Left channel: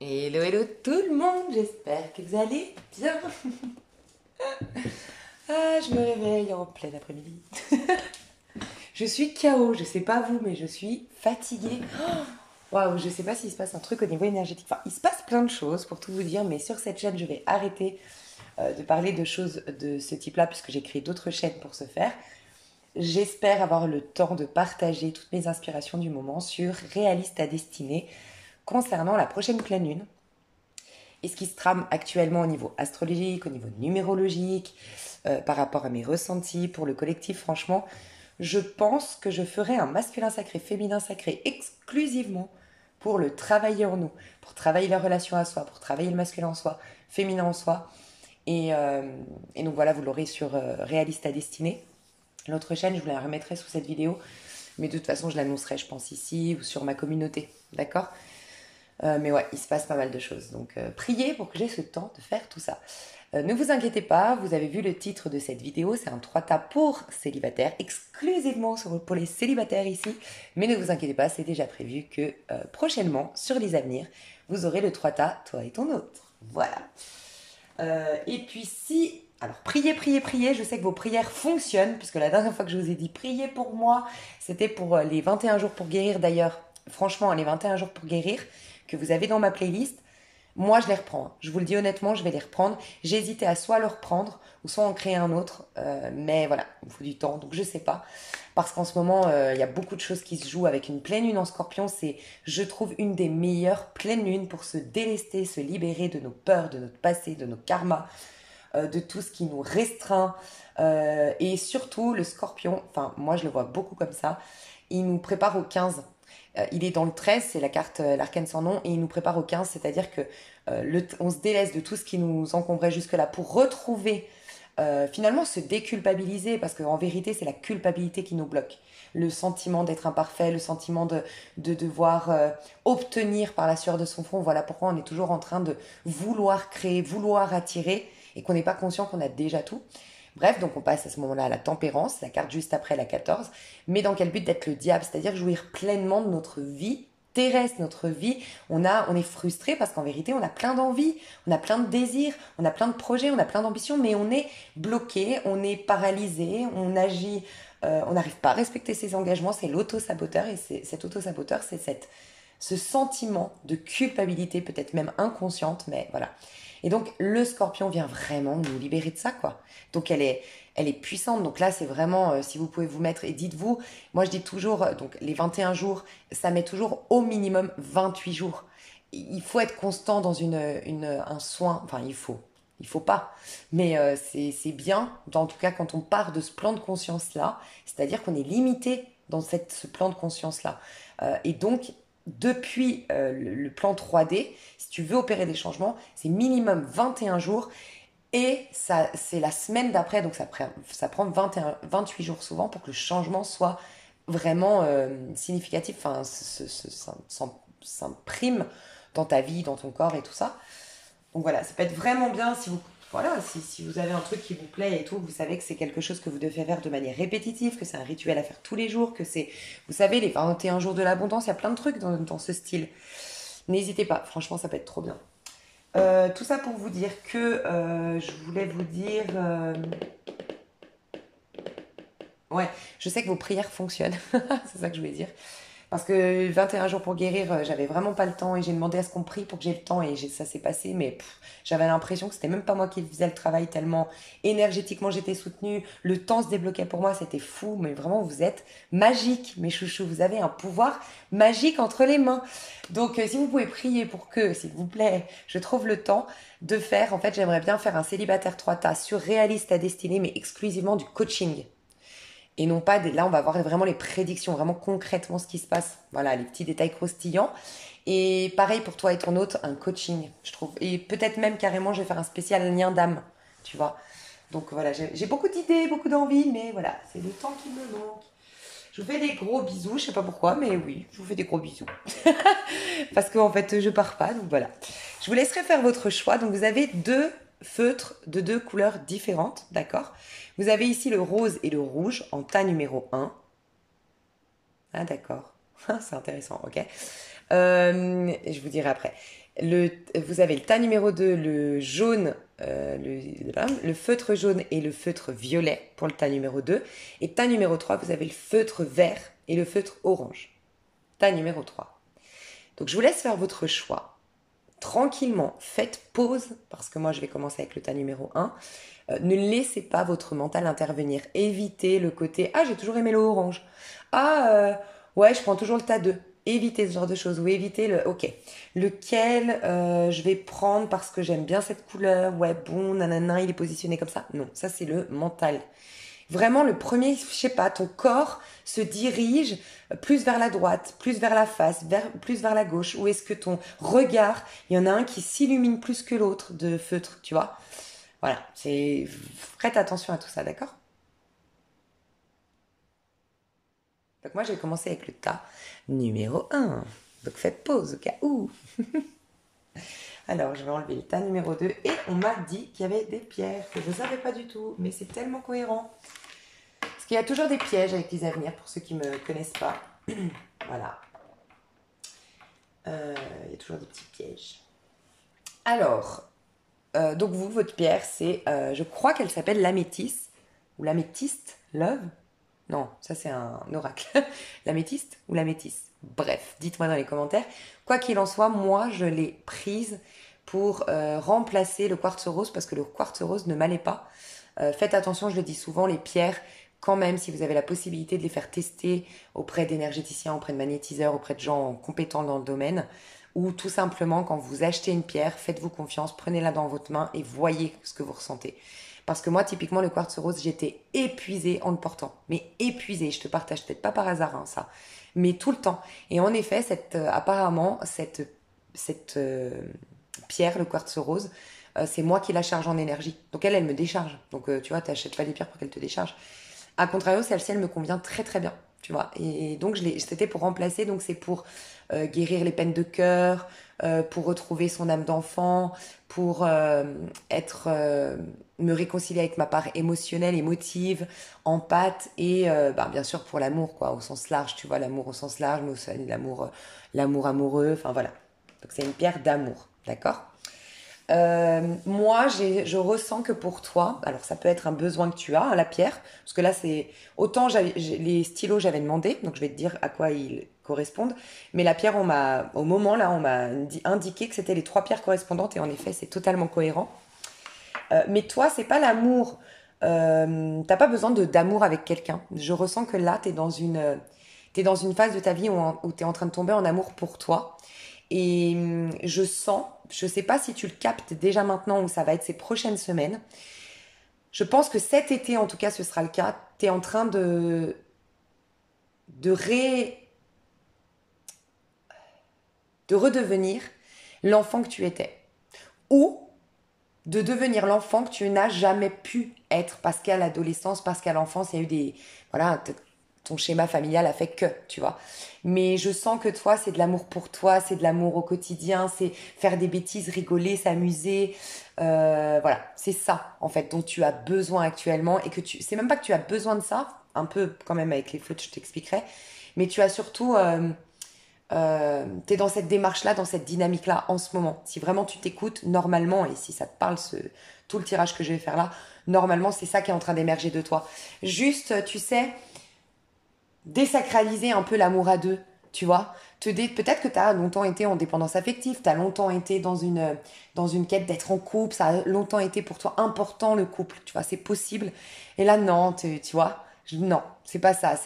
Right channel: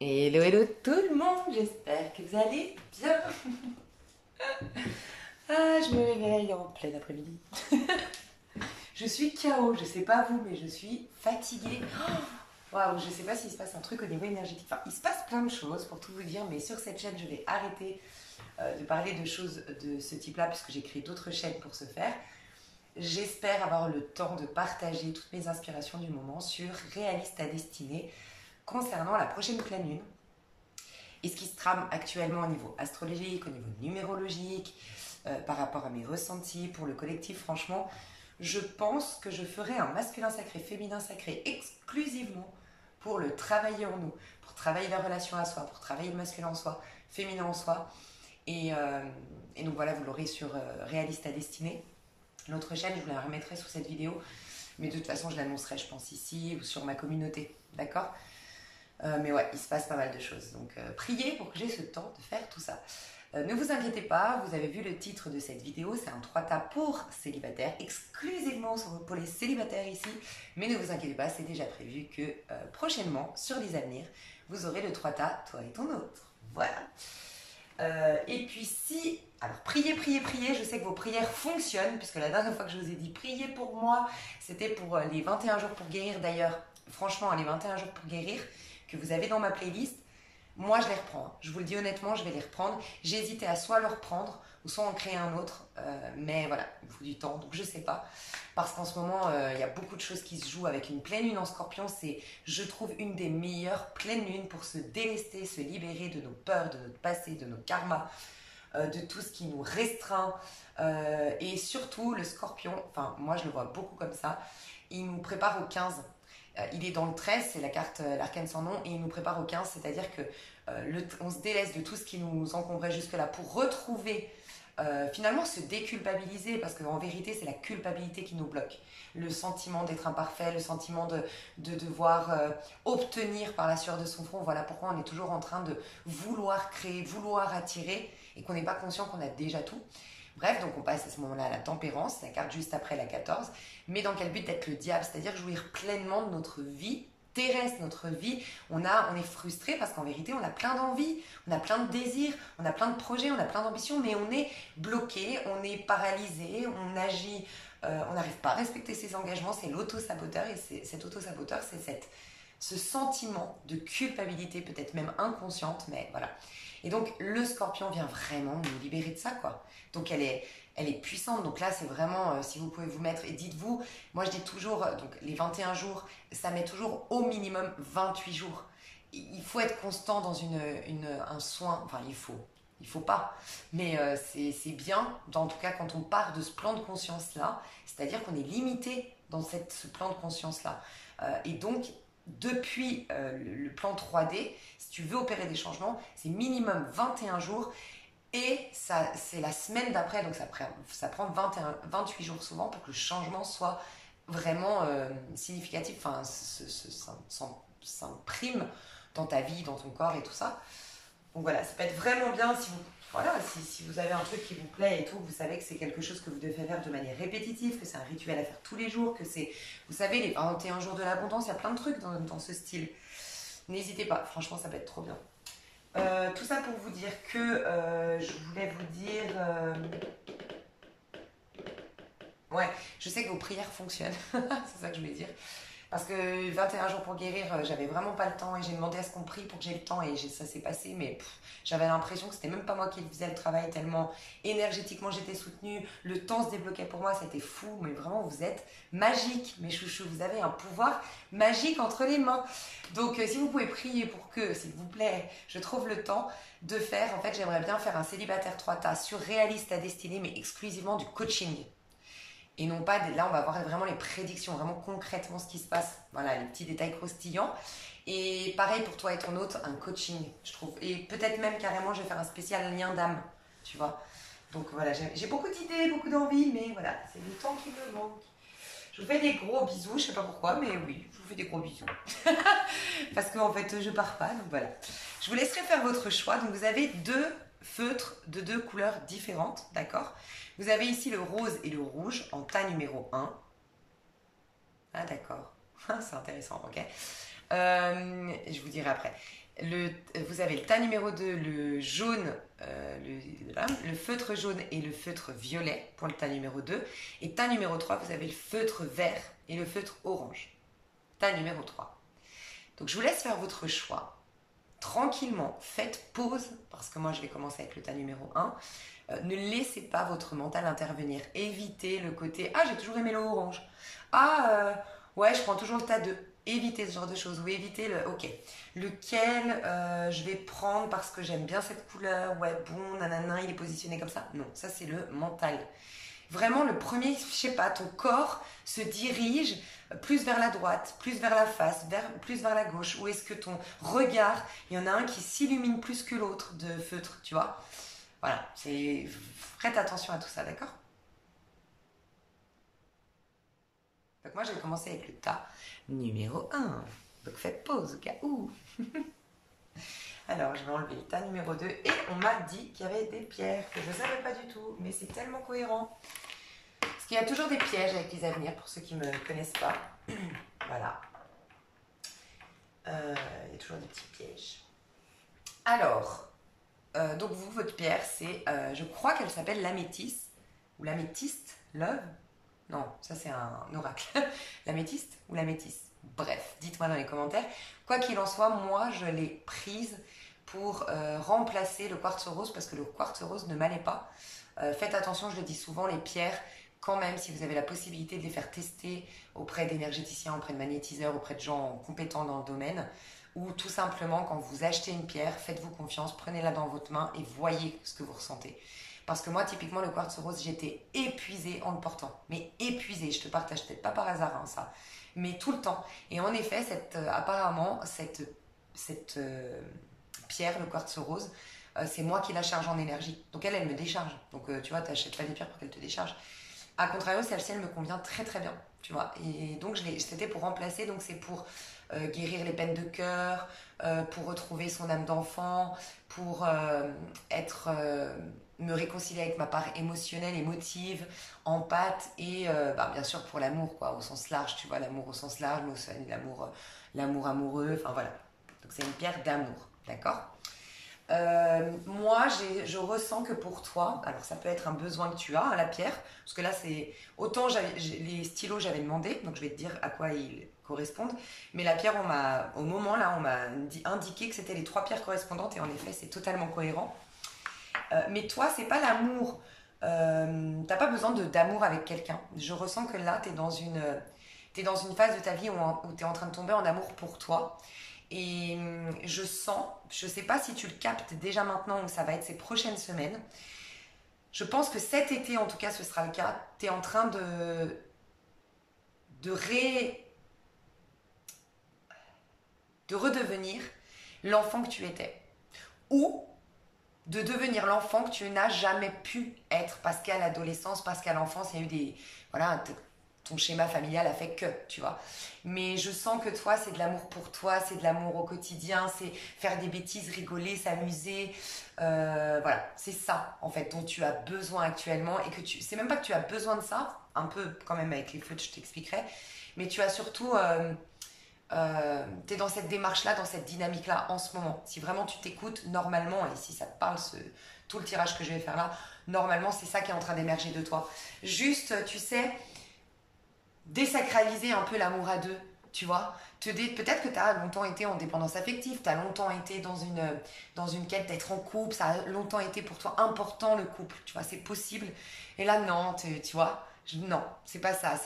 Hello, hello tout le monde, j'espère que vous allez bien. Ah, je me réveille en plein après-midi. Je suis KO, je sais pas vous, mais je suis fatiguée. Waouh, je sais pas s'il se passe un truc au niveau énergétique. Enfin, il se passe plein de choses pour tout vous dire, mais sur cette chaîne, je vais arrêter de parler de choses de ce type-là, puisque j'ai créé d'autres chaînes pour ce faire. J'espère avoir le temps de partager toutes mes inspirations du moment sur Réaliste à destinée concernant la prochaine pleine lune et ce qui se trame actuellement au niveau astrologique, au niveau numérologique, par rapport à mes ressentis pour le collectif. Franchement, je pense que je ferai un masculin sacré, féminin sacré exclusivement pour le travailler en nous, pour travailler la relation à soi, pour travailler le masculin en soi, féminin en soi. Et donc voilà, vous l'aurez sur Réaliste à destinée. L'autre chaîne, je vous la remettrai sous cette vidéo, mais de toute façon, je l'annoncerai, je pense, ici ou sur ma communauté. D'accord. Mais ouais, il se passe pas mal de choses. Donc priez pour que j'ai ce temps de faire tout ça. Ne vous inquiétez pas, vous avez vu le titre de cette vidéo, c'est un 3 tas pour célibataires, exclusivement pour les célibataires ici. Mais ne vous inquiétez pas, c'est déjà prévu que prochainement, sur les avenirs, vous aurez le 3 tas, toi et ton autre. Voilà. Et puis si... Alors priez, priez, priez, je sais que vos prières fonctionnent, puisque la dernière fois que je vous ai dit priez pour moi, c'était pour les 21 jours pour guérir d'ailleurs. Franchement, les 21 jours pour guérir que vous avez dans ma playlist, moi je les reprends. Je vous le dis honnêtement, je vais les reprendre. J'ai hésité à soit le reprendre ou soit en créer un autre, mais voilà, il me faut du temps, donc je sais pas. Parce qu'en ce moment, il y a beaucoup de choses qui se jouent avec une pleine lune en scorpion. C'est, je trouve, une des meilleures pleines lunes pour se délester, se libérer de nos peurs, de notre passé, de nos karmas, de tout ce qui nous restreint. Et surtout, le scorpion, enfin, moi je le vois beaucoup comme ça, il nous prépare au 15. Il est dans le 13, c'est la carte, l'arcane sans nom, et il nous prépare au 15, c'est-à-dire que on se délaisse de tout ce qui nous encombrait jusque-là pour retrouver, finalement se déculpabiliser, parce qu'en vérité, c'est la culpabilité qui nous bloque. Le sentiment d'être imparfait, le sentiment de devoir obtenir par la sueur de son front. Voilà pourquoi on est toujours en train de vouloir créer, vouloir attirer, et qu'on n'est pas conscient qu'on a déjà tout. Bref, donc on passe à ce moment-là à la tempérance, la carte juste après la 14, mais dans quel but d'être le diable, c'est-à-dire jouir pleinement de notre vie terrestre, notre vie. On est frustré parce qu'en vérité, on a plein d'envies, on a plein de désirs, on a plein de projets, on a plein d'ambitions, mais on est bloqué, on est paralysé, on agit, on n'arrive pas à respecter ses engagements, c'est l'auto-saboteur, et cet auto-saboteur, c'est ce sentiment de culpabilité, peut-être même inconsciente, mais voilà. Et donc, le scorpion vient vraiment nous libérer de ça, quoi. Donc, elle est puissante. Donc là, c'est vraiment, si vous pouvez vous mettre, et dites-vous, moi je dis toujours, donc les 21 jours, ça met toujours au minimum 28 jours. Il faut être constant dans un soin, enfin il faut pas, mais c'est bien, en tout cas quand on part de ce plan de conscience-là, c'est-à-dire qu'on est limité dans ce plan de conscience-là. Et donc, depuis le plan 3D, si tu veux opérer des changements, c'est minimum 21 jours et ça, c'est la semaine d'après, donc ça prend 21, 28 jours souvent pour que le changement soit vraiment significatif, enfin, s'imprime dans ta vie, dans ton corps et tout ça. Donc voilà, ça peut être vraiment bien si vous, voilà, si vous avez un truc qui vous plaît et tout, vous savez que c'est quelque chose que vous devez faire de manière répétitive, que c'est un rituel à faire tous les jours, que c'est, vous savez, les 21 jours de l'abondance, il y a plein de trucs dans ce style. N'hésitez pas, franchement, ça peut être trop bien. Tout ça pour vous dire que je voulais vous dire. Ouais, je sais que vos prières fonctionnent, c'est ça que je voulais dire. Parce que 21 jours pour guérir, j'avais vraiment pas le temps et j'ai demandé à ce qu'on prie pour que j'ai le temps et ça s'est passé, mais j'avais l'impression que c'était même pas moi qui faisais le travail tellement énergétiquement j'étais soutenue, le temps se débloquait pour moi, c'était fou, mais vraiment vous êtes magiques, mes chouchous, vous avez un pouvoir magique entre les mains. Donc si vous pouvez prier pour que, s'il vous plaît, je trouve le temps de faire, en fait j'aimerais bien faire un célibataire 3 tas sur réaliste à destinée, mais exclusivement du coaching. Et non pas, là on va voir vraiment les prédictions, vraiment concrètement ce qui se passe. Voilà, les petits détails croustillants. Et pareil pour toi et ton autre, un coaching, je trouve. Et peut-être même carrément, je vais faire un spécial lien d'âme, tu vois. Donc voilà, j'ai beaucoup d'idées, beaucoup d'envies, mais voilà, c'est le temps qui me manque. Je vous fais des gros bisous, je sais pas pourquoi, mais oui, je vous fais des gros bisous. Parce qu'en fait, je pars pas, donc voilà. Je vous laisserai faire votre choix. Donc vous avez deux feutres de deux couleurs différentes, d'accord? Vous avez ici le rose et le rouge en tas numéro 1. Ah d'accord, c'est intéressant, ok. Je vous dirai après. Vous avez le tas numéro 2, le jaune, le feutre jaune et le feutre violet pour le tas numéro 2. Et tas numéro 3, vous avez le feutre vert et le feutre orange. Tas numéro 3. Donc je vous laisse faire votre choix. Tranquillement, faites pause, parce que moi je vais commencer avec le tas numéro 1. Ne laissez pas votre mental intervenir. Évitez le côté « Ah, j'ai toujours aimé le orange. Ah, ouais, je prends toujours le tas 2. » Évitez ce genre de choses. Ou évitez le « Ok, lequel je vais prendre parce que j'aime bien cette couleur. Ouais, bon, nanana, il est positionné comme ça. » Non, ça c'est le mental. Vraiment, le premier, je sais pas, ton corps se dirige plus vers la droite, plus vers la face, plus vers la gauche. Ou est-ce que ton regard, il y en a un qui s'illumine plus que l'autre de feutre, tu vois? Voilà, faites attention à tout ça, d'accord? Donc moi, j'ai commencé avec le tas numéro 1. Donc faites pause au cas où. Alors, je vais enlever le tas numéro 2. Et on m'a dit qu'il y avait des pierres que je ne savais pas du tout. Mais c'est tellement cohérent. Parce qu'il y a toujours des pièges avec les avenirs, pour ceux qui ne me connaissent pas. Voilà. Il y a toujours des petits pièges. Alors, donc vous, votre pierre, c'est, je crois qu'elle s'appelle l'améthyste. Ou l'améthyste, love. Non, ça c'est un oracle. L'améthyste ou l'améthyste. Bref, dites-moi dans les commentaires. Quoi qu'il en soit, moi, je l'ai prise pour remplacer le quartz rose parce que le quartz rose ne m'allait pas. Faites attention, je le dis souvent, les pierres, quand même, si vous avez la possibilité de les faire tester auprès d'énergéticiens, auprès de magnétiseurs, auprès de gens compétents dans le domaine, ou tout simplement, quand vous achetez une pierre, faites-vous confiance, prenez-la dans votre main et voyez ce que vous ressentez. Parce que moi, typiquement, le quartz rose, j'étais épuisée en le portant. Mais épuisée, je te partage peut-être pas par hasard hein, ça, mais tout le temps. Et en effet, apparemment, cette pierre, le quartz rose, c'est moi qui la charge en énergie. Donc elle me décharge. Donc tu vois, tu n'achètes pas des pierres pour qu'elle te décharge. A contrario, celle-ci, elle me convient très très bien. Tu vois. Et donc, c'était pour remplacer. Donc c'est pour guérir les peines de cœur, pour retrouver son âme d'enfant, pour me réconcilier avec ma part émotionnelle, émotive, empathe et bien sûr pour l'amour quoi, au sens large, tu vois, l'amour au sens large, mais aussi l'amour amoureux, enfin voilà. Donc c'est une pierre d'amour, d'accord? Moi, je ressens que pour toi, alors ça peut être un besoin que tu as, hein, la pierre, parce que là c'est autant les stylos j'avais demandé, donc je vais te dire à quoi ils correspondent, mais la pierre au moment là on m'a indiqué que c'était les 3 pierres correspondantes et en effet c'est totalement cohérent. Mais toi c'est pas l'amour, t'as pas besoin d'amour avec quelqu'un. Je ressens que là t'es dans une phase de ta vie où t'es en train de tomber en amour pour toi. Et je sens, je ne sais pas si tu le captes déjà maintenant ou ça va être ces prochaines semaines. Je pense que cet été, en tout cas, ce sera le cas. Tu es en train de redevenir l'enfant que tu étais. Ou de devenir l'enfant que tu n'as jamais pu être parce qu'à l'adolescence, parce qu'à l'enfance, il y a eu des... Voilà, ton schéma familial a fait que, tu vois. Mais je sens que toi, c'est de l'amour pour toi, c'est de l'amour au quotidien, c'est faire des bêtises, rigoler, s'amuser. Voilà, c'est ça, en fait, dont tu as besoin actuellement. Et que c'est même pas que tu as besoin de ça, un peu quand même avec les feutres, je t'expliquerai. Mais tu as surtout... t'es dans cette démarche-là, dans cette dynamique-là en ce moment. Si vraiment tu t'écoutes, normalement, et si ça te parle, tout le tirage que je vais faire là, normalement, c'est ça qui est en train d'émerger de toi. Juste, tu sais... désacraliser un peu l'amour à deux, tu vois. Peut-être que tu as longtemps été en dépendance affective, tu as longtemps été dans une quête d'être en couple, ça a longtemps été pour toi important le couple, tu vois, c'est possible. Et là, non, tu vois, non, c'est pas ça.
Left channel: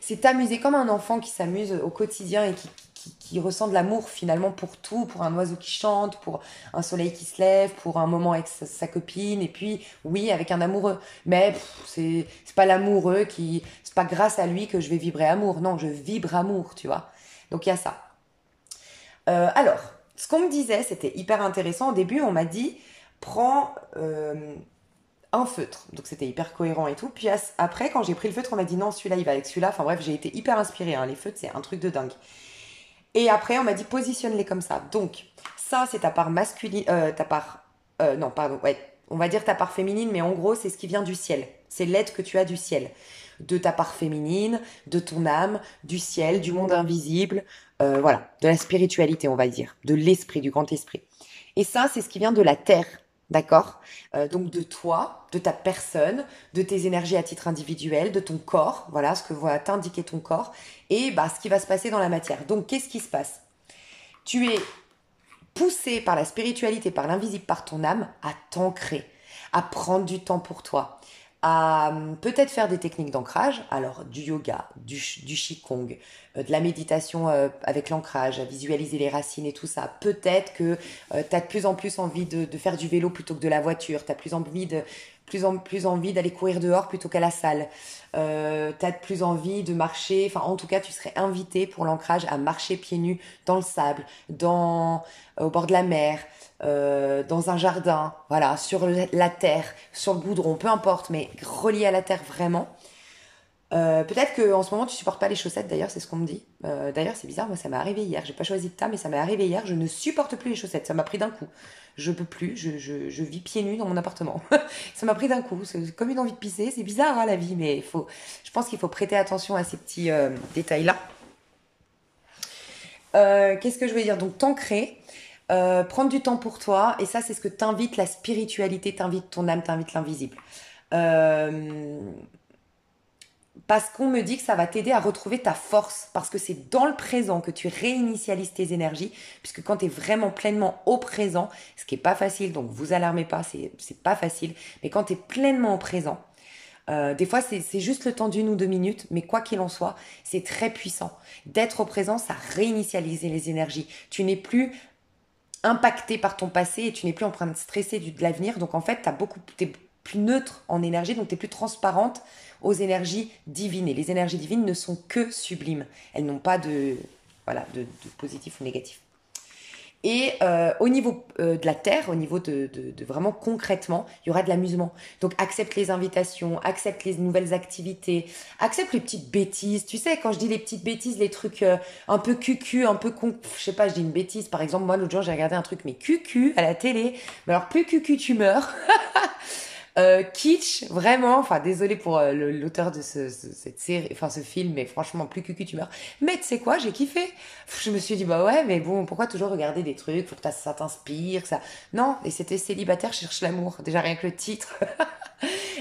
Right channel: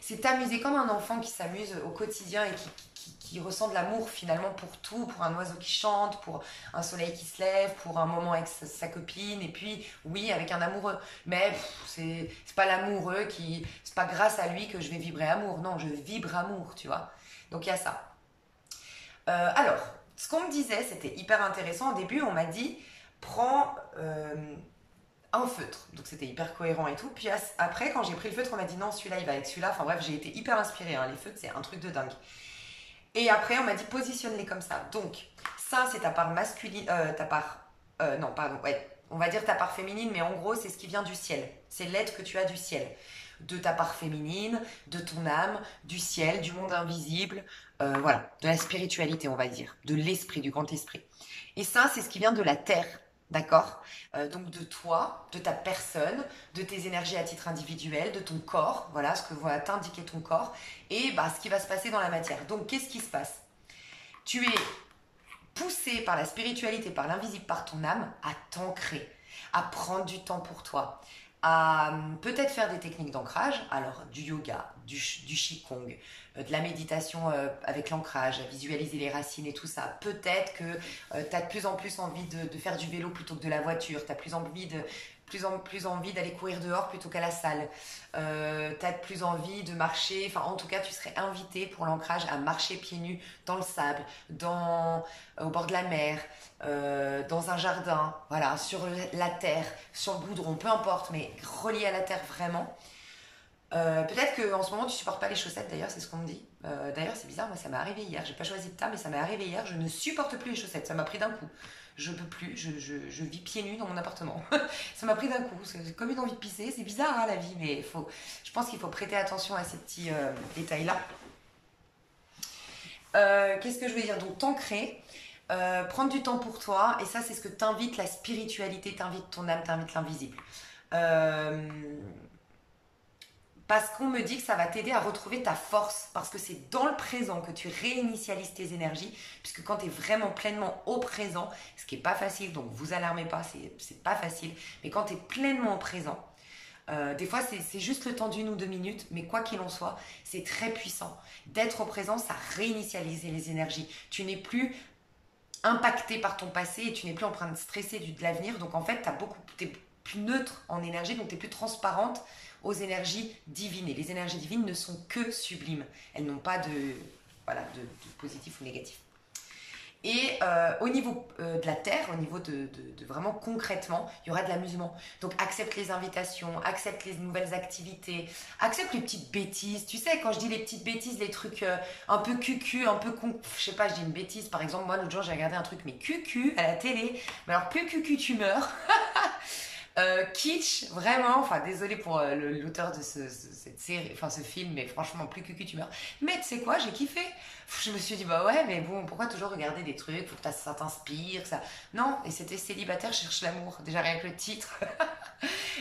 C'est t'amuser comme un enfant qui s'amuse au quotidien et qui ressent de l'amour finalement pour tout, pour un oiseau qui chante, pour un soleil qui se lève, pour un moment avec sa copine, et puis oui, avec un amoureux. Mais c'est pas l'amoureux c'est pas grâce à lui que je vais vibrer amour, non, je vibre amour, tu vois. Donc il y a ça. Alors, ce qu'on me disait, c'était hyper intéressant. Au début, on m'a dit, prends un feutre. Donc c'était hyper cohérent et tout. Puis après, quand j'ai pris le feutre, on m'a dit, non, celui-là, il va avec celui-là. Enfin bref, j'ai été hyper inspirée. Hein. Les feutres, c'est un truc de dingue. Et après, on m'a dit, positionne-les comme ça. Donc, ça, c'est ta part masculine, non, pardon, ouais, on va dire ta part féminine, mais en gros, c'est ce qui vient du ciel. C'est l'aide que tu as du ciel. De ta part féminine, de ton âme, du ciel, du monde invisible, voilà, de la spiritualité, on va dire, de l'esprit, du grand esprit. Et ça, c'est ce qui vient de la terre, d'accord? Donc de toi, de ta personne, de tes énergies à titre individuel, de ton corps, voilà ce que va t'indiquer ton corps, et bah, ce qui va se passer dans la matière. Donc qu'est-ce qui se passe? Tu es poussé par la spiritualité, par l'invisible, par ton âme, à t'ancrer, à prendre du temps pour toi, à peut-être faire des techniques d'ancrage, alors du yoga, du qigong, de la méditation avec l'ancrage, à visualiser les racines et tout ça. Peut-être que tu as de plus en plus envie de faire du vélo plutôt que de la voiture, tu as plus envie d'aller courir dehors plutôt qu'à la salle. Tu as de plus envie de marcher, enfin en tout cas tu serais invité pour l'ancrage à marcher pieds nus dans le sable, au bord de la mer, dans un jardin, voilà, sur la terre, sur le goudron, peu importe, mais relié à la terre vraiment. Peut-être qu'en ce moment tu supportes pas les chaussettes, d'ailleurs c'est ce qu'on me dit. D'ailleurs c'est bizarre, moi ça m'est arrivé hier, j'ai pas choisi de tas mais ça m'est arrivé hier, je ne supporte plus les chaussettes, ça m'a pris d'un coup. Je peux plus, je vis pieds nus dans mon appartement. Ça m'a pris d'un coup, c'est comme une envie de pisser, c'est bizarre hein, la vie, mais je pense qu'il faut prêter attention à ces petits détails-là. Qu'est-ce que je veux dire? Donc t'ancrer, prendre du temps pour toi, et ça c'est ce que t'invite la spiritualité, t'invite ton âme, t'invite l'invisible. Euh, Parce qu'on me dit que ça va t'aider à retrouver ta force, parce que c'est dans le présent que tu réinitialises tes énergies, puisque quand tu es vraiment pleinement au présent, ce qui n'est pas facile, donc vous alarmez pas, c'est pas facile, mais quand tu es pleinement au présent, des fois c'est juste le temps d'une ou deux minutes, mais quoi qu'il en soit, c'est très puissant. D'être au présent, ça réinitialise les énergies. Tu n'es plus impacté par ton passé et tu n'es plus en train de stresser de l'avenir, donc en fait, tu es plus neutre en énergie, donc tu es plus transparente aux énergies divines. Et les énergies divines ne sont que sublimes. Elles n'ont pas voilà, de positif ou négatif. Et au niveau de la terre, au niveau de vraiment concrètement, il y aura de l'amusement. Donc accepte les invitations, accepte les nouvelles activités, accepte les petites bêtises. Tu sais, quand je dis les petites bêtises, les trucs un peu cucu, un peu con, je sais pas, je dis une bêtise. Par exemple, moi l'autre jour j'ai regardé un truc mais cucu à la télé. Mais alors plus cucu tu meurs. Kitsch, vraiment, enfin désolé pour l'auteur de cette série, enfin ce film, mais franchement plus cucu tu meurs. Mais tu sais quoi, j'ai kiffé. Je me suis dit bah ouais, mais bon, pourquoi toujours regarder des trucs, faut que ça t'inspire, ça. Non, et c'était Célibataire cherche l'amour, déjà rien que le titre.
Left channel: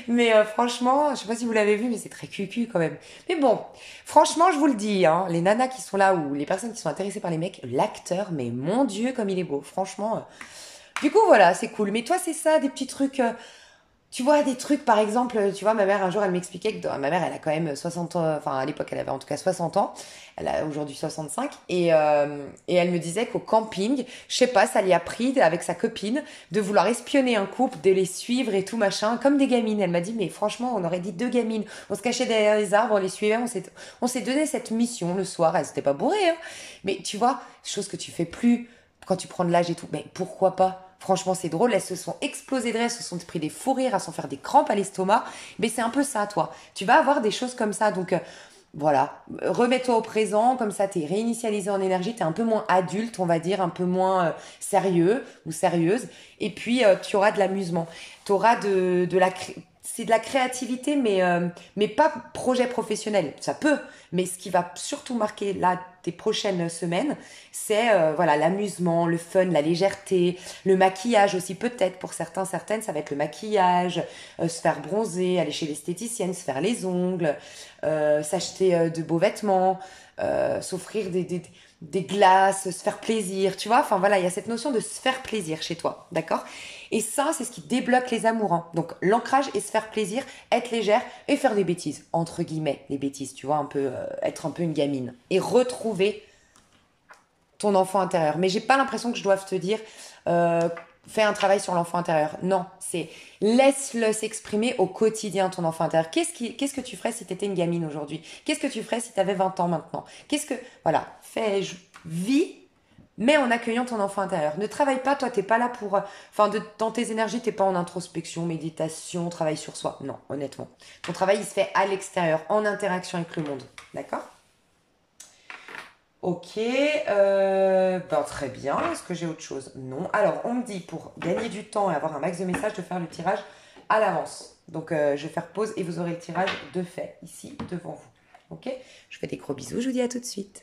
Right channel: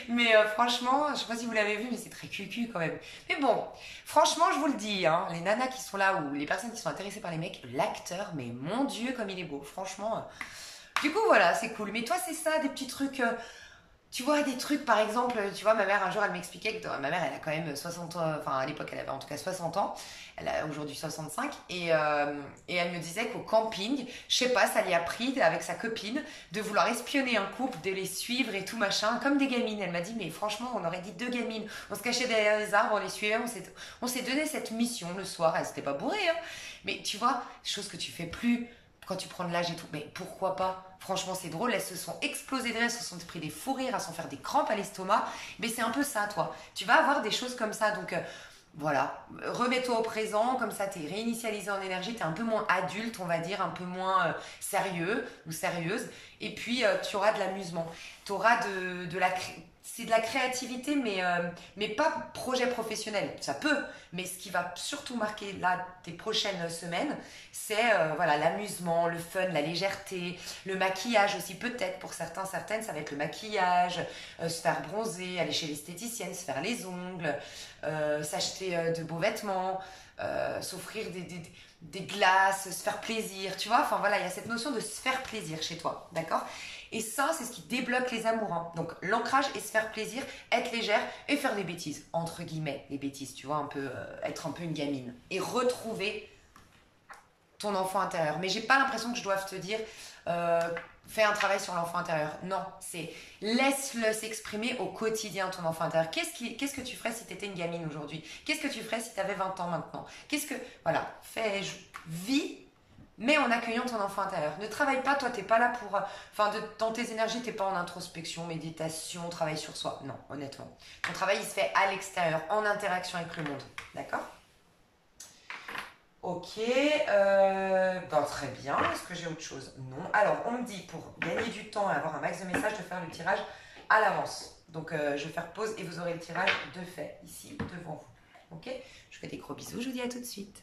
Mais franchement, je sais pas si vous l'avez vu, mais c'est très cucu quand même. Mais bon, franchement, je vous le dis, hein, les nanas qui sont là ou les personnes qui sont intéressées par les mecs, l'acteur, mais mon Dieu comme il est beau, franchement. Du coup voilà, c'est cool. Mais toi c'est ça, des petits trucs. Tu vois, des trucs, par exemple, tu vois, ma mère, un jour, elle m'expliquait que ma mère, elle a quand même 60 ans, enfin, à l'époque, elle avait en tout cas 60 ans, elle a aujourd'hui 65, et elle me disait qu'au camping, je sais pas, ça lui a pris, avec sa copine, de vouloir espionner un couple, de les suivre et tout, machin, comme des gamines. Elle m'a dit, mais franchement, on aurait dit deux gamines. On se cachait derrière les arbres, on les suivait, on s'est donné cette mission le soir, elle s'était pas bourrée, hein. Mais tu vois, chose que tu fais plus quand tu prends de l'âge et tout, mais pourquoi pas? Franchement, c'est drôle, elles se sont explosées de rire, elles se sont pris des fous rires, elles se sont fait des crampes à l'estomac. Mais c'est un peu ça, toi. Tu vas avoir des choses comme ça. Donc, voilà, remets-toi au présent, comme ça, t'es réinitialisé en énergie, t'es un peu moins adulte, on va dire, un peu moins sérieux ou sérieuse. Et puis, tu auras de l'amusement. Tu auras c'est de la créativité, mais pas projet professionnel. Ça peut, mais ce qui va surtout marquer là tes prochaines semaines, c'est voilà l'amusement, le fun, la légèreté, le maquillage aussi peut-être pour certains, certaines, ça va être le maquillage, se faire bronzer, aller chez l'esthéticienne, se faire les ongles, s'acheter de beaux vêtements, s'offrir des glaces, se faire plaisir, tu vois. Enfin voilà, il y a cette notion de se faire plaisir chez toi, d'accord? Et ça, c'est ce qui débloque les amourants. Donc l'ancrage et se faire plaisir, être légère et faire des bêtises, entre guillemets, les bêtises, tu vois, un peu, être un peu une gamine. Et retrouver ton enfant intérieur. Mais j'ai pas l'impression que je doive te dire, fais un travail sur l'enfant intérieur. Non, c'est laisse-le s'exprimer au quotidien, ton enfant intérieur. Qu'est-ce que tu ferais si tu étais une gamine aujourd'hui? Qu'est-ce que tu ferais si tu avais 20 ans maintenant? Voilà, vis, mais en accueillant ton enfant intérieur. Ne travaille pas, toi, t'es pas là pour, dans tes énergies, t'es pas en introspection, méditation, travail sur soi. Non, honnêtement. Ton travail, il se fait à l'extérieur, en interaction avec le monde. D'accord? Ok, très bien. Est-ce que j'ai autre chose? Non. Alors, on me dit pour gagner du temps et avoir un max de messages, de faire le tirage à l'avance. Donc, je vais faire pause et vous aurez le tirage de fait ici devant vous. Ok? Je vous fais des gros bisous. Je vous dis à tout de suite.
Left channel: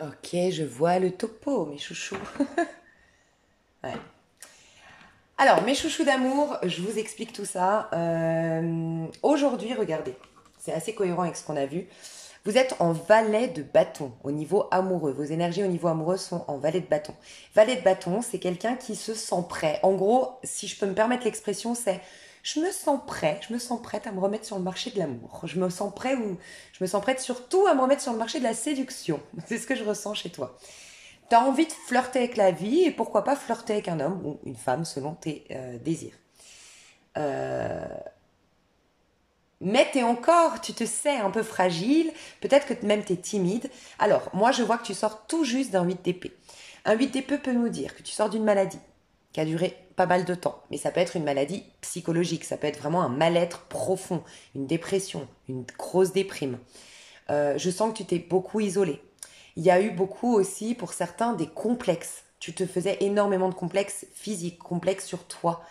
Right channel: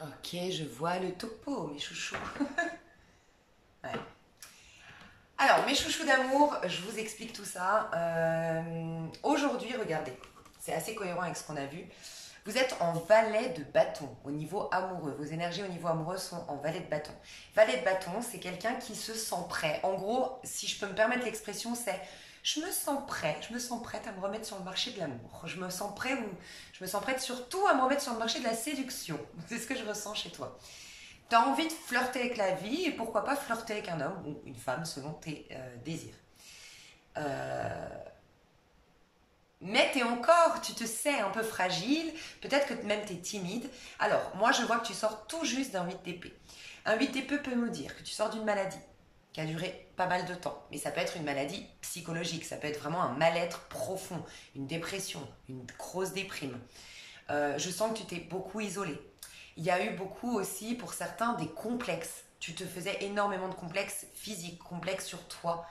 Ok, je vois le topo, mes chouchous. Ouais. Alors, mes chouchous d'amour, je vous explique tout ça. Aujourd'hui, regardez, c'est assez cohérent avec ce qu'on a vu. Vous êtes en valet de bâton au niveau amoureux. Vos énergies au niveau amoureux sont en valet de bâton. Valet de bâton, c'est quelqu'un qui se sent prêt. En gros, si je peux me permettre l'expression, c'est je me sens prêt, je me sens prête à me remettre sur le marché de l'amour. Je me sens prêt ou je me sens prête surtout à me remettre sur le marché de la séduction. C'est ce que je ressens chez toi. Tu as envie de flirter avec la vie et pourquoi pas flirter avec un homme ou une femme selon tes désirs. Euh, mais t'es encore, tu te sais un peu fragile, peut-être que même t'es timide. Alors, moi je vois que tu sors tout juste d'un 8 d'épée. Un 8 d'épée peut nous dire que tu sors d'une maladie qui a duré pas mal de temps. Mais ça peut être une maladie psychologique, ça peut être vraiment un mal-être profond, une dépression, une grosse déprime. Je sens que tu t'es beaucoup isolé. Il y a eu beaucoup aussi, pour certains, des complexes. Tu te faisais énormément de complexes physiques, complexes sur toi.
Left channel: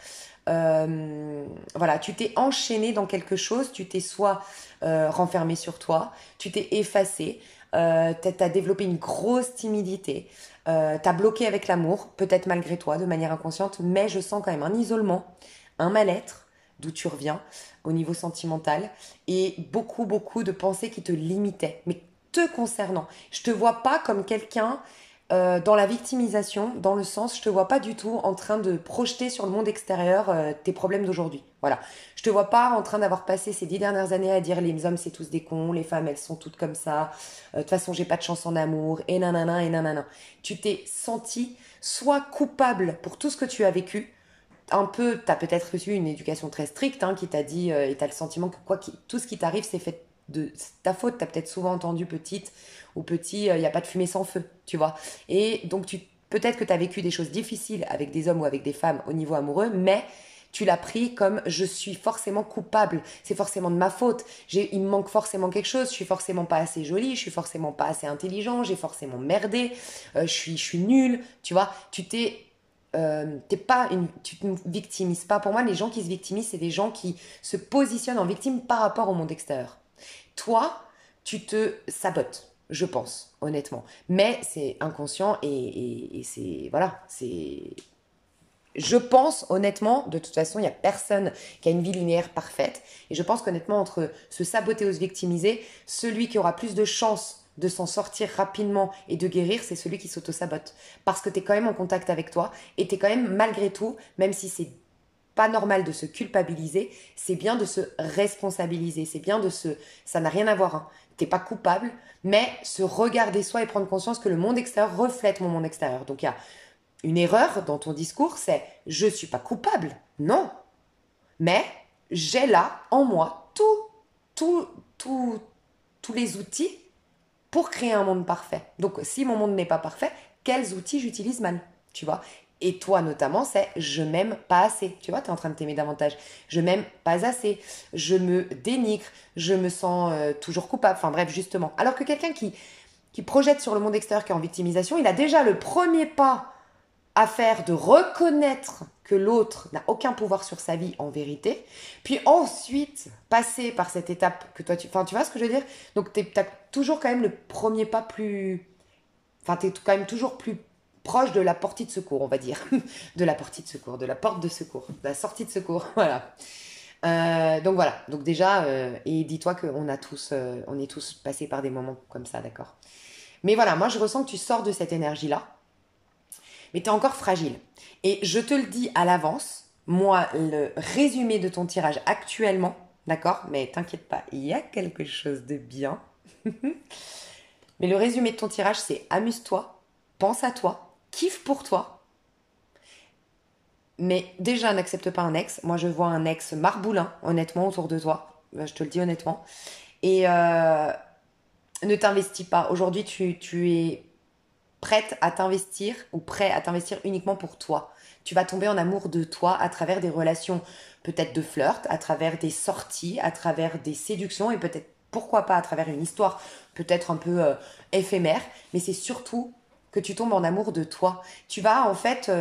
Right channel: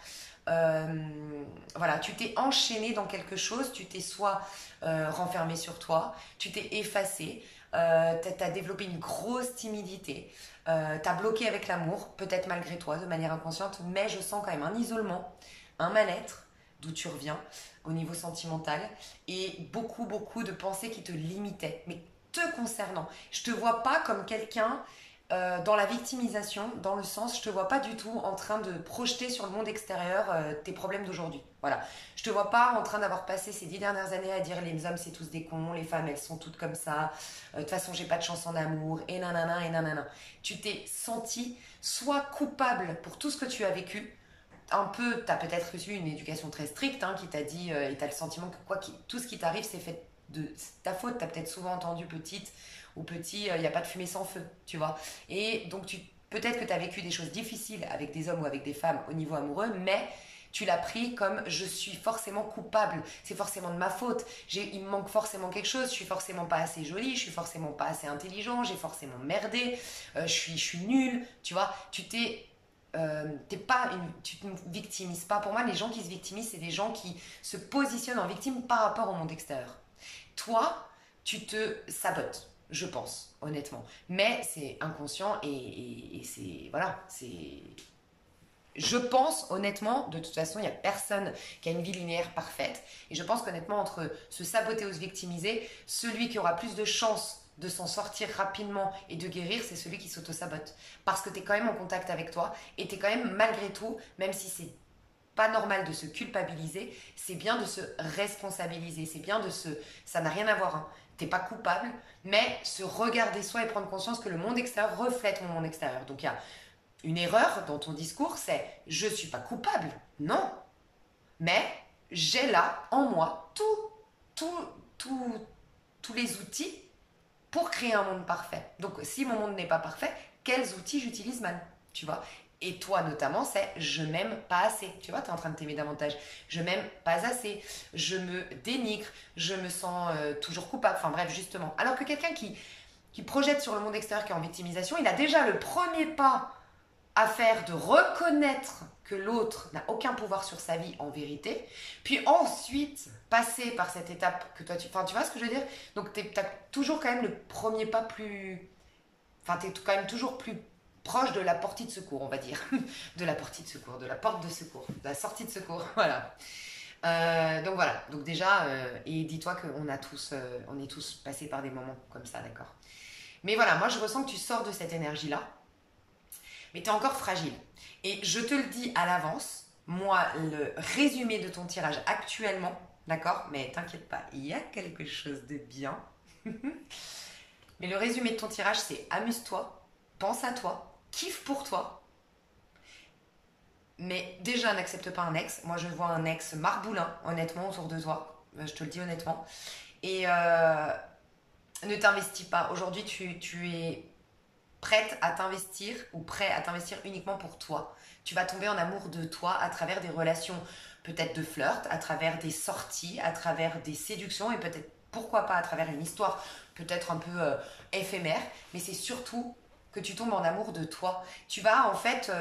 Voilà, tu t'es enchaîné dans quelque chose, tu t'es soit renfermé sur toi, tu t'es effacé, t'as développé une grosse timidité, t'as bloqué avec l'amour, peut-être malgré toi, de manière inconsciente, mais je sens quand même un isolement, un mal-être, d'où tu reviens, au niveau sentimental, et beaucoup, beaucoup de pensées qui te limitaient, mais te concernant. Je te vois pas comme quelqu'un dans la victimisation, dans le sens, je te vois pas du tout en train de projeter sur le monde extérieur tes problèmes d'aujourd'hui. Voilà. Je te vois pas en train d'avoir passé ces 10 dernières années à dire les hommes c'est tous des cons, les femmes elles sont toutes comme ça, de toute façon j'ai pas de chance en amour, et nanana, et nanana. Tu t'es senti soit coupable pour tout ce que tu as vécu, un peu, tu as peut-être reçu une éducation très stricte qui t'a dit, et tu as le sentiment que tout ce qui t'arrive, c'est fait de ta faute. Tu as peut-être souvent entendu petite ou petit, il n'y a pas de fumée sans feu, tu vois. Et donc, peut-être que tu as vécu des choses difficiles avec des hommes ou avec des femmes au niveau amoureux, mais tu l'as pris comme je suis forcément coupable, c'est forcément de ma faute, il me manque forcément quelque chose, je suis forcément pas assez jolie, je suis forcément pas assez intelligent, j'ai forcément merdé, je suis nulle, tu vois. Tu te victimises pas. Pour moi, les gens qui se victimisent, c'est des gens qui se positionnent en victime par rapport au monde extérieur. Toi, tu te sabotes, je pense, honnêtement. Mais c'est inconscient et c'est voilà, c'est. Je pense honnêtement, de toute façon, il n'y a personne qui a une vie linéaire parfaite. Et je pense qu'honnêtement, entre se saboter ou se victimiser, celui qui aura plus de chances de s'en sortir rapidement et de guérir, c'est celui qui s'auto-sabote. Parce que tu es quand même en contact avec toi et tu es quand même, malgré tout, même si c'est pas normal de se culpabiliser, c'est bien de se responsabiliser. C'est bien de se. Ça n'a rien à voir. Hein. T'es pas coupable, mais se regarder soi et prendre conscience que le monde extérieur reflète mon monde extérieur. Donc il y a une erreur dans ton discours, c'est je suis pas coupable. Non. Mais j'ai là, en moi, tout, tout, tous les outils pour créer un monde parfait. Donc, si mon monde n'est pas parfait, quels outils j'utilise mal, tu vois. Et toi, notamment, c'est je m'aime pas assez. Tu vois, tu es en train de t'aimer davantage. Je m'aime pas assez. Je me dénigre. Je me sens toujours coupable. Enfin, bref, justement. Alors que quelqu'un qui projette sur le monde extérieur, qui est en victimisation, il a déjà le premier pas à faire de reconnaître que l'autre n'a aucun pouvoir sur sa vie en vérité, puis ensuite passer par cette étape que toi Enfin, tu vois ce que je veux dire. Donc, tu as toujours quand même le premier pas plus. Enfin, tu es quand même toujours plus proche de la portée de secours, on va dire. De la portée de secours, de la porte de secours, de la sortie de secours, voilà. Donc voilà, donc déjà, et dis-toi on est tous passés par des moments comme ça, d'accord. Mais voilà, moi je ressens que tu sors de cette énergie-là, mais tu es encore fragile. Et je te le dis à l'avance, moi, le résumé de ton tirage actuellement, d'accord, mais t'inquiète pas, il y a quelque chose de bien. Mais le résumé de ton tirage, c'est amuse-toi, pense à toi, kiffe pour toi. Mais déjà, n'accepte pas un ex. Moi, je vois un ex marboulin, honnêtement, autour de toi. Je te le dis honnêtement. Et ne t'investis pas. Aujourd'hui, tu es prête à t'investir ou prêt à t'investir uniquement pour toi. Tu vas tomber en amour de toi à travers des relations peut-être de flirt, à travers des sorties, à travers des séductions et peut-être, pourquoi pas, à travers une histoire peut-être un peu éphémère. Mais c'est surtout que tu tombes en amour de toi. Tu vas en fait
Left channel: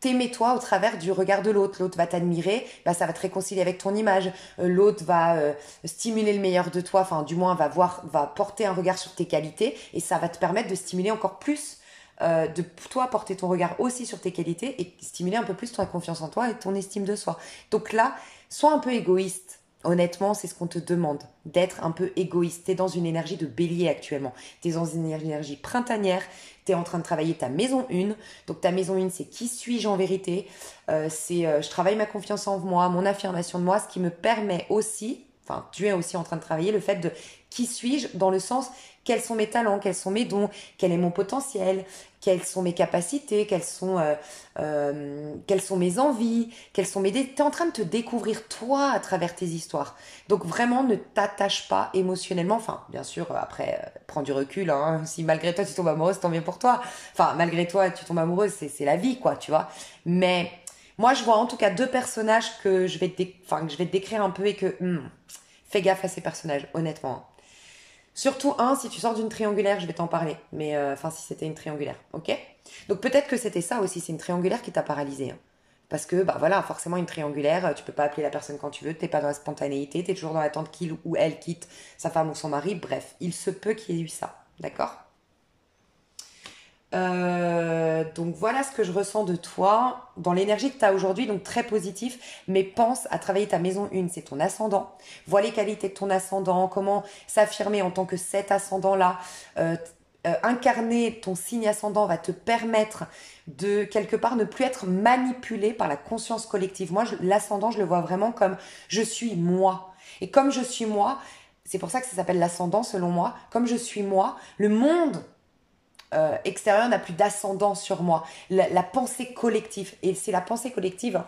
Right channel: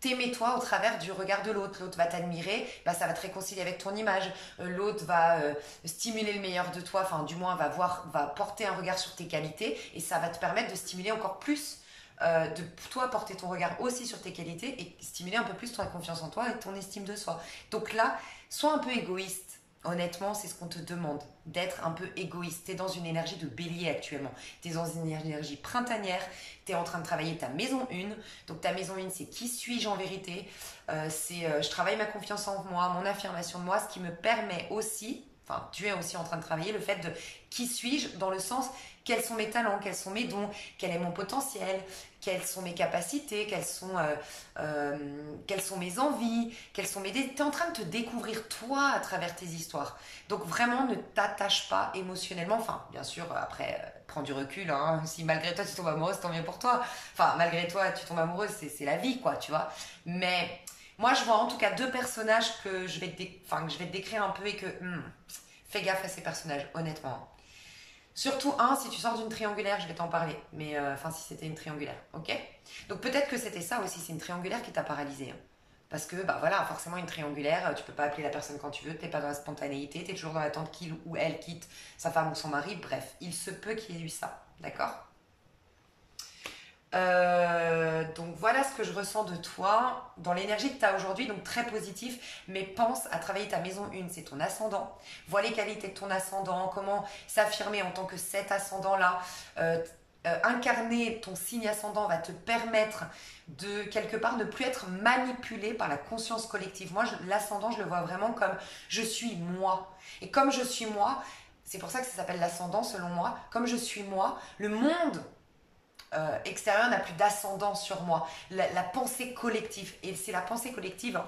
t'aimer toi au travers du regard de l'autre. L'autre va t'admirer, bah, ça va te réconcilier avec ton image. L'autre va stimuler le meilleur de toi, enfin du moins va porter un regard sur tes qualités et ça va te permettre de stimuler encore plus, de toi porter ton regard aussi sur tes qualités et stimuler un peu plus ton confiance en toi et ton estime de soi. Donc là, sois un peu égoïste. Honnêtement, c'est ce qu'on te demande, d'être un peu égoïste. Tu es dans une énergie de bélier actuellement. Tu es dans une énergie printanière. Tu es en train de travailler ta maison 1. Donc ta maison 1, c'est qui suis-je en vérité, je travaille ma confiance en moi, mon affirmation de moi, ce qui me permet aussi, enfin tu es aussi en train de travailler le fait de qui suis-je dans le sens quels sont mes talents, quels sont mes dons, quel est mon potentiel, quelles sont mes capacités, quelles sont mes envies, quelles sont mes... Tu es en train de te découvrir toi à travers tes histoires. Donc vraiment, ne t'attache pas émotionnellement. Enfin, bien sûr, après, prends du recul. Hein. Si malgré toi, tu tombes amoureuse, tant mieux pour toi. Enfin, malgré toi, tu tombes amoureuse, c'est la vie, quoi, tu vois. Mais moi, je vois en tout cas deux personnages que je vais te décrire un peu et que... fais gaffe à ces personnages, honnêtement. Surtout si tu sors d'une triangulaire, je vais t'en parler. Mais si c'était une triangulaire, ok? Donc peut-être que c'était ça aussi, c'est une triangulaire qui t'a paralysé. Hein. Parce que, bah voilà, forcément une triangulaire, tu peux pas appeler la personne quand tu veux, t'es pas dans la spontanéité, t'es toujours dans l'attente qu'il ou elle quitte sa femme ou son mari. Bref, il se peut qu'il y ait eu ça, d'accord? Donc voilà ce que je ressens de toi dans l'énergie que tu as aujourd'hui, donc très positif, mais pense à travailler ta maison 1, c'est ton ascendant. Vois les qualités de ton ascendant, comment s'affirmer en tant que cet ascendant-là. Incarner ton signe ascendant va te permettre de quelque part ne plus être manipulé par la conscience collective. Moi, l'ascendant, je le vois vraiment comme je suis moi. Et comme je suis moi, c'est pour ça que ça s'appelle l'ascendant selon moi, comme je suis moi, le monde extérieur n'a plus d'ascendant sur moi. La pensée collective, et c'est la pensée collective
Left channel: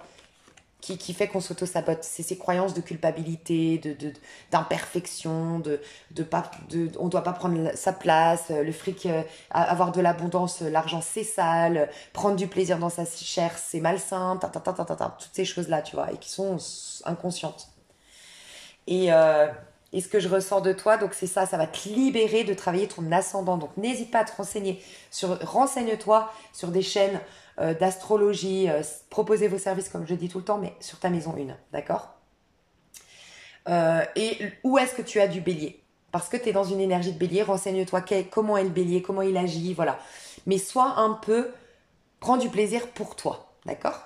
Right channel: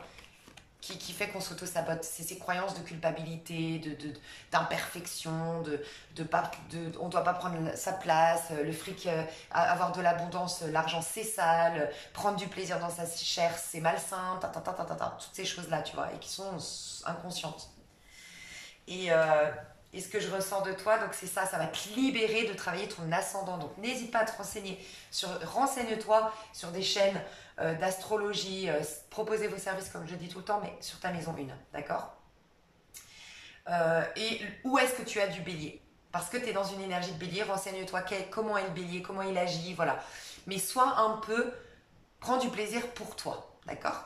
qui fait qu'on s'auto-sabote. C'est ces croyances de culpabilité, d'imperfection, on ne doit pas prendre sa place, le fric, avoir de l'abondance, l'argent c'est sale, prendre du plaisir dans sa chair c'est malsain, toutes ces choses-là, tu vois, et qui sont inconscientes. Et ce que je ressens de toi, donc c'est ça va te libérer de travailler ton ascendant. Donc n'hésite pas à te renseigner, renseigne-toi sur des chaînes d'astrologie, proposez vos services comme je dis tout le temps, mais sur ta maison 1, d'accord? Et où est-ce que tu as du bélier? Parce que tu es dans une énergie de bélier, renseigne-toi comment est le bélier, comment il agit, voilà. Mais sois un peu, prends du plaisir pour toi, d'accord?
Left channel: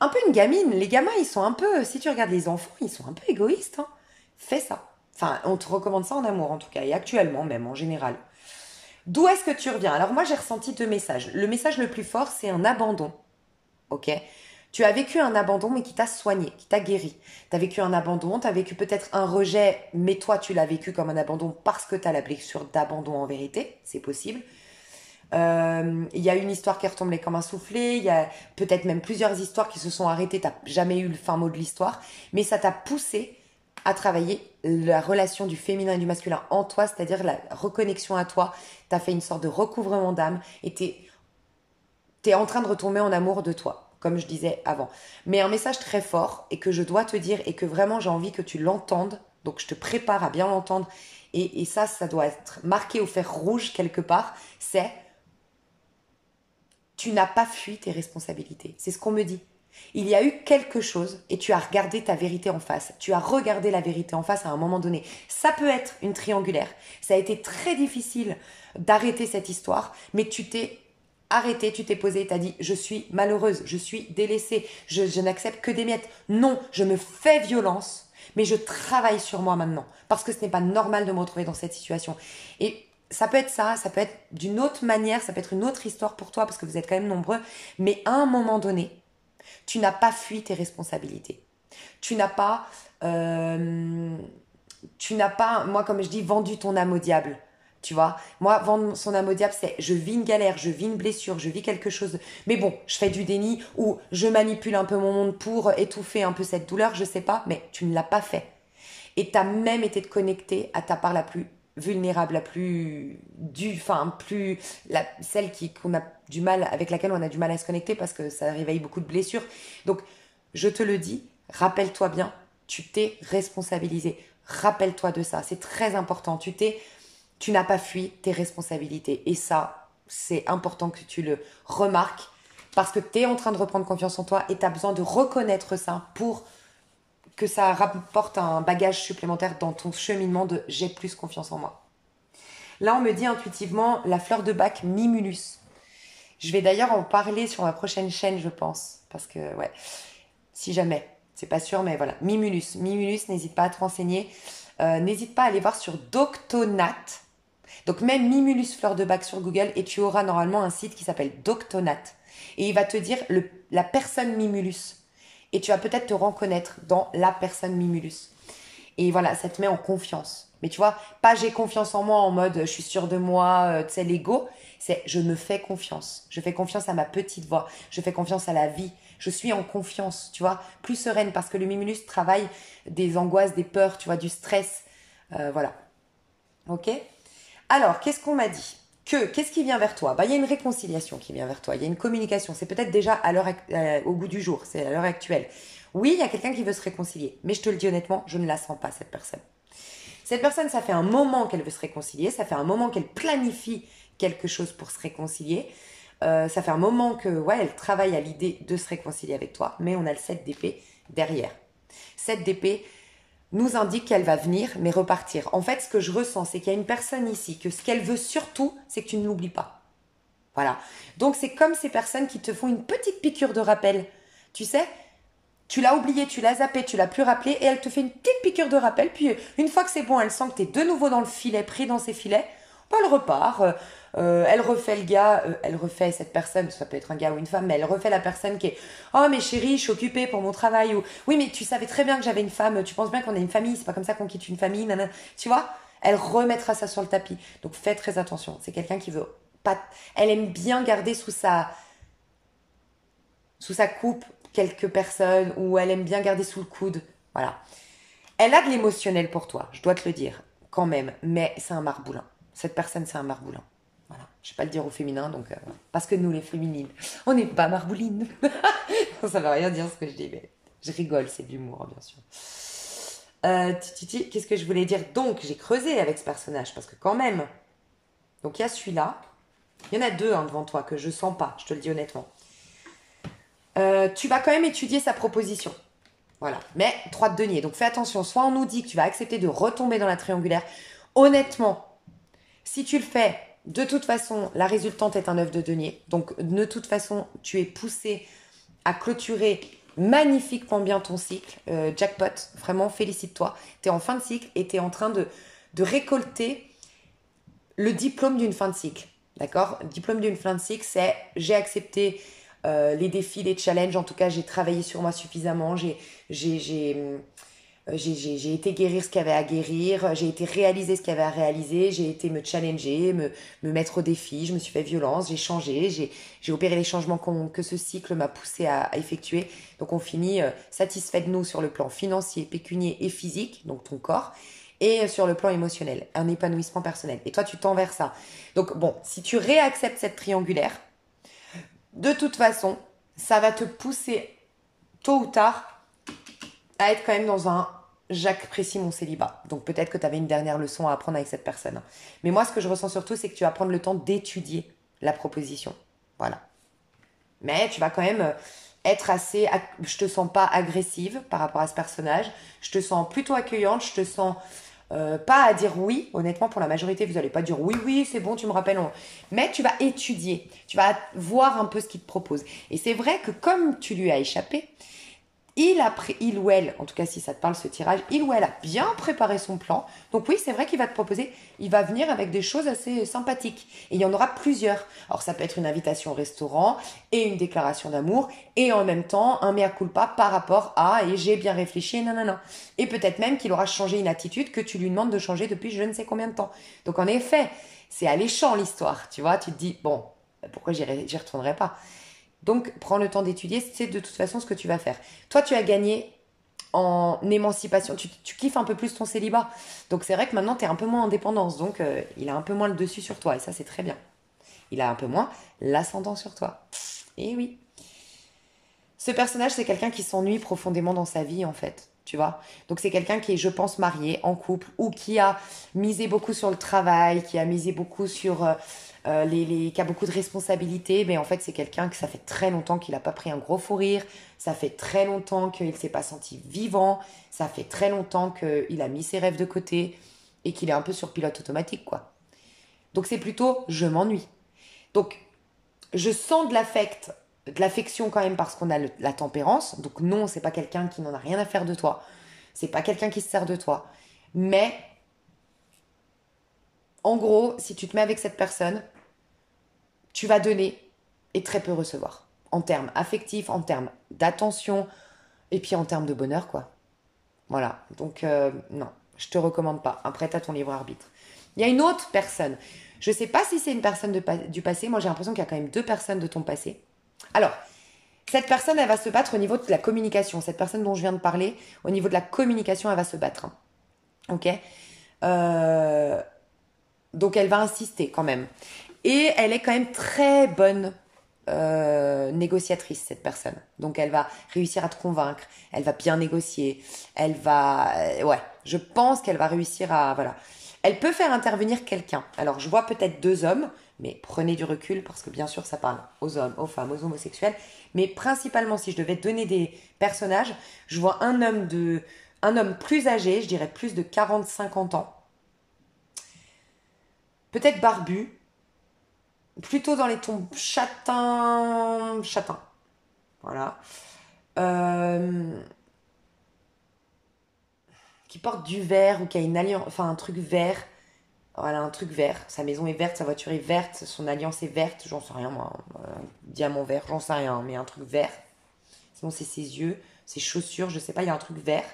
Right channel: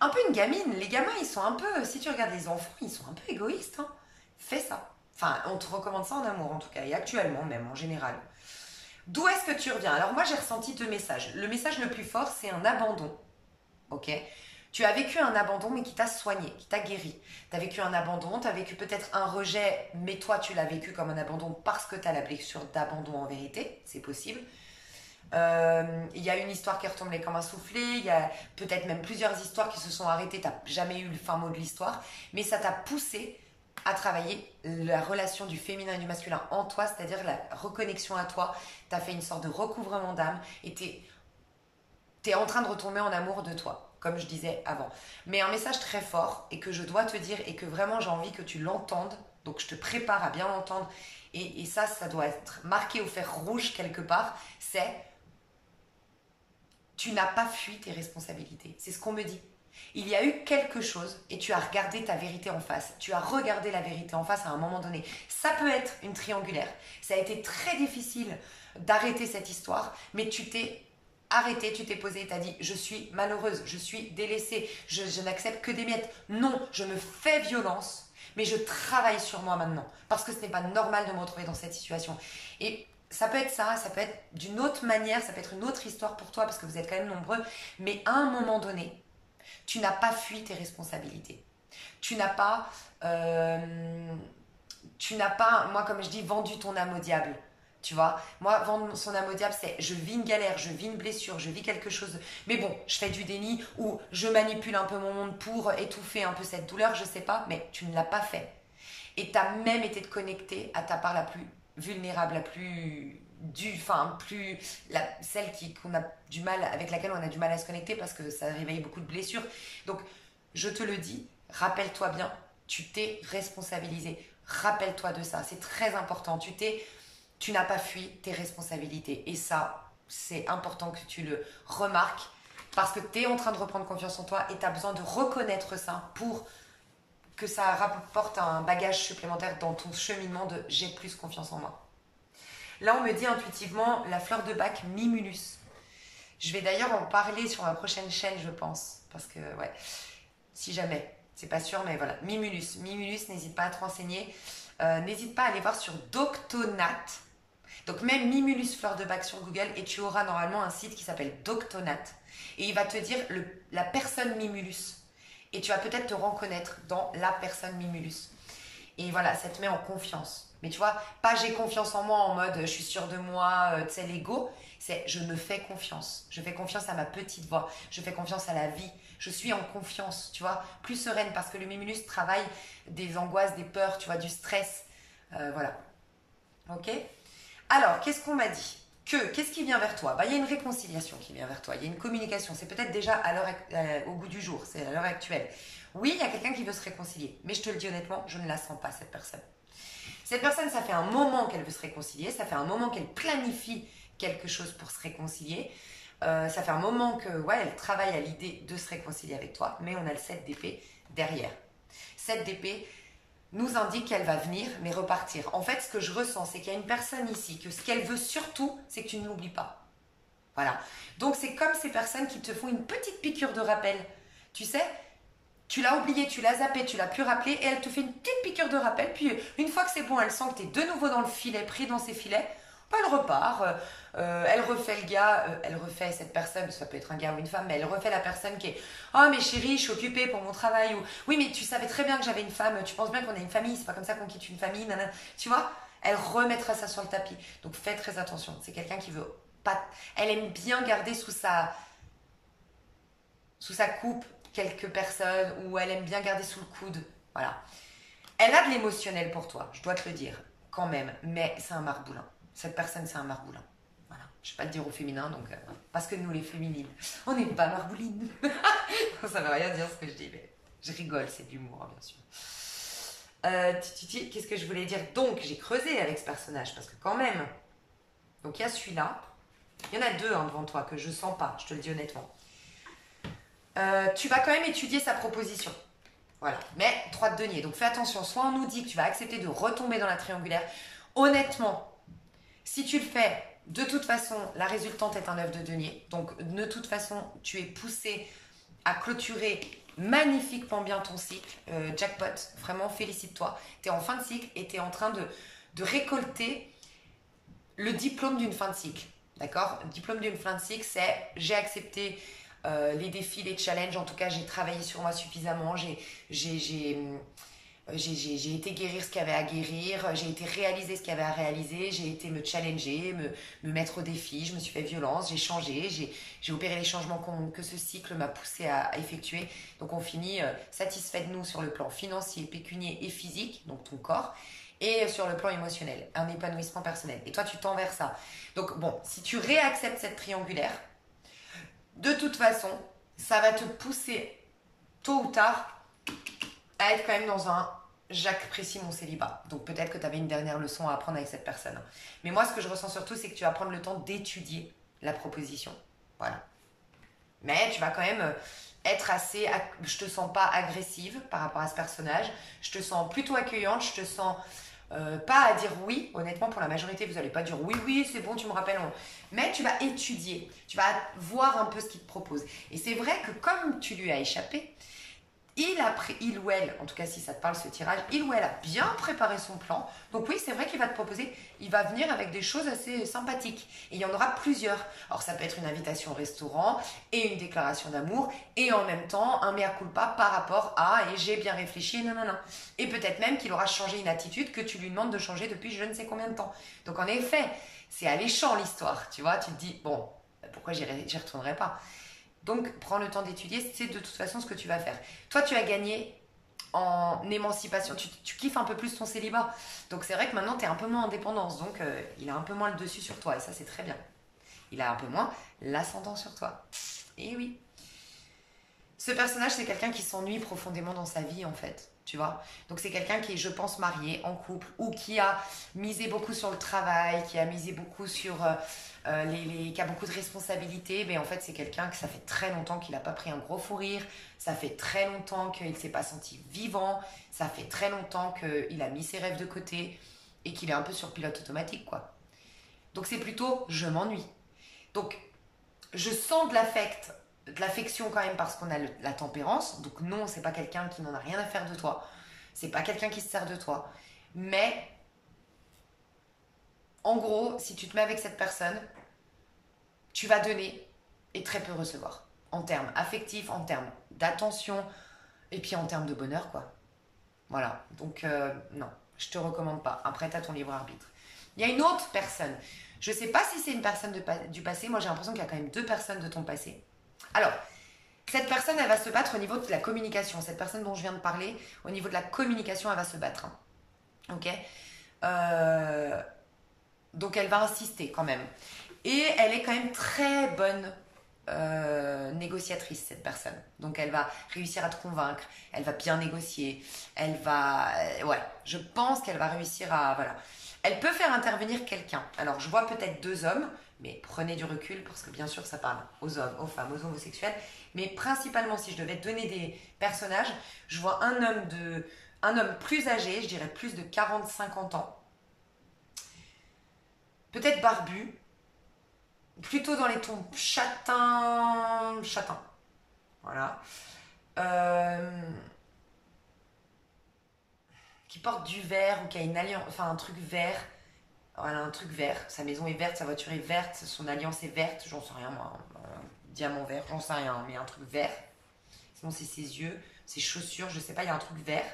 Un peu une gamine, les gamins ils sont un peu, si tu regardes les enfants, ils sont un peu égoïstes, hein. Fais ça. Enfin, on te recommande ça en amour en tout cas, et actuellement même en général. D'où est-ce que tu reviens? Alors moi j'ai ressenti deux messages. Le message le plus fort c'est un abandon. Ok? Tu as vécu un abandon mais qui t'a soigné, qui t'a guéri. Tu as vécu un abandon, tu as vécu peut-être un rejet, mais toi tu l'as vécu comme un abandon parce que tu as la blessure d'abandon en vérité, c'est possible. Il y a une histoire qui est retombée comme un soufflet, il y a peut-être même plusieurs histoires qui se sont arrêtées, tu n'as jamais eu le fin mot de l'histoire, mais ça t'a poussé à travailler la relation du féminin et du masculin en toi, c'est-à-dire la reconnexion à toi. Tu as fait une sorte de recouvrement d'âme et tu es en train de retomber en amour de toi, comme je disais avant. Mais un message très fort et que je dois te dire et que vraiment j'ai envie que tu l'entendes, donc je te prépare à bien l'entendre et ça doit être marqué au fer rouge quelque part, c'est tu n'as pas fui tes responsabilités. C'est ce qu'on me dit. Il y a eu quelque chose et tu as regardé ta vérité en face. Tu as regardé la vérité en face à un moment donné. Ça peut être une triangulaire. Ça a été très difficile d'arrêter cette histoire, mais tu t'es arrêté, tu t'es posé et tu as dit je suis malheureuse, je suis délaissée, je n'accepte que des miettes. Non, je me fais violence, mais je travaille sur moi maintenant parce que ce n'est pas normal de me retrouver dans cette situation. Et ça peut être ça peut être d'une autre manière, ça peut être une autre histoire pour toi parce que vous êtes quand même nombreux, mais à un moment donné, tu n'as pas fui tes responsabilités. Tu n'as pas, moi comme je dis, vendu ton âme au diable. Tu vois, moi, vendre son âme au diable, c'est je vis une galère, je vis une blessure, je vis quelque chose. Mais bon, je fais du déni ou je manipule un peu mon monde pour étouffer un peu cette douleur, je sais pas, mais tu ne l'as pas fait. Et tu as même été connecté à ta part la plus vulnérable, la plus celle qu'on a du mal, avec laquelle on a du mal à se connecter parce que ça réveille beaucoup de blessures. Donc, je te le dis, rappelle-toi bien, tu t'es responsabilisé. Rappelle-toi de ça, c'est très important. Tu n'as pas fui tes responsabilités. Et ça, c'est important que tu le remarques parce que tu es en train de reprendre confiance en toi et tu as besoin de reconnaître ça pour que ça rapporte un bagage supplémentaire dans ton cheminement de j'ai plus confiance en moi. Là, on me dit intuitivement la fleur de bac Mimulus. Je vais d'ailleurs en parler sur ma prochaine chaîne, je pense. Parce que, ouais, si jamais, c'est pas sûr, mais voilà. Mimulus. Mimulus, n'hésite pas à te renseigner. N'hésite pas à aller voir sur Doctonate. Donc, même Mimulus fleur de bac sur Google et tu auras normalement un site qui s'appelle Doctonate. Et il va te dire la personne Mimulus. Et tu vas peut-être te reconnaître dans la personne Mimulus. Et voilà, ça te met en confiance. Mais tu vois, pas j'ai confiance en moi en mode je suis sûre de moi, tu sais, l'ego. C'est je me fais confiance. Je fais confiance à ma petite voix. Je fais confiance à la vie. Je suis en confiance, tu vois, plus sereine parce que le Mimulus travaille des angoisses, des peurs, tu vois, du stress. Voilà. Ok? Alors, qu'est-ce qu'on m'a dit? Qu'est-ce qui vient vers toi? Bah, il y a une réconciliation qui vient vers toi. Il y a une communication. C'est peut-être déjà au bout du jour. C'est à l'heure actuelle. Oui, il y a quelqu'un qui veut se réconcilier. Mais je te le dis honnêtement, je ne la sens pas, cette personne. Cette personne, ça fait un moment qu'elle veut se réconcilier. Ça fait un moment qu'elle planifie quelque chose pour se réconcilier. Ça fait un moment que, ouais, elle travaille à l'idée de se réconcilier avec toi. Mais on a le 7 d'épée derrière. 7 d'épée nous indique qu'elle va venir, mais repartir. En fait, ce que je ressens, c'est qu'il y a une personne ici, que ce qu'elle veut surtout, c'est que tu ne l'oublies pas. Voilà. Donc, c'est comme ces personnes qui te font une petite piqûre de rappel. Tu sais, tu l'as oublié, tu l'as zappé, tu l'as plus rappelé, et elle te fait une petite piqûre de rappel. Puis, une fois que c'est bon, elle sent que tu es de nouveau dans le filet, pris dans ses filets, elle repart. Elle refait le gars, elle refait cette personne, ça peut être un gars ou une femme, mais elle refait la personne qui est oh mais chérie, je suis occupée pour mon travail, ou oui mais tu savais très bien que j'avais une femme, tu penses bien qu'on a une famille, c'est pas comme ça qu'on quitte une famille, nanana. Tu vois, elle remettra ça sur le tapis. Donc fais très attention, c'est quelqu'un qui veut pas, elle aime bien garder sous sa coupe quelques personnes, ou elle aime bien garder sous le coude, voilà. Elle a de l'émotionnel pour toi, je dois te le dire, quand même, mais c'est un marboulin. Cette personne, c'est un marboulin. Voilà. Je ne vais pas le dire au féminin, donc parce que nous, les féminines, on n'est pas marboulines. Ça ne veut rien dire ce que je dis, mais je rigole, c'est de l'humour, bien sûr. Qu'est-ce que je voulais dire? Donc, j'ai creusé avec ce personnage, parce que quand même, donc il y a celui-là. Il y en a deux devant toi que je sens pas, je te le dis honnêtement. Tu vas quand même étudier sa proposition. Voilà. Mais 3 de denier. Donc fais attention. Soit on nous dit que tu vas accepter de retomber dans la triangulaire. Honnêtement, si tu le fais, de toute façon, la résultante est un 9 de denier. Donc de toute façon, tu es poussé à clôturer magnifiquement bien ton cycle. Jackpot, vraiment félicite-toi. Tu es en fin de cycle et tu es en train de récolter le diplôme d'une fin de cycle. D'accord? Le diplôme d'une fin de cycle, c'est j'ai accepté les défis, les challenges. En tout cas, j'ai travaillé sur moi suffisamment. J'ai été guérir ce qu'il y avait à guérir, j'ai été réaliser ce qu'il y avait à réaliser, j'ai été me challenger, me mettre au défi, je me suis fait violence, j'ai changé, j'ai opéré les changements que ce cycle m'a poussé à effectuer. Donc on finit satisfait de nous sur le plan financier, pécunier et physique, donc ton corps, et sur le plan émotionnel, un épanouissement personnel. Et toi, tu tends vers ça. Donc bon, si tu réacceptes cette triangulaire, de toute façon, ça va te pousser tôt ou tard à être quand même dans un j'apprécie mon célibat. Donc peut-être que tu avais une dernière leçon à apprendre avec cette personne. Mais moi, ce que je ressens surtout, c'est que tu vas prendre le temps d'étudier la proposition. Voilà. Mais tu vas quand même être assez... Je te sens pas agressive par rapport à ce personnage. Je te sens plutôt accueillante. Je te sens pas à dire oui. Honnêtement, pour la majorité, vous n'allez pas dire oui, oui, c'est bon, tu me rappelles. Mais tu vas étudier. Tu vas voir un peu ce qu'il te propose. Et c'est vrai que comme tu lui as échappé, il ou elle, en tout cas si ça te parle ce tirage, il ou elle a bien préparé son plan. Donc oui, c'est vrai qu'il va te proposer, il va venir avec des choses assez sympathiques. Et il y en aura plusieurs. Alors ça peut être une invitation au restaurant et une déclaration d'amour et en même temps un mea culpa par rapport à et j'ai bien réfléchi et nanana. Et peut-être même qu'il aura changé une attitude que tu lui demandes de changer depuis je ne sais combien de temps. Donc en effet, c'est alléchant l'histoire, tu vois. Tu te dis, bon, pourquoi j'y retournerai pas? Donc, prends le temps d'étudier, c'est de toute façon ce que tu vas faire. Toi, tu as gagné en émancipation, tu kiffes un peu plus ton célibat. Donc, c'est vrai que maintenant, tu es un peu moins en dépendance. Donc, il a un peu moins le dessus sur toi. Et ça, c'est très bien. Il a un peu moins l'ascendant sur toi. Et oui. Ce personnage, c'est quelqu'un qui s'ennuie profondément dans sa vie, en fait. tu vois. Donc c'est quelqu'un qui est, je pense, marié, en couple, ou qui a misé beaucoup sur le travail, qui a misé beaucoup sur qui a beaucoup de responsabilités. Mais en fait, c'est quelqu'un que ça fait très longtemps qu'il n'a pas pris un gros fou rire, ça fait très longtemps qu'il ne s'est pas senti vivant, ça fait très longtemps qu'il a mis ses rêves de côté et qu'il est un peu sur pilote automatique, quoi. Donc c'est plutôt je m'ennuie. Donc je sens de l'affection quand même parce qu'on a la tempérance. Donc non, c'est pas quelqu'un qui n'en a rien à faire de toi. C'est pas quelqu'un qui se sert de toi. Mais en gros, si tu te mets avec cette personne, tu vas donner et très peu recevoir. En termes affectifs, en termes d'attention et puis en termes de bonheur, quoi. Voilà. Donc non, je te recommande pas. Après, t'as ton libre arbitre. Il y a une autre personne. Je sais pas si c'est une personne du passé. Moi, j'ai l'impression qu'il y a quand même deux personnes de ton passé. Alors, cette personne, elle va se battre au niveau de la communication. Cette personne dont je viens de parler, au niveau de la communication, elle va se battre. Hein. Ok. Euh, donc, elle va insister quand même. Et elle est quand même très bonne négociatrice, cette personne. Donc, elle va réussir à te convaincre. Elle va bien négocier. Elle va... ouais, je pense qu'elle va réussir à... Voilà. Elle peut faire intervenir quelqu'un. Alors, je vois peut-être deux hommes, mais prenez du recul parce que bien sûr, ça parle aux hommes, aux femmes, aux homosexuels. Mais principalement, si je devais donner des personnages, je vois un homme plus âgé, je dirais plus de 40-50 ans. Peut-être barbu, plutôt dans les tons châtain. Voilà. Euh, qui porte du vert ou qui a une alliance, enfin un truc vert. Voilà, un truc vert. Sa maison est verte, sa voiture est verte, son alliance est verte, j'en sais rien moi. Diamant vert, j'en sais rien, mais un truc vert. Sinon, c'est ses yeux, ses chaussures, je sais pas, il y a un truc vert.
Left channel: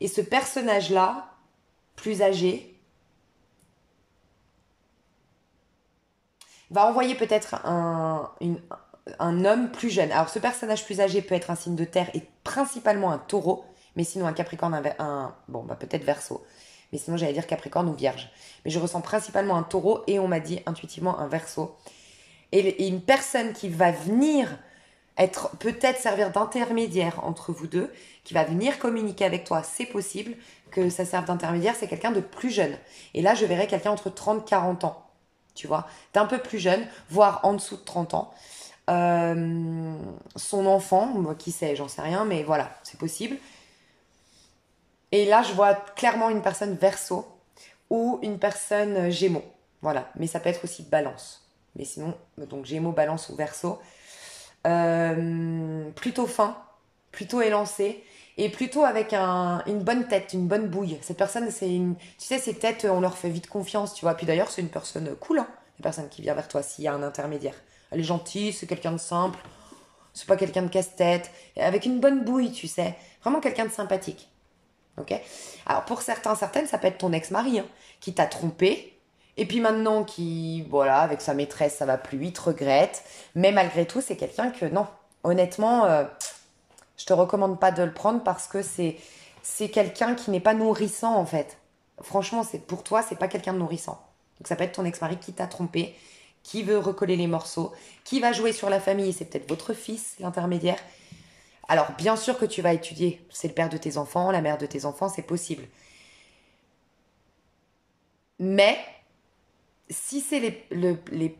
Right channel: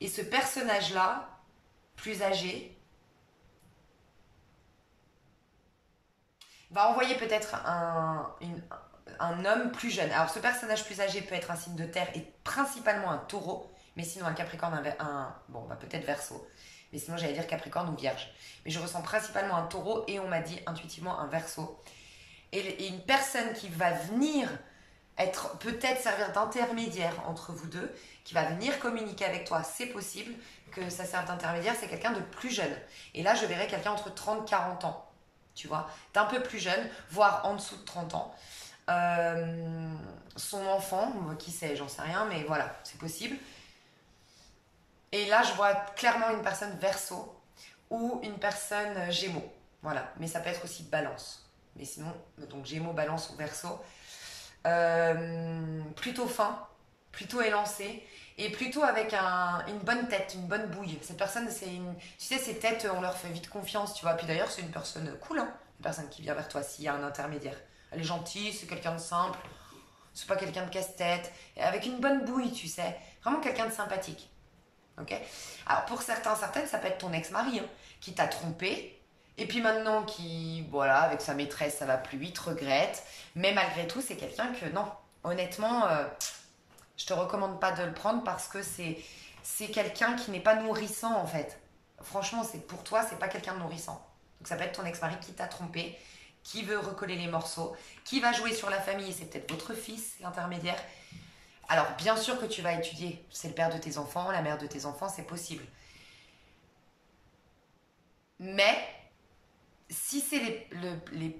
Et ce personnage-là, plus âgé, va envoyer peut-être un homme plus jeune. Alors, ce personnage plus âgé peut être un signe de terre et principalement un taureau, mais sinon un capricorne, bon, bah peut-être verseau. Mais sinon, j'allais dire capricorne ou vierge. Mais je ressens principalement un taureau et on m'a dit intuitivement un verseau. Et une personne qui va venir être peut-être servir d'intermédiaire entre vous deux, qui va venir communiquer avec toi, c'est possible que ça serve d'intermédiaire, c'est quelqu'un de plus jeune. Et là, je verrais quelqu'un entre 30 et 40 ans, tu vois, d'un peu plus jeune, voire en dessous de 30 ans. Son enfant, qui sait, j'en sais rien, mais voilà, c'est possible. Et là, je vois clairement une personne verseau ou une personne gémeaux. Voilà, mais ça peut être aussi balance. Mais sinon, donc gémeaux, balance ou verseau. Plutôt fin, plutôt élancé et plutôt avec une bonne tête, une bonne bouille. Cette personne, tu sais, ces têtes, on leur fait vite confiance, tu vois. Puis d'ailleurs, c'est une personne cool, hein, la personne qui vient vers toi s'il y a un intermédiaire. Elle est gentille, c'est quelqu'un de simple, c'est pas quelqu'un de casse-tête, avec une bonne bouille, tu sais. Vraiment quelqu'un de sympathique. Ok. Alors pour certaines, ça peut être ton ex-mari hein, qui t'a trompé. Et puis maintenant, voilà, avec sa maîtresse, ça va plus, il te regrette. Mais malgré tout, c'est quelqu'un que, non, honnêtement, je te recommande pas de le prendre parce que c'est quelqu'un qui n'est pas nourrissant, en fait. Franchement, pour toi, c'est pas quelqu'un de nourrissant. Donc ça peut être ton ex-mari qui t'a trompé, qui veut recoller les morceaux, qui va jouer sur la famille, c'est peut-être votre fils, l'intermédiaire. Alors, bien sûr que tu vas étudier. C'est le père de tes enfants, la mère de tes enfants, c'est possible. Mais si c'est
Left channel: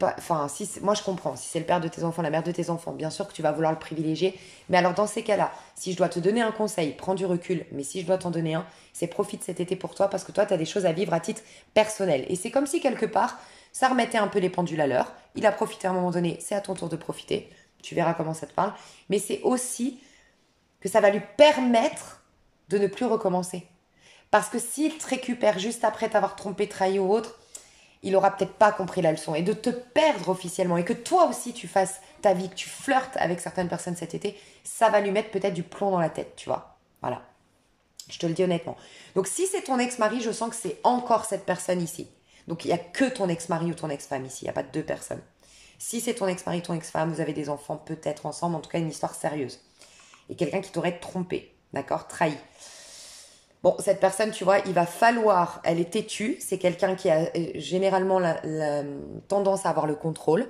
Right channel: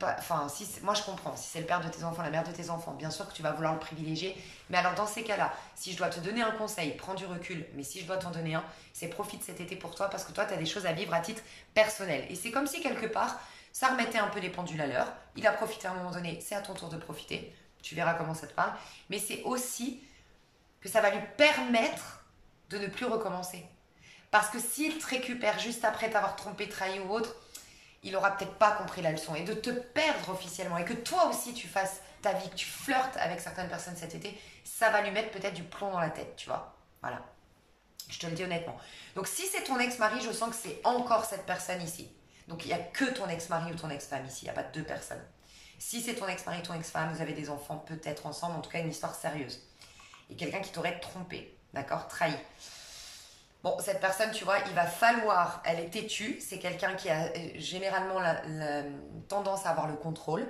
enfin, moi je comprends, si c'est le père de tes enfants, la mère de tes enfants, bien sûr que tu vas vouloir le privilégier. Mais alors dans ces cas-là, si je dois te donner un conseil, prends du recul, mais si je dois t'en donner un, c'est profite cet été pour toi parce que toi, tu as des choses à vivre à titre personnel. Et c'est comme si quelque part, ça remettait un peu les pendules à l'heure. Il a profité à un moment donné, c'est à ton tour de profiter. Tu verras comment ça te parle. Mais c'est aussi que ça va lui permettre de ne plus recommencer. Parce que s'il te récupère juste après t'avoir trompé, trahi ou autre, il aura peut-être pas compris la leçon. Et de te perdre officiellement et que toi aussi tu fasses ta vie, que tu flirtes avec certaines personnes cet été, ça va lui mettre peut-être du plomb dans la tête, tu vois. Voilà. Je te le dis honnêtement. Donc si c'est ton ex-mari, je sens que c'est encore cette personne ici. Donc il n'y a que ton ex-mari ou ton ex-femme ici, il n'y a pas deux personnes. Si c'est ton ex-mari, ton ex-femme, vous avez des enfants peut-être ensemble, en tout cas une histoire sérieuse. Et quelqu'un qui t'aurait trompé, d'accord, trahi. Bon, cette personne, tu vois, il va falloir, elle est têtue, c'est quelqu'un qui a généralement la tendance à avoir le contrôle,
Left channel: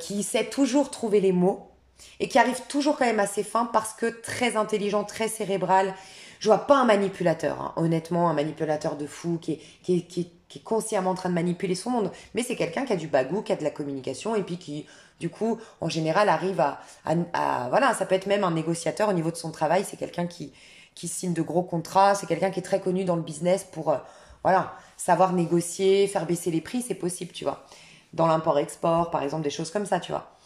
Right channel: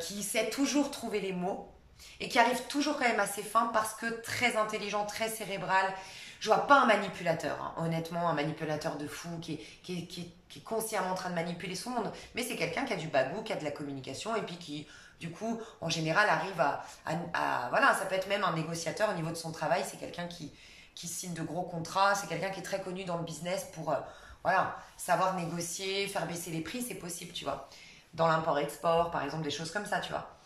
qui sait toujours trouver les mots, et qui arrive toujours quand même à ses fins parce que très intelligent, très cérébral. Je vois pas un manipulateur, hein. Honnêtement, un manipulateur de fou qui est consciemment en train de manipuler son monde. Mais c'est quelqu'un qui a du bagou, qui a de la communication et puis qui, du coup, en général, arrive voilà, ça peut être même un négociateur au niveau de son travail. C'est quelqu'un qui signe de gros contrats. C'est quelqu'un qui est très connu dans le business pour, voilà, savoir négocier, faire baisser les prix, c'est possible, tu vois. Dans l'import-export, par exemple, des choses comme ça, tu vois.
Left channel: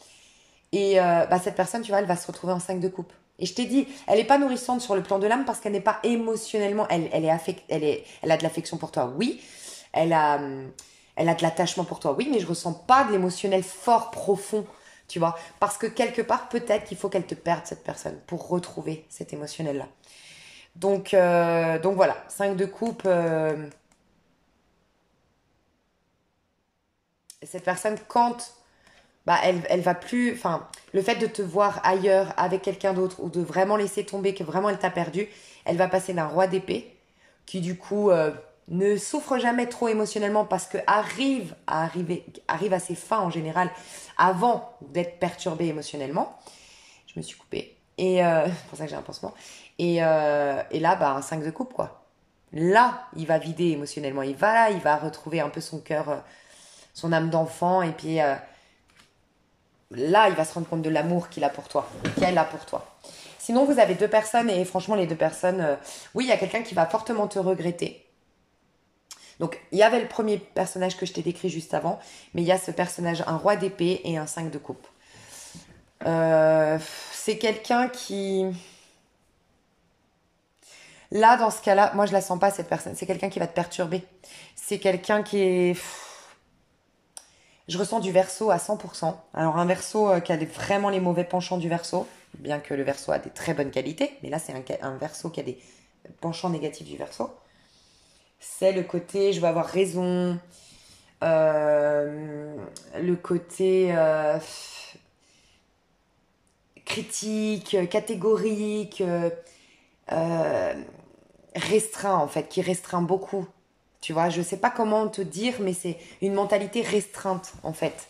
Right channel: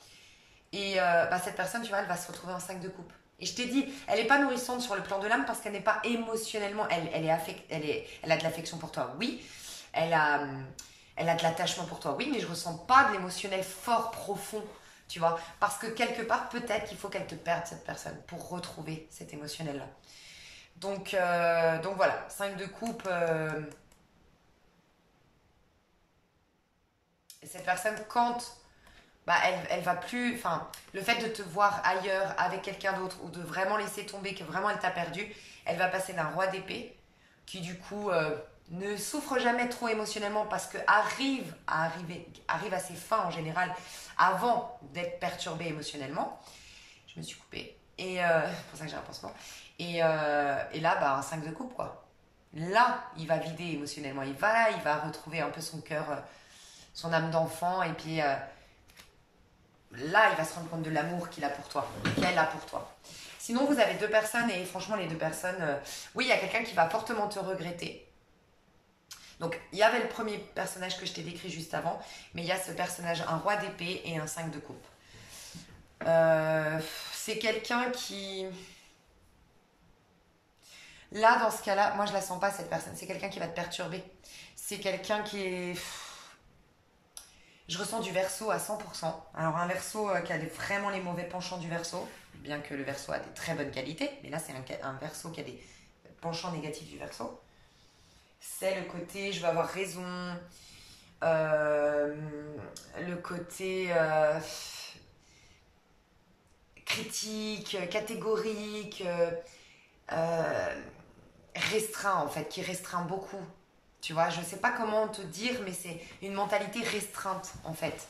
Et cette personne, tu vois, elle va se retrouver en 5 de coupe. Et je t'ai dit, elle n'est pas nourrissante sur le plan de l'âme parce qu'elle n'est pas émotionnellement. Elle a de l'affection pour toi, oui. Elle a, elle a de l'attachement pour toi, oui, mais je ressens pas de l'émotionnel fort, profond, tu vois. Parce que quelque part, peut-être qu'il faut qu'elle te perde, cette personne, pour retrouver cet émotionnel-là. Donc voilà, 5 de coupe. Cette personne, quand elle va plus. Enfin, le fait de te voir ailleurs avec quelqu'un d'autre ou de vraiment laisser tomber, que vraiment elle t'a perdu, elle va passer d'un roi d'épée qui, du coup, ne souffre jamais trop émotionnellement parce que arrive à ses fins en général avant d'être perturbée émotionnellement. Je me suis coupée. Et c'est pour ça que j'ai un pansement. Et là, un 5 de coupe, quoi. Là, il va vider émotionnellement. Il va retrouver un peu son cœur, son âme d'enfant. Et puis là, il va se rendre compte de l'amour qu'il a pour toi, qu'elle a pour toi. Sinon, vous avez deux personnes et franchement, les deux personnes, oui, il y a quelqu'un qui va fortement te regretter. Donc, il y avait le premier personnage que je t'ai décrit juste avant, mais il y a ce personnage, un roi d'épée et un 5 de coupe. C'est quelqu'un qui... Là, dans ce cas-là, moi, je la sens pas, cette personne. C'est quelqu'un qui va te perturber. C'est quelqu'un qui est... Je ressens du Verseau à 100%. Alors, un Verseau qui a vraiment les mauvais penchants du Verseau, bien que le Verseau a des très bonnes qualités, mais là, c'est un Verseau qui a des penchants négatifs du Verseau. C'est le côté, je vais avoir raison, le côté critique, catégorique, restreint en fait, qui restreint beaucoup. Tu vois, je sais pas comment te dire, mais c'est une mentalité restreinte en fait.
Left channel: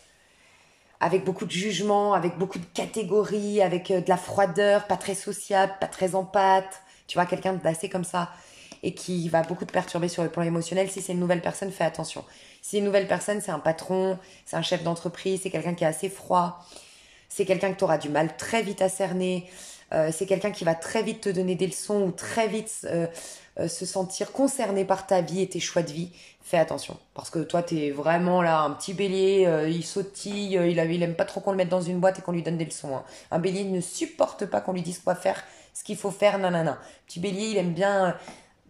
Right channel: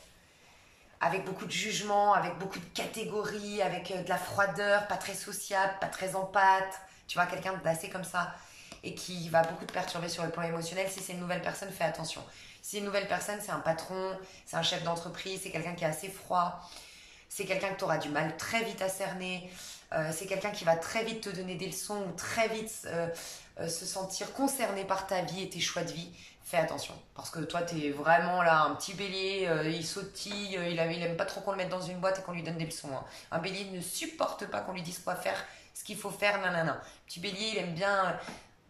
Avec beaucoup de jugement, avec beaucoup de catégories, avec de la froideur, pas très sociable, pas très empathe. Tu vois, quelqu'un d'assez comme ça et qui va beaucoup te perturber sur le plan émotionnel. Si c'est une nouvelle personne, fais attention. Si c'est une nouvelle personne, c'est un patron, c'est un chef d'entreprise, c'est quelqu'un qui est assez froid, c'est quelqu'un que tu auras du mal très vite à cerner, c'est quelqu'un qui va très vite te donner des leçons ou très vite se sentir concerné par ta vie et tes choix de vie. Fais attention, parce que toi, tu es vraiment là, un petit bélier, il sautille, il aime pas trop qu'on le mette dans une boîte et qu'on lui donne des leçons, hein. Un bélier ne supporte pas qu'on lui dise quoi faire, ce qu'il faut faire, nanana. Petit bélier, il aime bien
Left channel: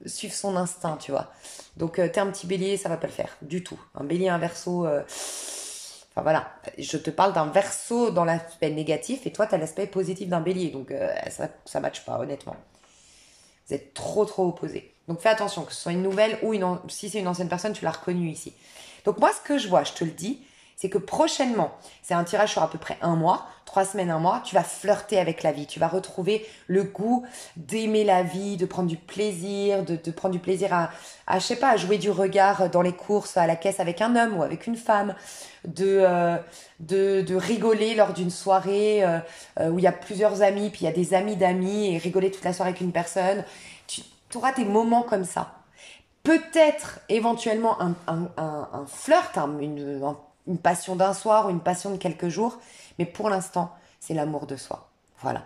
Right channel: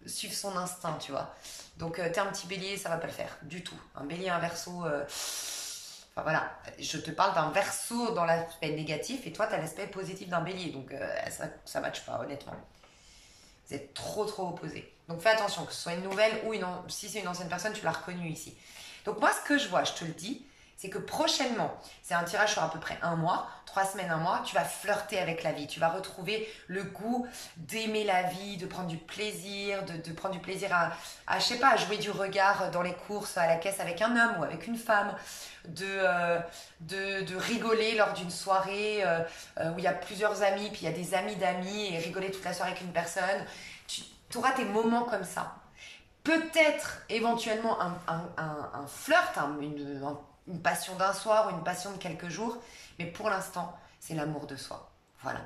suivre son instinct, tu vois. Donc, t'es un petit bélier, ça va pas le faire, du tout. Un bélier, un verseau... Enfin voilà, je te parle d'un verseau dans l'aspect négatif et toi, tu as l'aspect positif d'un bélier. Donc, ça ne matche pas, honnêtement. Vous êtes trop, trop opposés. Donc, fais attention, que ce soit une nouvelle ou si c'est une ancienne personne, tu l'as reconnue ici. Donc, moi, ce que je vois, je te le dis, c'est que prochainement, c'est un tirage sur à peu près 1 mois, 3 semaines, 1 mois, tu vas flirter avec la vie. Tu vas retrouver le goût d'aimer la vie, de prendre du plaisir, de prendre du plaisir je sais pas, à jouer du regard dans les courses, à la caisse avec un homme ou avec une femme, de rigoler lors d'une soirée où il y a plusieurs amis, puis il y a des amis d'amis et rigoler toute la soirée avec une personne. Tu auras tes moments comme ça. Peut-être éventuellement un flirt, une passion d'un soir ou une passion de quelques jours, mais pour l'instant, c'est l'amour de soi. Voilà.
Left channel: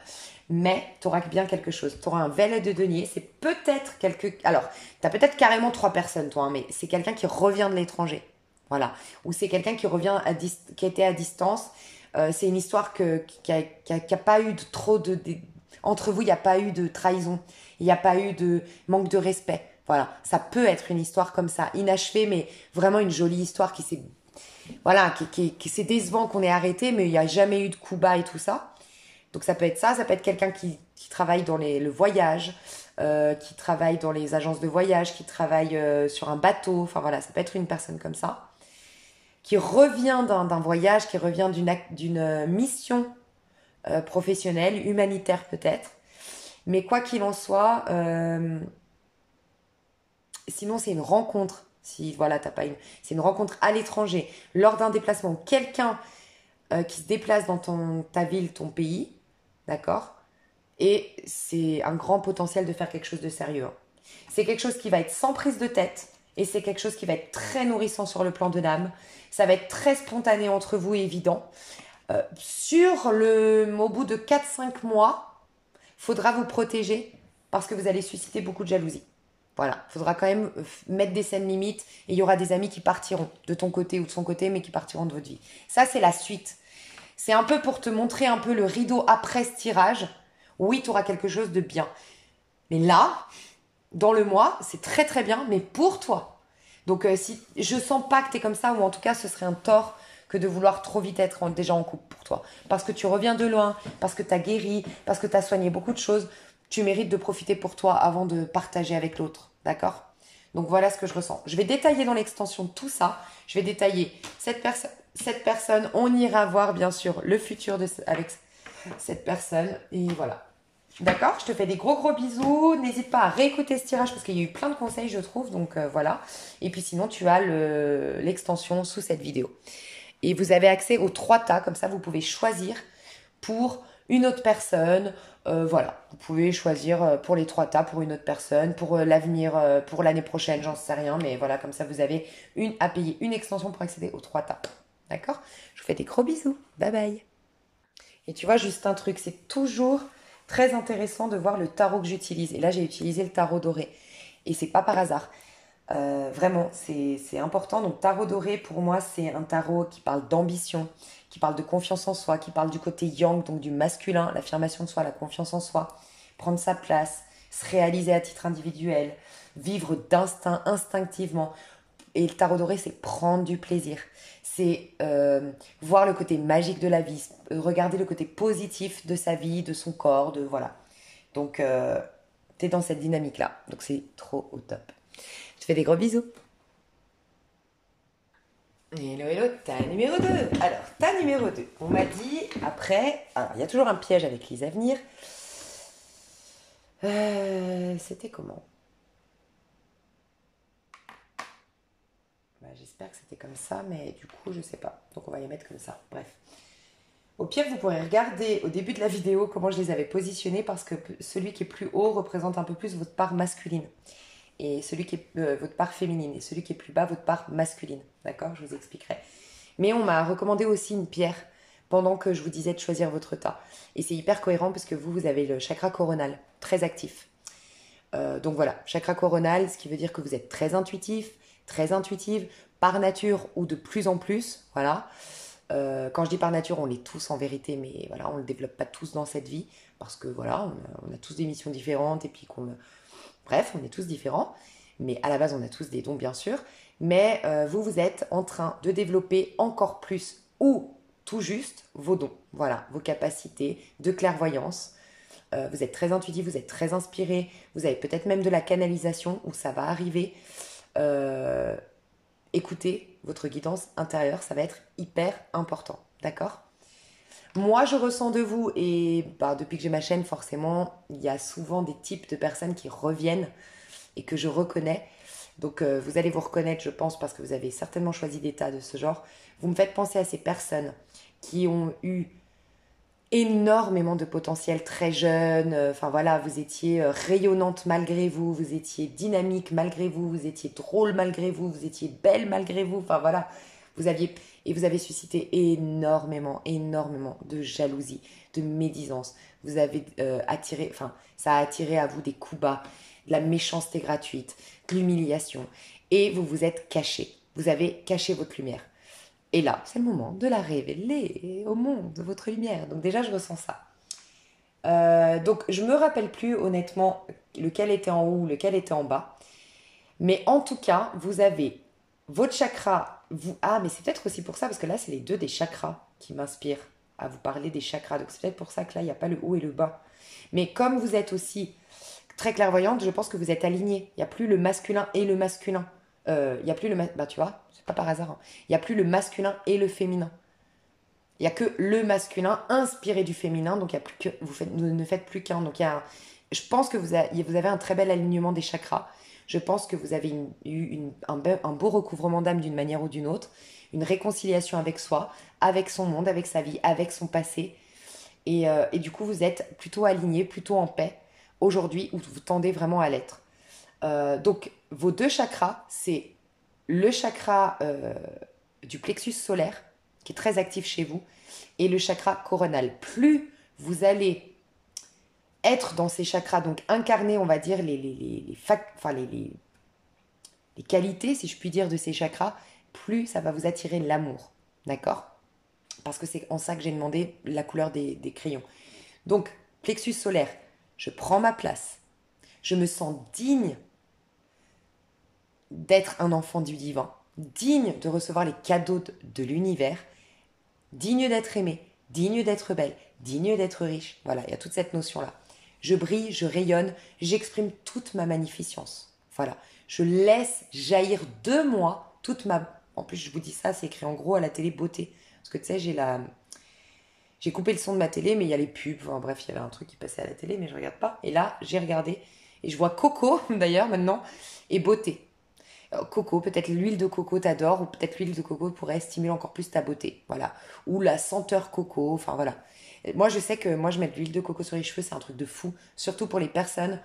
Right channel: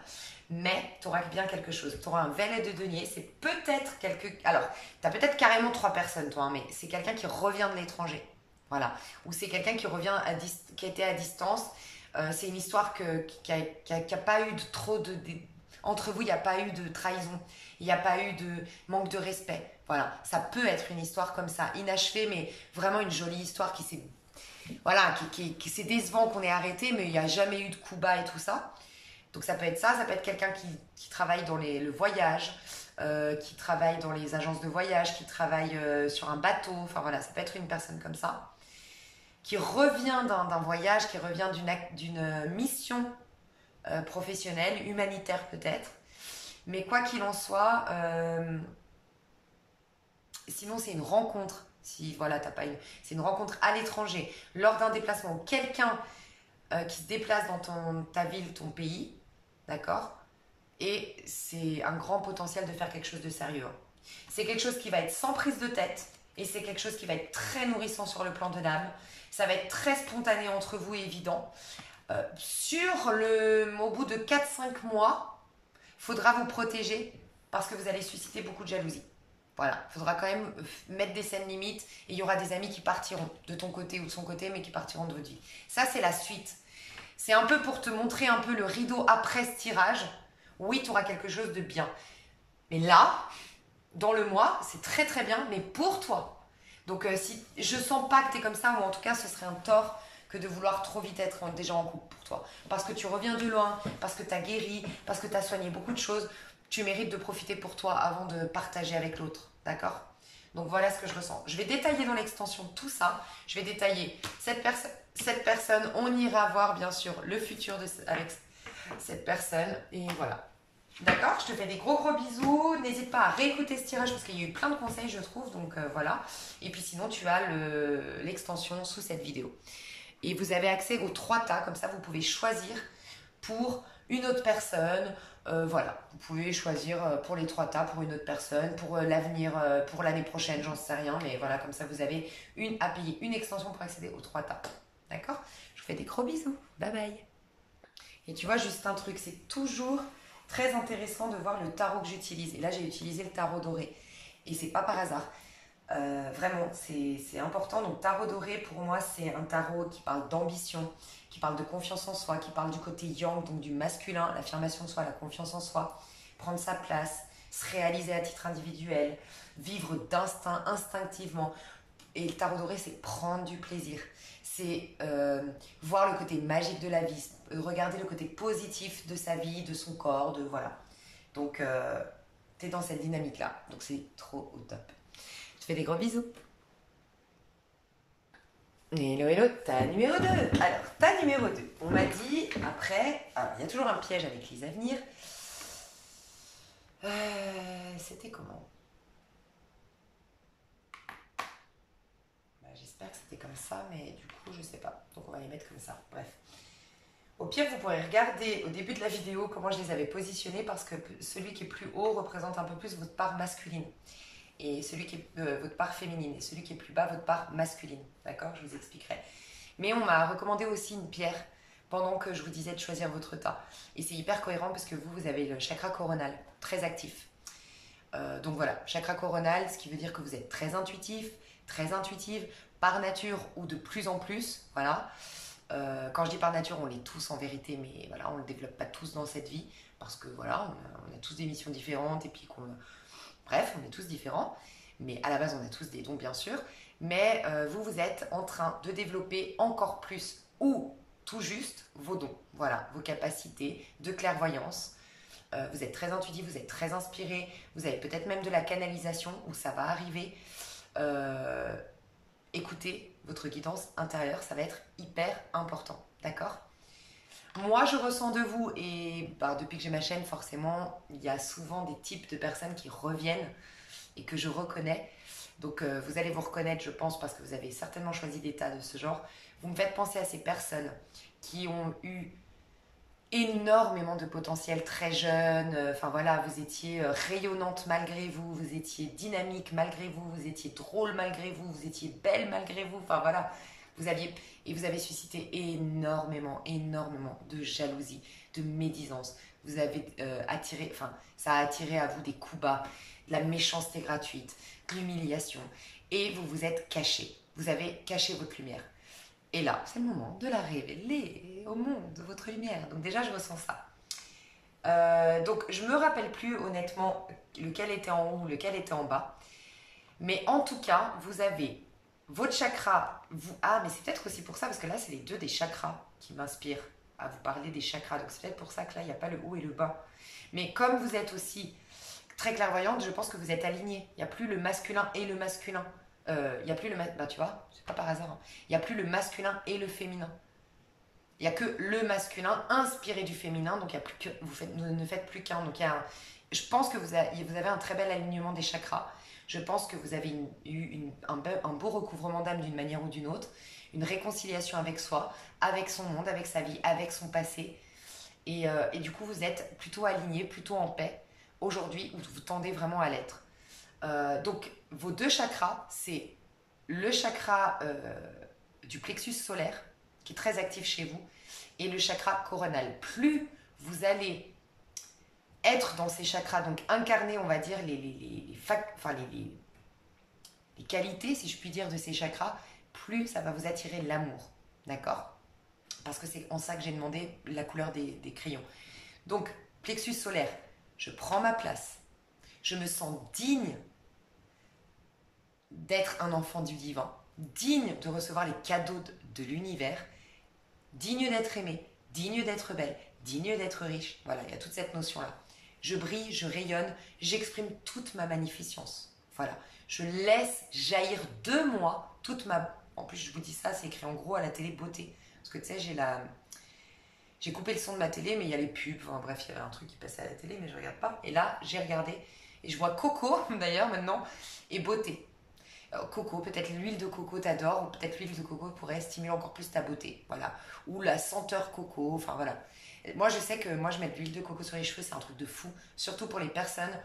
Mais tu auras bien quelque chose. Tu auras un valet de denier, c'est peut-être Alors, tu as peut-être carrément 3 personnes, toi, hein, mais c'est quelqu'un qui revient de l'étranger. Voilà. Ou c'est quelqu'un qui revient, qui a été à distance. C'est une histoire qui a pas eu trop de... Entre vous, il n'y a pas eu de trahison. Il n'y a pas eu de manque de respect. Voilà, ça peut être une histoire comme ça, inachevée, mais vraiment une jolie histoire qui s'est... Voilà, qui c'est décevant qu'on ait arrêté, mais il n'y a jamais eu de coup bas et tout ça. Donc ça peut être ça peut être quelqu'un qui travaille dans le voyage, qui travaille dans les agences de voyage, qui travaille sur un bateau. Enfin voilà, ça peut être une personne comme ça, qui revient d'un voyage, qui revient d'une mission professionnelle, humanitaire peut-être. Mais quoi qu'il en soit... Sinon, c'est une rencontre. Si voilà, t'as pas c'est une rencontre à l'étranger, lors d'un déplacement. Quelqu'un qui se déplace dans ta ville, ton pays, d'accord? Et c'est un grand potentiel de faire quelque chose de sérieux, hein. C'est quelque chose qui va être sans prise de tête et c'est quelque chose qui va être très nourrissant sur le plan de l'âme. Ça va être très spontané entre vous et évident. Au bout de 4 5 mois, faudra vous protéger parce que vous allez susciter beaucoup de jalousie. Voilà, il faudra quand même mettre des scènes limites et il y aura des amis qui partiront de ton côté ou de son côté, mais qui partiront de votre vie. Ça, c'est la suite. C'est un peu pour te montrer un peu le rideau après ce tirage. Oui, tu auras quelque chose de bien. Mais là, dans le mois, c'est très très bien, mais pour toi. Donc, si je sens pas que tu es comme ça, ou en tout cas, ce serait un tort que de vouloir trop vite être déjà en couple pour toi. Parce que tu reviens de loin, parce que tu as guéri, parce que tu as soigné beaucoup de choses. Tu mérites de profiter pour toi avant de partager avec l'autre. D'accord? Donc, voilà ce que je ressens. Je vais détailler dans l'extension tout ça. Je vais détailler cette personne. On ira voir, bien sûr, le futur avec cette personne. Et voilà. D'accord, je te fais des gros bisous. N'hésite pas à réécouter ce tirage parce qu'il y a eu plein de conseils, je trouve. Donc voilà. Et puis sinon, tu as l'extension sous cette vidéo. Et vous avez accès aux 3 tas. Comme ça, vous pouvez choisir pour une autre personne. Voilà, vous pouvez choisir pour les 3 tas, pour une autre personne, pour l'avenir, pour l'année prochaine, j'en sais rien. Mais voilà, comme ça, vous avez à payer une extension pour accéder aux 3 tas. D'accord? Je vous fais des gros bisous. Bye bye. Et tu vois, juste un truc, c'est toujours très intéressant de voir le tarot que j'utilise. Et là, j'ai utilisé le tarot doré. Et c'est pas par hasard. Vraiment, c'est important. Donc, tarot doré, pour moi, c'est un tarot qui parle d'ambition, qui parle de confiance en soi, qui parle du côté yang, donc du masculin, l'affirmation de soi, la confiance en soi, prendre sa place, se réaliser à titre individuel, vivre d'instinct, instinctivement. Et le tarot doré, c'est prendre du plaisir. C'est voir le côté magique de la vie, regarder le côté positif de sa vie, de son corps, de voilà. Donc, tu es dans cette dynamique-là. Donc, c'est trop au top. Je te fais des gros bisous. Hello, ta numéro 2. Alors, ta numéro 2. On m'a dit, après, il y a toujours un piège avec les avenirs. C'était comment? J'espère que c'était comme ça, mais du coup, je sais pas. Donc, on va les mettre comme ça. Bref. Au pire, vous pourrez regarder au début de la vidéo comment je les avais positionnés parce que celui qui est plus haut représente un peu plus votre part masculine et celui qui est votre part féminine et celui qui est plus bas, votre part masculine. D'accord? Je vous expliquerai. Mais on m'a recommandé aussi une pierre pendant que je vous disais de choisir votre tas. Et c'est hyper cohérent parce que vous avez le chakra coronal très actif. Donc voilà, chakra coronal, ce qui veut dire que vous êtes très intuitif, très intuitive, par nature ou de plus en plus, voilà. Quand je dis par nature, on l'est tous en vérité, mais voilà, on ne le développe pas tous dans cette vie, parce que voilà, on a tous des missions différentes, et puis bref, on est tous différents, mais à la base, on a tous des dons, bien sûr, mais vous êtes en train de développer encore plus, ou tout juste, vos dons, voilà, vos capacités de clairvoyance. Vous êtes très intuitif, vous êtes très inspiré, vous avez peut-être même de la canalisation, où ça va arriver. Écoutez votre guidance intérieure, ça va être hyper important, d'accord? Moi, je ressens de vous, et depuis que j'ai ma chaîne, forcément, il y a souvent des types de personnes qui reviennent et que je reconnais. Donc, vous allez vous reconnaître, je pense, parce que vous avez certainement choisi des tas de ce genre. Vous me faites penser à ces personnes qui ont eu énormément de potentiel très jeune. Enfin voilà, vous étiez rayonnante malgré vous, vous étiez dynamique malgré vous, vous étiez drôle malgré vous, vous étiez belle malgré vous. Enfin voilà, vous avez suscité énormément de jalousie, de médisance. Vous avez ça a attiré à vous des coups bas, de la méchanceté gratuite, de l'humiliation. Et vous vous êtes caché. Vous avez caché votre lumière. Et là, c'est le moment de la révéler au monde, de votre lumière. Donc déjà, je ressens ça. Donc, je ne me rappelle plus honnêtement lequel était en haut, lequel était en bas. Mais en tout cas, vous avez votre chakra. Mais c'est peut-être aussi pour ça, parce que là, c'est les deux des chakras qui m'inspirent à vous parler des chakras. Donc, c'est peut-être pour ça que là, il n'y a pas le haut et le bas. Mais comme vous êtes aussi très clairvoyante, je pense que vous êtes alignée. Il n'y a plus le masculin et le masculin. Il n'y a plus le... tu vois, pas par hasard, hein. Il n'y a plus le masculin et le féminin. Il n'y a que le masculin inspiré du féminin, donc il y a plus que, vous ne faites plus qu'un. Donc je pense que vous avez un très bel alignement des chakras. Je pense que vous avez eu un beau recouvrement d'âme d'une manière ou d'une autre, une réconciliation avec soi, avec son monde, avec sa vie, avec son passé. Et du coup, vous êtes plutôt aligné, plutôt en paix aujourd'hui, où vous tendez vraiment à l'être. Donc, vos deux chakras, c'est le chakra du plexus solaire, qui est très actif chez vous, et le chakra coronal. Plus vous allez être dans ces chakras, donc incarner, on va dire, les qualités, si je puis dire, de ces chakras, plus ça va vous attirer l'amour. D'accord? Parce que c'est en ça que j'ai demandé la couleur des crayons. Donc, plexus solaire, je prends ma place. Je me sens digne d'être un enfant du divin, digne de recevoir les cadeaux de l'univers, digne d'être aimé, digne d'être belle, digne d'être riche. Voilà, il y a toute cette notion-là. Je brille, je rayonne, j'exprime toute ma magnificence. Voilà, je laisse jaillir de moi toute ma... En plus, je vous dis ça, c'est écrit en gros à la télé beauté. Parce que tu sais, j'ai coupé le son de ma télé, mais il y a les pubs. Enfin, bref, il y avait un truc qui passait à la télé, mais je ne regarde pas. Et là, j'ai regardé. Et je vois coco, d'ailleurs, maintenant, et beauté. Coco, peut-être l'huile de coco t'adore, ou peut-être l'huile de coco pourrait stimuler encore plus ta beauté. Voilà. Ou la senteur coco, enfin voilà. Et moi, je sais que moi, je mets de l'huile de coco sur les cheveux, c'est un truc de fou. Surtout pour les personnes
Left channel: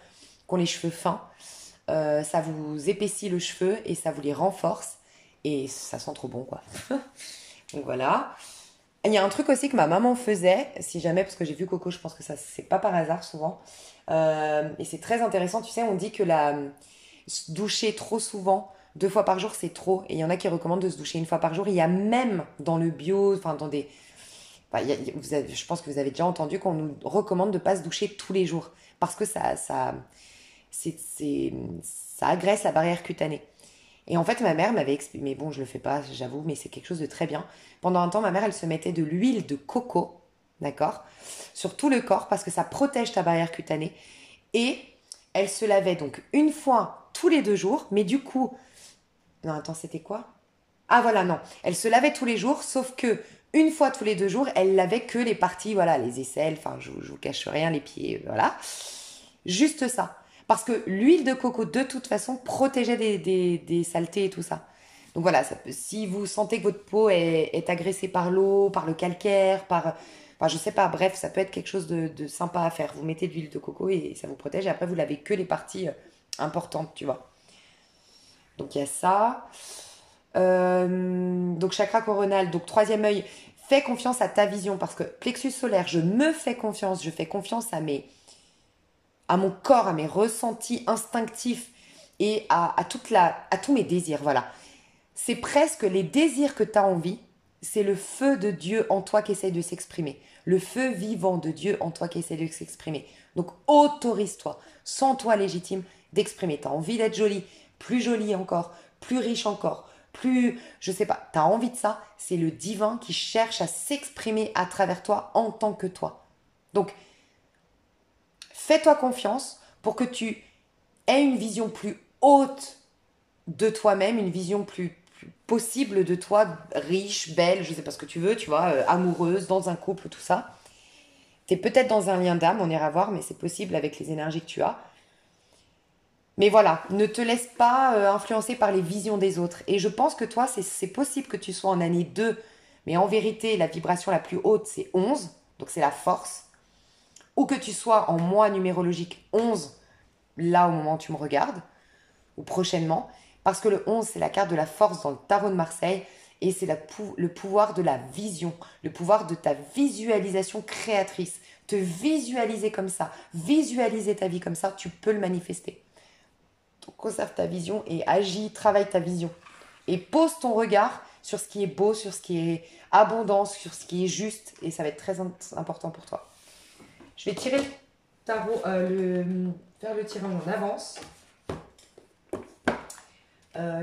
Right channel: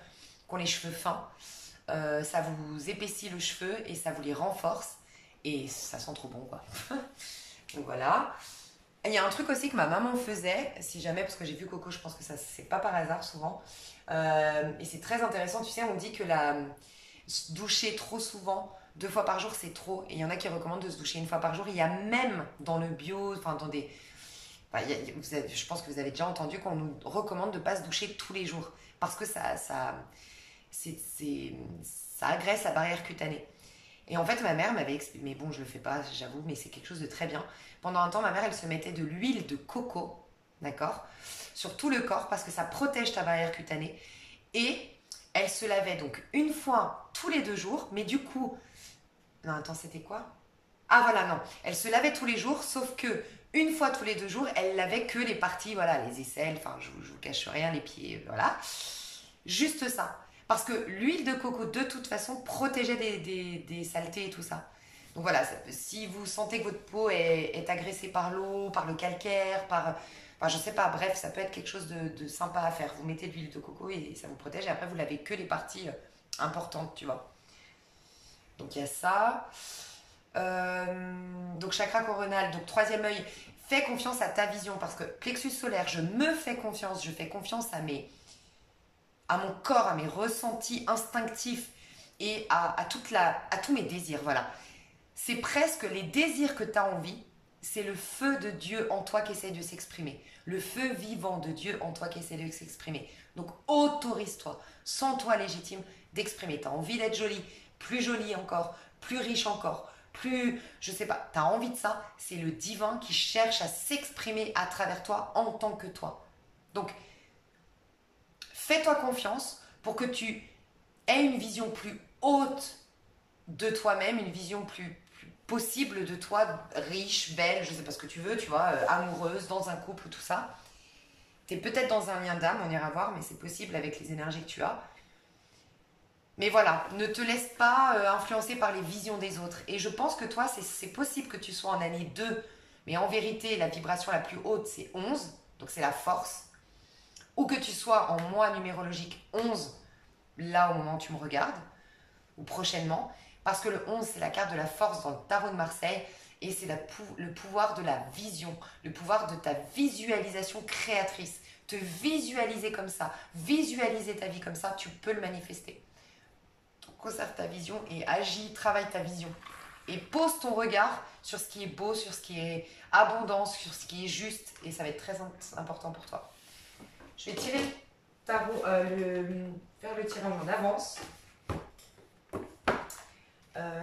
qui ont les cheveux fins. Ça vous épaissit le cheveu et ça vous les renforce. Et ça sent trop bon, quoi. Donc voilà. Il y a un truc aussi que ma maman faisait, si jamais, parce que j'ai vu Coco, je pense que ça, c'est pas par hasard souvent. Et c'est très intéressant, tu sais, on dit que se doucher trop souvent, 2 fois par jour, c'est trop. Et il y en a qui recommandent de se doucher 1 fois par jour. Il y a même dans le bio, enfin dans des... Enfin, je pense que vous avez déjà entendu qu'on nous recommande de ne pas se doucher tous les jours. Parce que ça agresse la barrière cutanée. Et en fait, ma mère m'avait expliqué, mais bon, je le fais pas, j'avoue, mais c'est quelque chose de très bien. Pendant un temps, ma mère, elle se mettait de l'huile de coco, d'accord, sur tout le corps parce que ça protège ta barrière cutanée. Et elle se lavait donc 1 fois tous les 2 jours, mais du coup, non, attends, c'était quoi? Ah voilà, non, elle se lavait tous les jours, sauf que 1 fois tous les 2 jours, elle lavait que les parties, voilà, les aisselles, enfin, je vous cache rien, les pieds, voilà. Juste ça. Parce que l'huile de coco, de toute façon, protégeait des saletés et tout ça. Donc voilà, si vous sentez que votre peau est agressée par l'eau, par le calcaire, enfin, je sais pas, bref, ça peut être quelque chose de sympa à faire. Vous mettez de l'huile de coco et ça vous protège. Et après, vous lavez que les parties importantes, tu vois. Donc il y a ça. Donc chakra coronal, donc troisième œil, fais confiance à ta vision. Parce que plexus solaire, je me fais confiance, je fais confiance à mon corps, à mes ressentis instinctifs et à tous mes désirs. Voilà. C'est presque les désirs que tu as envie, c'est le feu de Dieu en toi qui essaie de s'exprimer. Le feu vivant de Dieu en toi qui essaie de s'exprimer. Donc autorise-toi, sens-toi légitime d'exprimer. Tu as envie d'être jolie encore, plus riche encore, plus, je sais pas, tu as envie de ça, c'est le divin qui cherche à s'exprimer à travers toi en tant que toi. Donc, fais-toi confiance pour que tu aies une vision plus haute de toi-même, une vision plus possible de toi, riche, belle, je sais pas ce que tu veux, tu vois, amoureuse, dans un couple, tout ça. Tu es peut-être dans un lien d'âme, on ira voir, mais c'est possible avec les énergies que tu as. Mais voilà, ne te laisse pas influencer par les visions des autres. Et je pense que toi, c'est possible que tu sois en année 2, mais en vérité, la vibration la plus haute, c'est 11, donc c'est la force. Ou que tu sois en mois numérologique 11, là au moment où tu me regardes, ou prochainement, parce que le 11, c'est la carte de la force dans le tarot de Marseille, et c'est le pouvoir de la vision, le pouvoir de ta visualisation créatrice. Te visualiser comme ça, visualiser ta vie comme ça, tu peux le manifester. Donc conserve ta vision et agis, travaille ta vision. Et pose ton regard sur ce qui est beau, sur ce qui est abondant, sur ce qui est juste, et ça va être très important pour toi. Je vais tirer le tarot, faire le tirage en avance.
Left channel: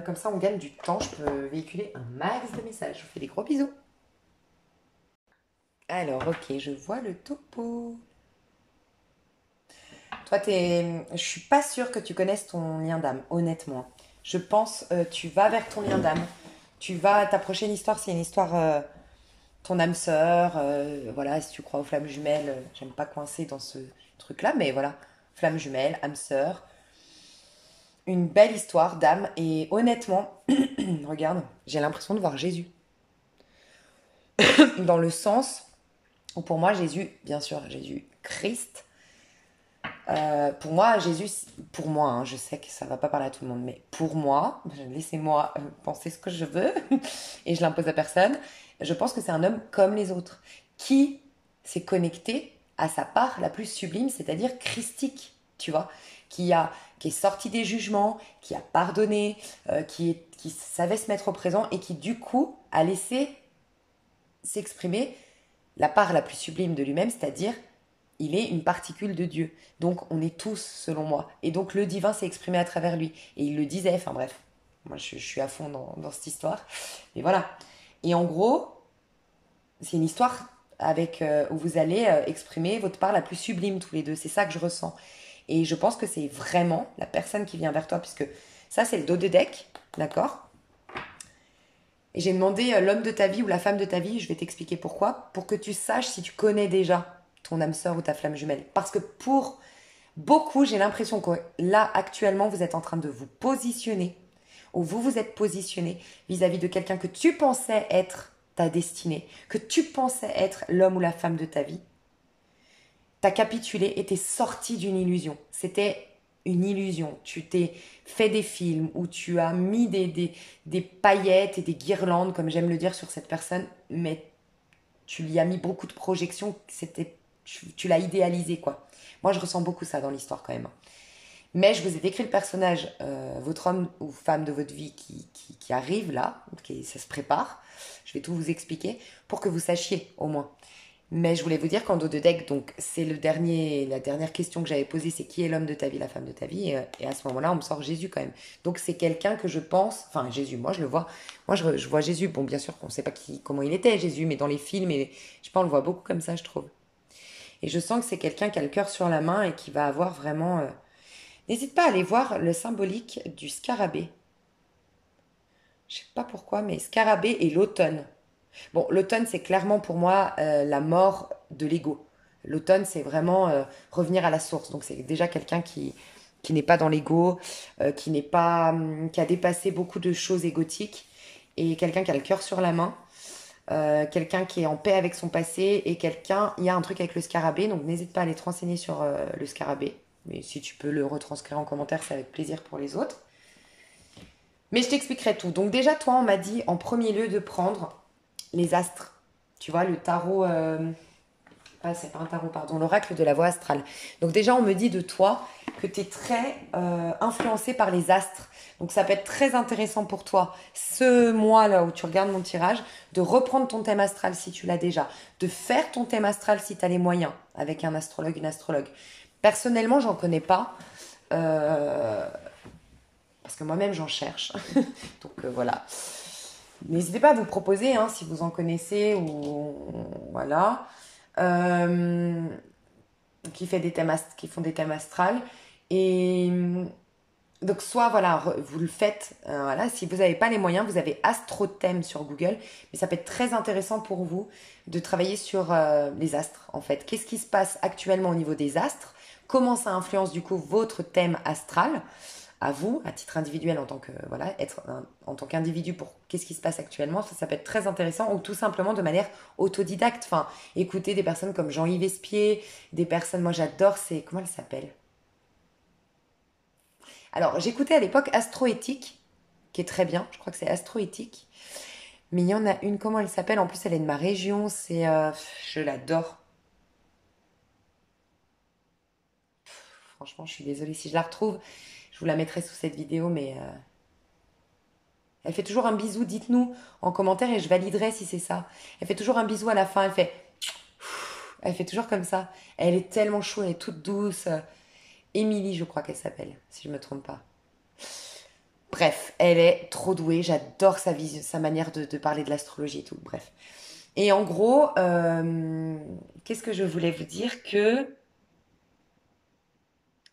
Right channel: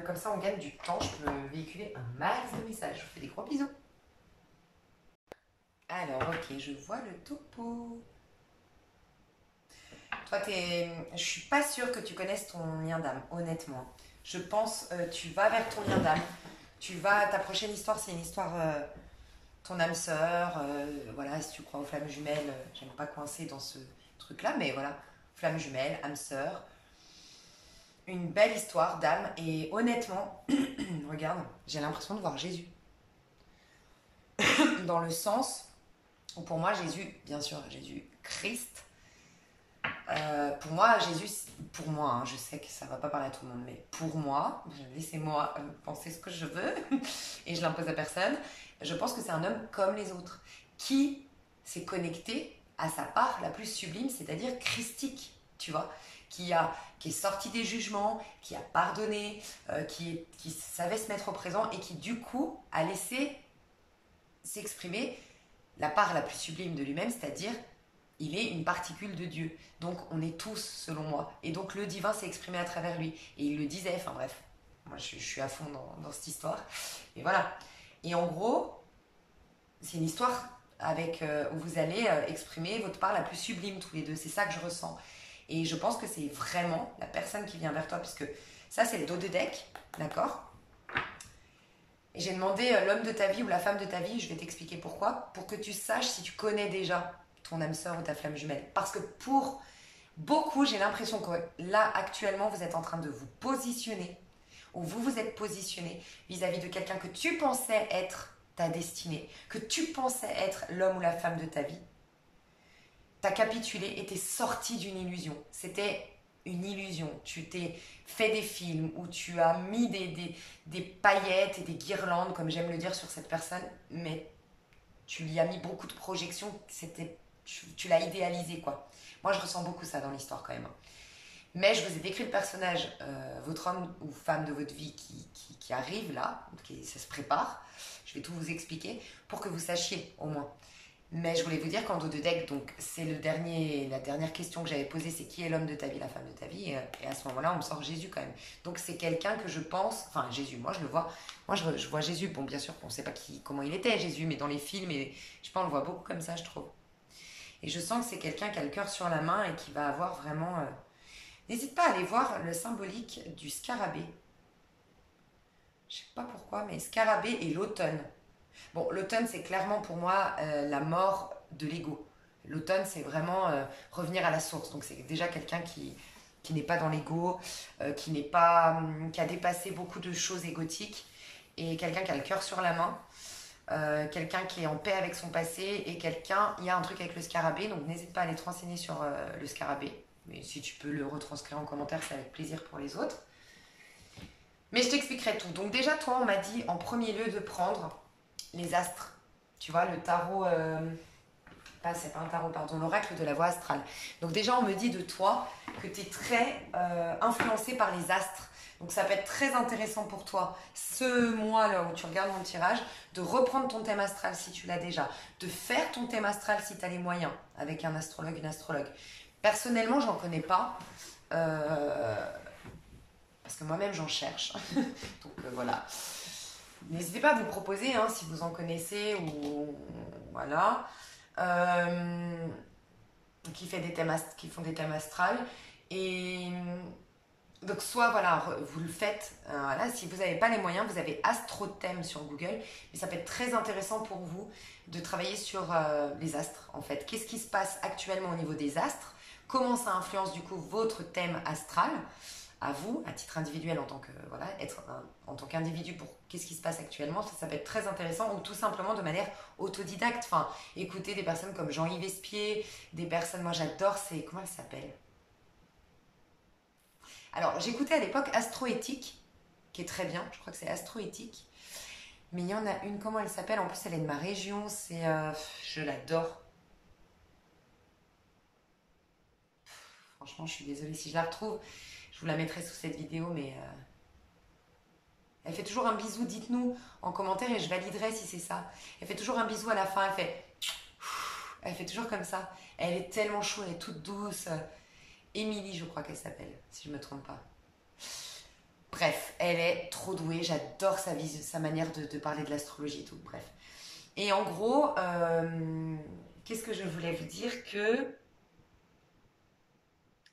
Comme ça, on gagne du temps. Je peux véhiculer un max de messages. Je vous fais des gros bisous. Alors, ok, je vois le topo. Toi, je suis pas sûre que tu connaisses ton lien d'âme, honnêtement. Je pense tu vas vers ton lien d'âme. Ta prochaine histoire, c'est une histoire ton âme sœur. Voilà, si tu crois aux flammes jumelles, j'aime pas coincer dans ce truc-là, mais voilà, flammes jumelles, âme sœur. Une belle histoire d'âme et honnêtement, regarde, j'ai l'impression de voir Jésus. Dans le sens Ou pour moi, Jésus, bien sûr, Jésus Christ. Pour moi, Jésus, pour moi, hein, je sais que ça ne va pas parler à tout le monde, mais pour moi, laissez-moi penser ce que je veux et je l'impose à personne. Je pense que c'est un homme comme les autres qui s'est connecté à sa part la plus sublime, c'est-à-dire christique, tu vois, qui est sorti des jugements, qui a pardonné, qui savait se mettre au présent et qui du coup a laissé s'exprimer la part la plus sublime de lui-même, c'est-à-dire il est une particule de Dieu. Donc on est tous, selon moi. Et donc le divin s'est exprimé à travers lui. Et il le disait, enfin bref, moi je suis à fond dans cette histoire. Et voilà. Et en gros, c'est une histoire avec où vous allez exprimer votre part la plus sublime tous les deux. C'est ça que je ressens. Et je pense que c'est vraiment la personne qui vient vers toi, puisque ça c'est le dos de deck, d'accord? Et j'ai demandé l'homme de ta vie ou la femme de ta vie, je vais t'expliquer pourquoi, pour que tu saches si tu connais déjà ton âme sœur ou ta flamme jumelle. Parce que pour beaucoup, j'ai l'impression que là, actuellement, vous êtes en train de vous positionner, ou vous vous êtes positionné vis-à-vis de quelqu'un que tu pensais être ta destinée, que tu pensais être l'homme ou la femme de ta vie. T'as capitulé et t'es sorti d'une illusion. C'était une illusion. Tu t'es fait des films où tu as mis des paillettes et des guirlandes, comme j'aime le dire, sur cette personne, mais tu lui as mis beaucoup de projections. Tu l'as idéalisé, quoi. Moi, je ressens beaucoup ça dans l'histoire, quand même. Mais je vous ai décrit le personnage, votre homme ou femme de votre vie qui arrive là, ça se prépare. Je vais tout vous expliquer pour que vous sachiez, au moins. Mais je voulais vous dire qu'en dos de deck, donc c'est la dernière question que j'avais posée, c'est qui est l'homme de ta vie, la femme de ta vie, et à ce moment-là, on me sort Jésus quand même. Donc c'est quelqu'un que je pense, enfin Jésus, moi je le vois, moi je vois Jésus, bon bien sûr qu'on ne sait pas comment il était Jésus, mais dans les films, et je sais pas, on le voit beaucoup comme ça, je trouve. Et je sens que c'est quelqu'un qui a le cœur sur la main et qui va avoir vraiment... N'hésite pas à aller voir le symbolique du scarabée. Je sais pas pourquoi, mais scarabée et l'automne. Bon, l'automne, c'est clairement pour moi la mort de l'ego. L'automne, c'est vraiment revenir à la source. Donc, c'est déjà quelqu'un qui n'est pas dans l'ego, qui n'est pas, qui a dépassé beaucoup de choses égotiques, et quelqu'un qui a le cœur sur la main, quelqu'un qui est en paix avec son passé, et quelqu'un, il y a un truc avec le scarabée, donc n'hésite pas à aller te renseigner sur le scarabée. Mais si tu peux le retranscrire en commentaire, c'est avec plaisir pour les autres. Mais je t'expliquerai tout. Donc déjà, toi, on m'a dit en premier lieu de prendre les astres. Tu vois, le tarot... c'est pas un tarot, pardon. L'oracle de la voie astrale. Donc déjà, on me dit de toi que tu es très influencé par les astres. Donc ça peut être très intéressant pour toi, ce mois-là où tu regardes mon tirage, de reprendre ton thème astral si tu l'as déjà, de faire ton thème astral si tu as les moyens, avec un astrologue, une astrologue. Personnellement, j'en connais pas. Parce que moi-même, j'en cherche. Donc voilà. N'hésitez pas à vous proposer, hein, si vous en connaissez ou voilà, qui font des thèmes astrales. Et donc soit voilà, vous le faites. Voilà, si vous n'avez pas les moyens, vous avez Astrothème sur Google, mais ça peut être très intéressant pour vous de travailler sur les astres en fait. Qu'est-ce qui se passe actuellement au niveau des astres? Comment ça influence du coup votre thème astral? À vous, à titre individuel, en tant que voilà, en tant qu'individu, pour qu'est-ce qui se passe actuellement, ça peut être très intéressant, ou tout simplement de manière autodidacte. Enfin, écouter des personnes comme Jean-Yves Espier, des personnes, moi j'adore, c'est comment elle s'appelle? Alors, j'écoutais à l'époque Astroéthique, qui est très bien, je crois que c'est Astroéthique, mais il y en a une, comment elle s'appelle? En plus, elle est de ma région, je l'adore. Franchement, je suis désolée si je la retrouve, je vous la mettrai sous cette vidéo, mais elle fait toujours un bisou, dites-nous en commentaire et je validerai si c'est ça. Elle fait toujours un bisou à la fin, elle fait toujours comme ça. Elle est tellement chou, elle est toute douce. Émilie, je crois qu'elle s'appelle, si je ne me trompe pas. Bref, elle est trop douée, j'adore sa manière de parler de l'astrologie et tout, bref. Et en gros, qu'est-ce que je voulais vous dire? Que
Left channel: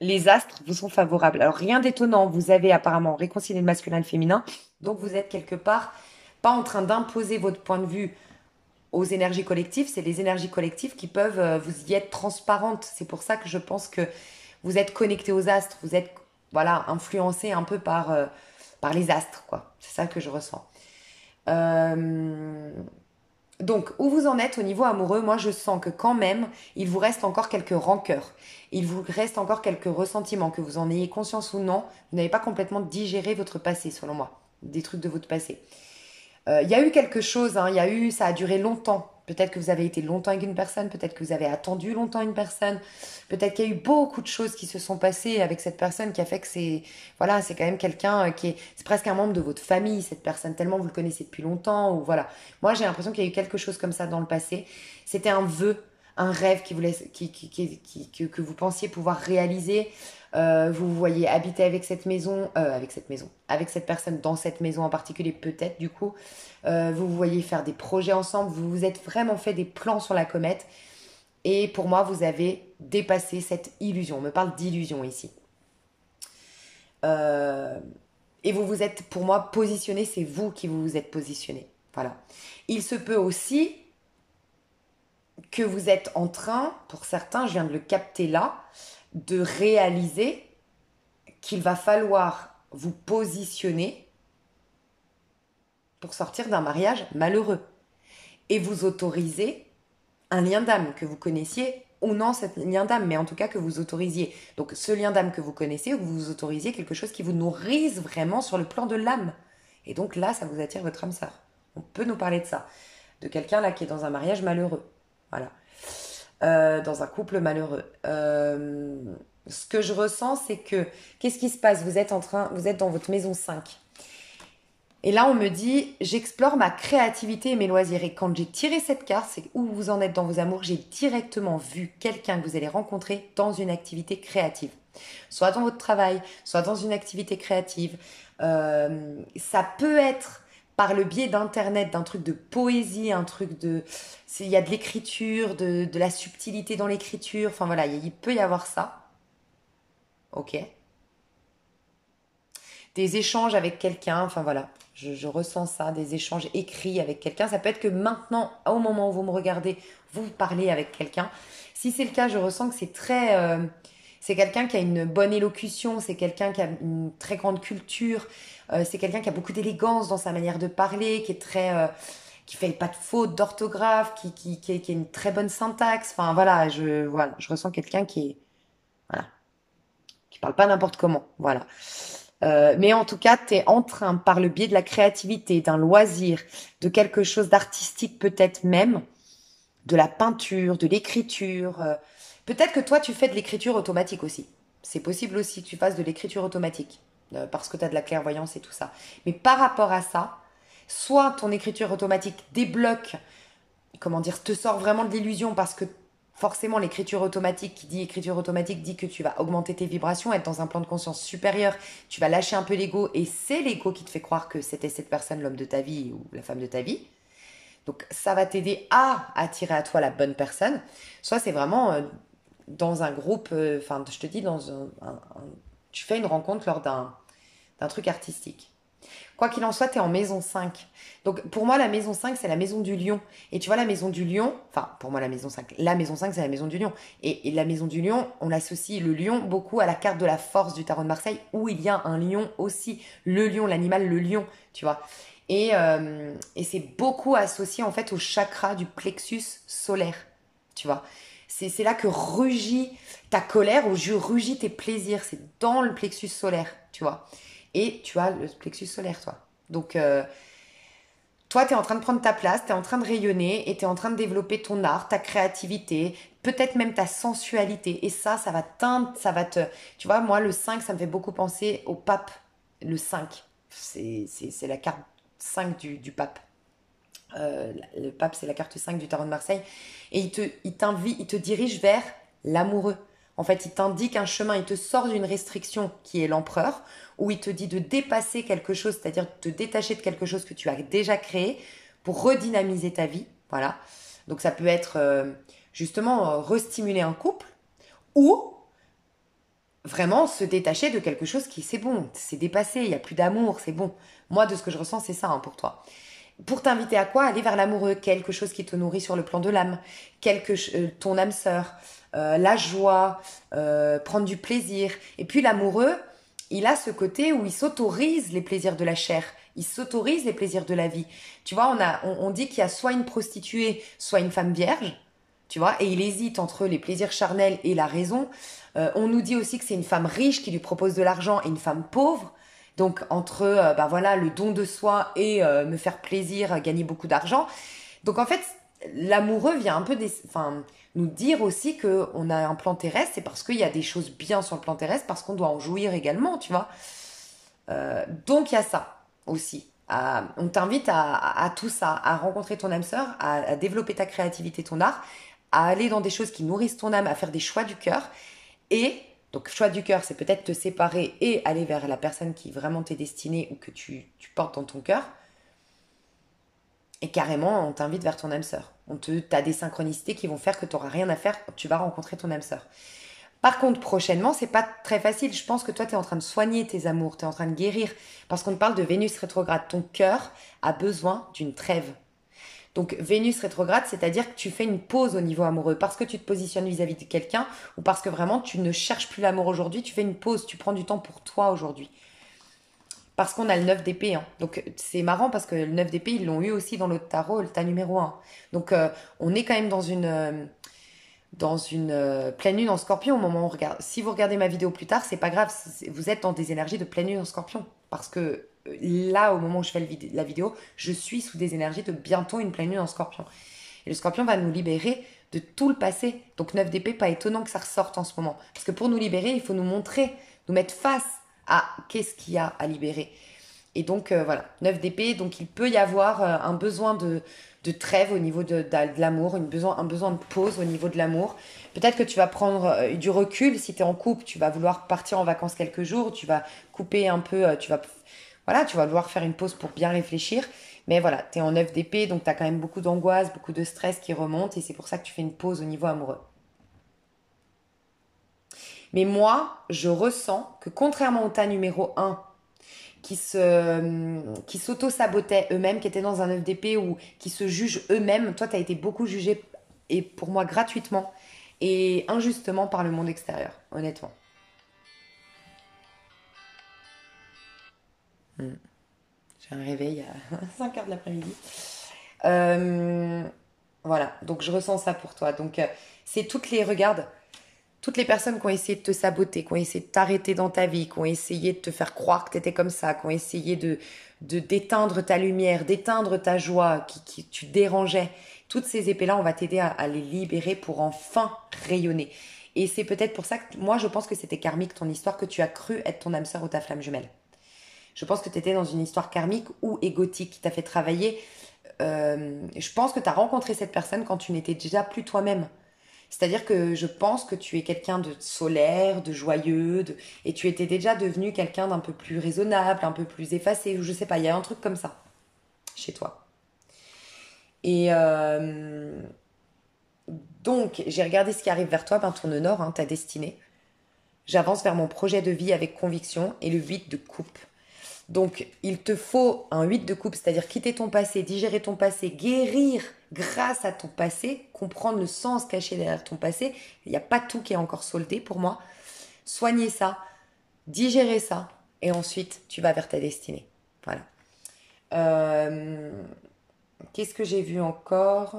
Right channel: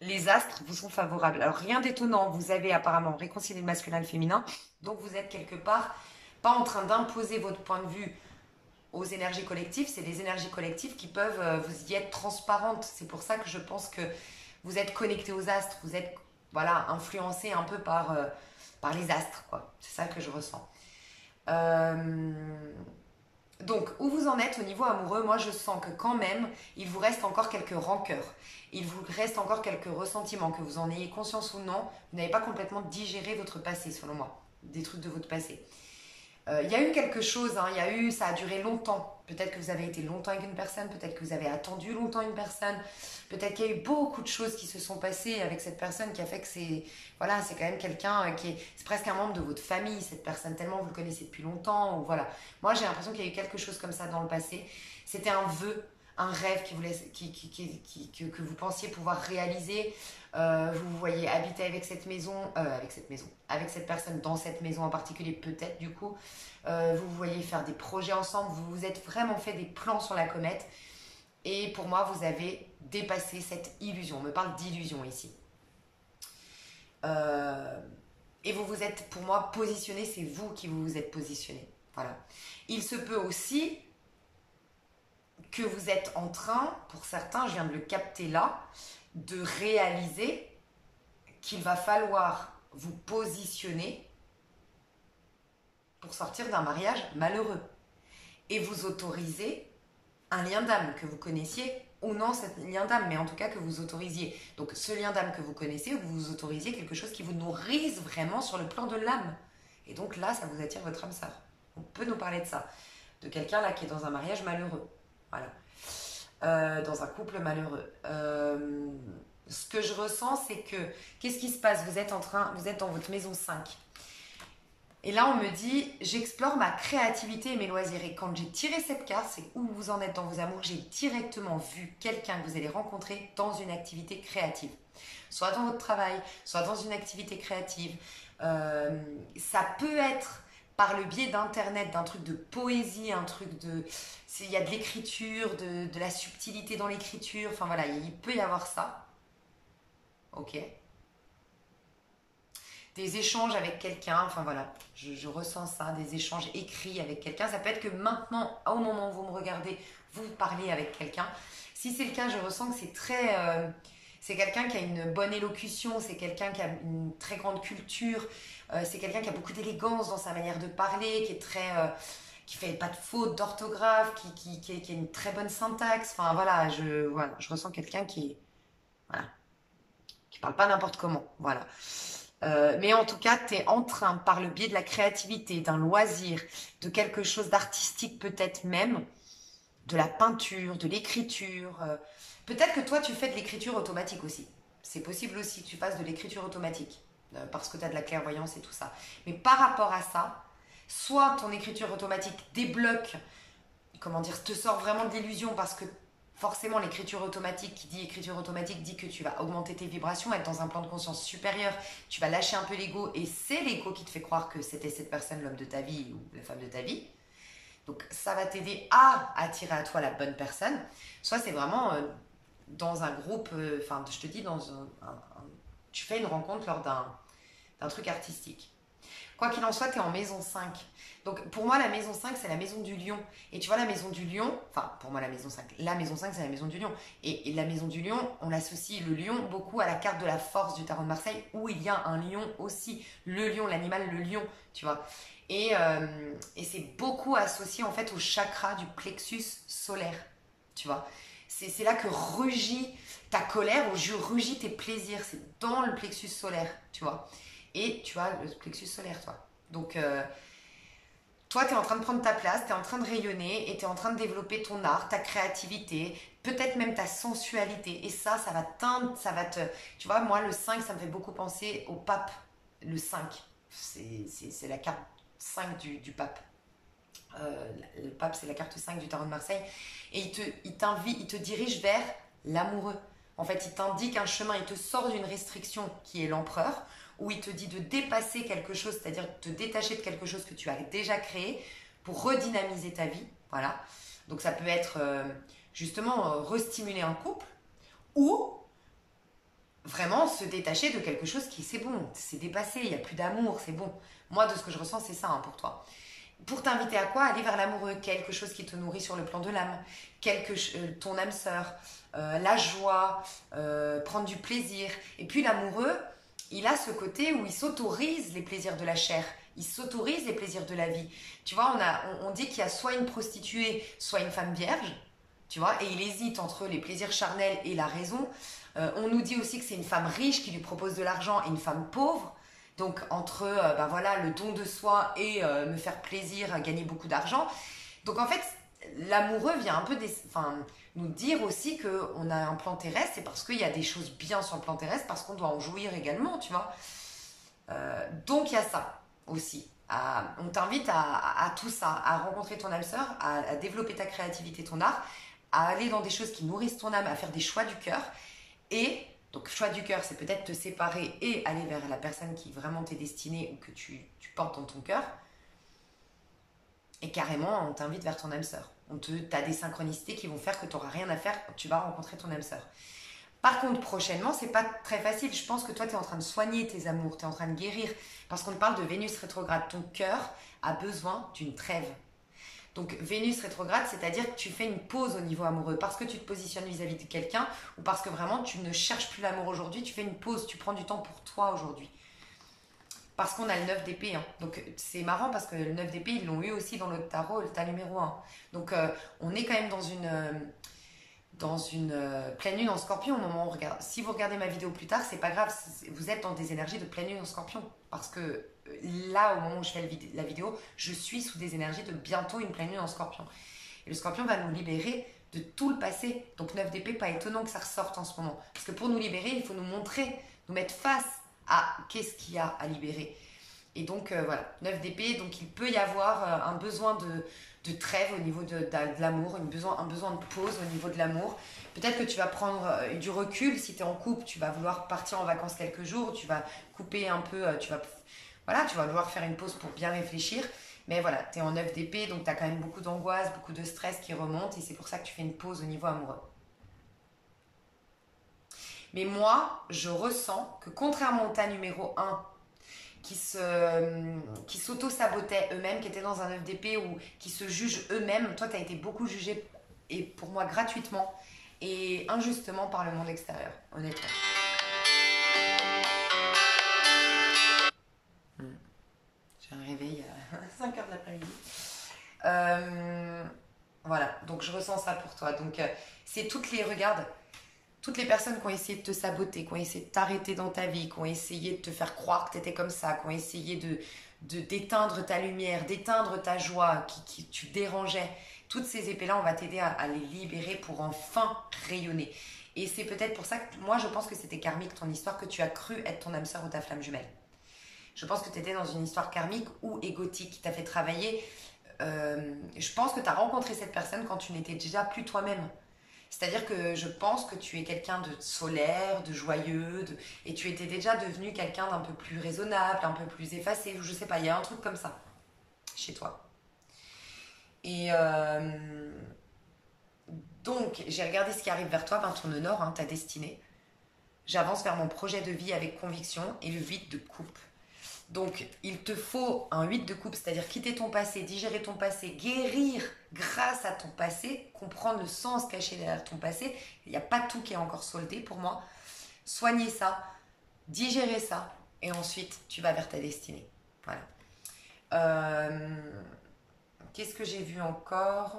les astres vous sont favorables. Alors rien d'étonnant, vous avez apparemment réconcilié le masculin et le féminin, donc vous êtes quelque part pas en train d'imposer votre point de vue aux énergies collectives, c'est les énergies collectives qui peuvent vous y être transparentes. C'est pour ça que je pense que vous êtes connecté aux astres, vous êtes voilà, influencé un peu par les astres, quoi. C'est ça que je ressens. Donc, où vous en êtes au niveau amoureux, moi je sens que quand même, il vous reste encore quelques rancœurs. Il vous reste encore quelques ressentiments, que vous en ayez conscience ou non. Vous n'avez pas complètement digéré votre passé, selon moi. Des trucs de votre passé. Il y a eu quelque chose, hein, ça a duré longtemps. Peut-être que vous avez été longtemps avec une personne, peut-être que vous avez attendu longtemps une personne, peut-être qu'il y a eu beaucoup de choses qui se sont passées avec cette personne qui a fait que voilà, c'est quand même quelqu'un c'est presque un membre de votre famille, cette personne, tellement vous le connaissez depuis longtemps, ou voilà. Moi, j'ai l'impression qu'il y a eu quelque chose comme ça dans le passé. C'était un vœu, un rêve que vous pensiez pouvoir réaliser. Vous vous voyez habiter avec avec cette personne dans cette maison en particulier, peut-être du coup. Vous vous voyez faire des projets ensemble, vous vous êtes vraiment fait des plans sur la comète. Et pour moi, vous avez dépassé cette illusion. On me parle d'illusion ici. Et vous vous êtes, pour moi, positionné, c'est vous qui vous vous êtes positionné. Voilà. Il se peut aussi que vous êtes en train, pour certains, je viens de le capter là, de réaliser qu'il va falloir vous positionner pour sortir d'un mariage malheureux et vous autoriser un lien d'âme que vous connaissiez ou non, ce lien d'âme, mais en tout cas que vous autorisiez. Donc ce lien d'âme que vous connaissez, vous autorisiez quelque chose qui vous nourrisse vraiment sur le plan de l'âme. Et donc là, ça vous attire votre âme sœur. On peut nous parler de ça, de quelqu'un là qui est dans un mariage malheureux. Voilà. Dans un couple malheureux. Ce que je ressens, c'est que, qu'est-ce qui se passe? Vous êtes dans votre maison 5. Et là, on me dit, j'explore ma créativité et mes loisirs. Et quand j'ai tiré cette carte, c'est où vous en êtes dans vos amours, j'ai directement vu quelqu'un que vous allez rencontrer dans une activité créative. Soit dans votre travail, soit dans une activité créative. Ça peut être par le biais d'internet, d'un truc de poésie, il y a de l'écriture, de la subtilité dans l'écriture, enfin voilà, il peut y avoir ça, ok. Des échanges avec quelqu'un, enfin voilà, je ressens ça, des échanges écrits avec quelqu'un, ça peut être que maintenant, au moment où vous me regardez, vous parlez avec quelqu'un. Si c'est le cas, je ressens que c'est quelqu'un qui a une bonne élocution, c'est quelqu'un qui a une très grande culture, c'est quelqu'un qui a beaucoup d'élégance dans sa manière de parler, qui fait pas de fautes d'orthographe, qui a une très bonne syntaxe. Enfin voilà, je ressens quelqu'un voilà, qui parle pas n'importe comment. Voilà. Mais en tout cas, tu es en train, par le biais de la créativité, d'un loisir, de quelque chose d'artistique peut-être même, de la peinture, de l'écriture. Peut-être que toi, tu fais de l'écriture automatique aussi. C'est possible aussi que tu fasses de l'écriture automatique, parce que tu as de la clairvoyance et tout ça. Mais par rapport à ça, soit ton écriture automatique débloque, comment dire, te sort vraiment de l'illusion parce que forcément l'écriture automatique, qui dit écriture automatique, dit que tu vas augmenter tes vibrations, être dans un plan de conscience supérieur, tu vas lâcher un peu l'ego et c'est l'ego qui te fait croire que c'était cette personne, l'homme de ta vie ou la femme de ta vie. Donc ça va t'aider à attirer à toi la bonne personne. Soit c'est vraiment dans un groupe, enfin je te dis, tu fais une rencontre lors d'un truc artistique. Quoi qu'il en soit, tu es en maison 5. Donc pour moi, la maison 5, c'est la maison du lion. Et tu vois, la maison du lion, enfin pour moi, la maison 5, c'est la maison du lion. Et la maison du lion, on associe le lion beaucoup à la carte de la force du tarot de Marseille, où il y a un lion aussi. Le lion, l'animal, le lion, tu vois. Et c'est beaucoup associé en fait au chakra du plexus solaire, tu vois. C'est là que rugit ta colère, où rugit tes plaisirs. C'est dans le plexus solaire, tu vois. Et tu as le plexus solaire, toi. Donc, toi, tu es en train de prendre ta place, tu es en train de rayonner et tu es en train de développer ton art, ta créativité, peut-être même ta sensualité. Et ça va teindre, ça va te... Tu vois, moi, le 5, ça me fait beaucoup penser au pape. Le 5, c'est la carte 5 du pape. Le pape, c'est la carte 5 du tarot de Marseille. Et il te dirige vers l'amoureux. En fait, il t'indique un chemin, il te sort d'une restriction qui est l'empereur, où il te dit de dépasser quelque chose, c'est-à-dire de te détacher de quelque chose que tu as déjà créé pour redynamiser ta vie. Voilà. Donc ça peut être justement restimuler un couple ou vraiment se détacher de quelque chose qui c'est bon, c'est dépassé, il n'y a plus d'amour, c'est bon. Moi, de ce que je ressens, c'est ça hein, pour toi. Pour t'inviter à quoi? Aller vers l'amoureux, quelque chose qui te nourrit sur le plan de l'âme, ton âme sœur, la joie, prendre du plaisir. Et puis l'amoureux, il a ce côté où il s'autorise les plaisirs de la chair. Il s'autorise les plaisirs de la vie. Tu vois, on dit qu'il y a soit une prostituée, soit une femme vierge. Tu vois, et il hésite entre les plaisirs charnels et la raison. On nous dit aussi que c'est une femme riche qui lui propose de l'argent et une femme pauvre. Donc, entre ben voilà, le don de soi et me faire plaisir, gagner beaucoup d'argent. Donc, en fait, l'amoureux vient un peu nous dire aussi qu'on a un plan terrestre. C'est parce qu'il y a des choses bien sur le plan terrestre, parce qu'on doit en jouir également, tu vois. Donc, il y a ça aussi. On t'invite à tout ça, à rencontrer ton âme sœur, à développer ta créativité, ton art, à aller dans des choses qui nourrissent ton âme, à faire des choix du cœur. Et donc, choix du cœur, c'est peut-être te séparer et aller vers la personne qui vraiment t'est destinée ou que tu portes dans ton cœur. Et carrément, on t'invite vers ton âme sœur. T'as des synchronicités qui vont faire que tu n'auras rien à faire, tu vas rencontrer ton âme sœur. Par contre, prochainement, c'est pas très facile. Je pense que toi, tu es en train de soigner tes amours, tu es en train de guérir. Parce qu'on te parle de Vénus rétrograde. Ton cœur a besoin d'une trêve. Donc, Vénus rétrograde, c'est-à-dire que tu fais une pause au niveau amoureux. Parce que tu te positionnes vis-à-vis de quelqu'un ou parce que vraiment, tu ne cherches plus l'amour aujourd'hui, tu fais une pause, tu prends du temps pour toi aujourd'hui. Parce qu'on a le 9 d'épée. Hein. Donc, c'est marrant parce que le 9 d'épée, ils l'ont eu aussi dans l'autre tarot, le tas numéro 1. Donc, on est quand même dans une pleine lune en scorpion au moment où on regarde. Si vous regardez ma vidéo plus tard, c'est pas grave, vous êtes dans des énergies de pleine lune en scorpion. Parce que là, au moment où je fais la vidéo, je suis sous des énergies de bientôt une pleine lune en scorpion. Et le scorpion va nous libérer de tout le passé. Donc 9 d'épée, pas étonnant que ça ressorte en ce moment. Parce que pour nous libérer, il faut nous montrer, nous mettre face à qu'est-ce qu'il y a à libérer. Et donc voilà, 9 d'épée, donc il peut y avoir un besoin de trêve au niveau de l'amour, un besoin de pause au niveau de l'amour. Peut-être que tu vas prendre du recul si tu es en couple, tu vas vouloir partir en vacances quelques jours, tu vas couper un peu, tu vas vouloir faire une pause pour bien réfléchir. Mais voilà, tu es en 9 d'épée, donc tu as quand même beaucoup d'angoisse, beaucoup de stress qui remonte et c'est pour ça que tu fais une pause au niveau amoureux. Mais moi, je ressens que contrairement au tas numéro 1, qui s'auto-sabotaient eux-mêmes, qui étaient dans un œuf d'épée ou qui se jugent eux-mêmes. Toi, tu as été beaucoup jugé, et pour moi gratuitement et injustement par le monde extérieur, honnêtement. J'ai un réveil à 5h de l'après-midi. Voilà, donc je ressens ça pour toi. Donc, c'est toutes les personnes qui ont essayé de te saboter, qui ont essayé de t'arrêter dans ta vie, qui ont essayé de te faire croire que tu étais comme ça, qui ont essayé d'éteindre ta lumière, d'éteindre ta joie, qui tu dérangeais. Toutes ces épées-là, on va t'aider à les libérer pour enfin rayonner. Et c'est peut-être pour ça que moi, je pense que c'était karmique ton histoire, que tu as cru être ton âme sœur ou ta flamme jumelle. Je pense que tu étais dans une histoire karmique ou égotique qui t'a fait travailler. Je pense que tu as rencontré cette personne quand tu n'étais déjà plus toi-même. C'est-à-dire que je pense que tu es quelqu'un de solaire, de joyeux, et tu étais déjà devenu quelqu'un d'un peu plus raisonnable, un peu plus effacé, ou je sais pas, il y a un truc comme ça chez toi. Et donc, j'ai regardé ce qui arrive vers toi, tourne nord, ta destinée. J'avance vers mon projet de vie avec conviction et le 8 de coupe. Donc, il te faut un 8 de coupe, c'est-à-dire quitter ton passé, digérer ton passé, guérir grâce à ton passé, comprendre le sens caché derrière ton passé. Il n'y a pas tout qui est encore soldé pour moi. Soigner ça, digérer ça, et ensuite, tu vas vers ta destinée. Voilà. Qu'est-ce que j'ai vu encore ?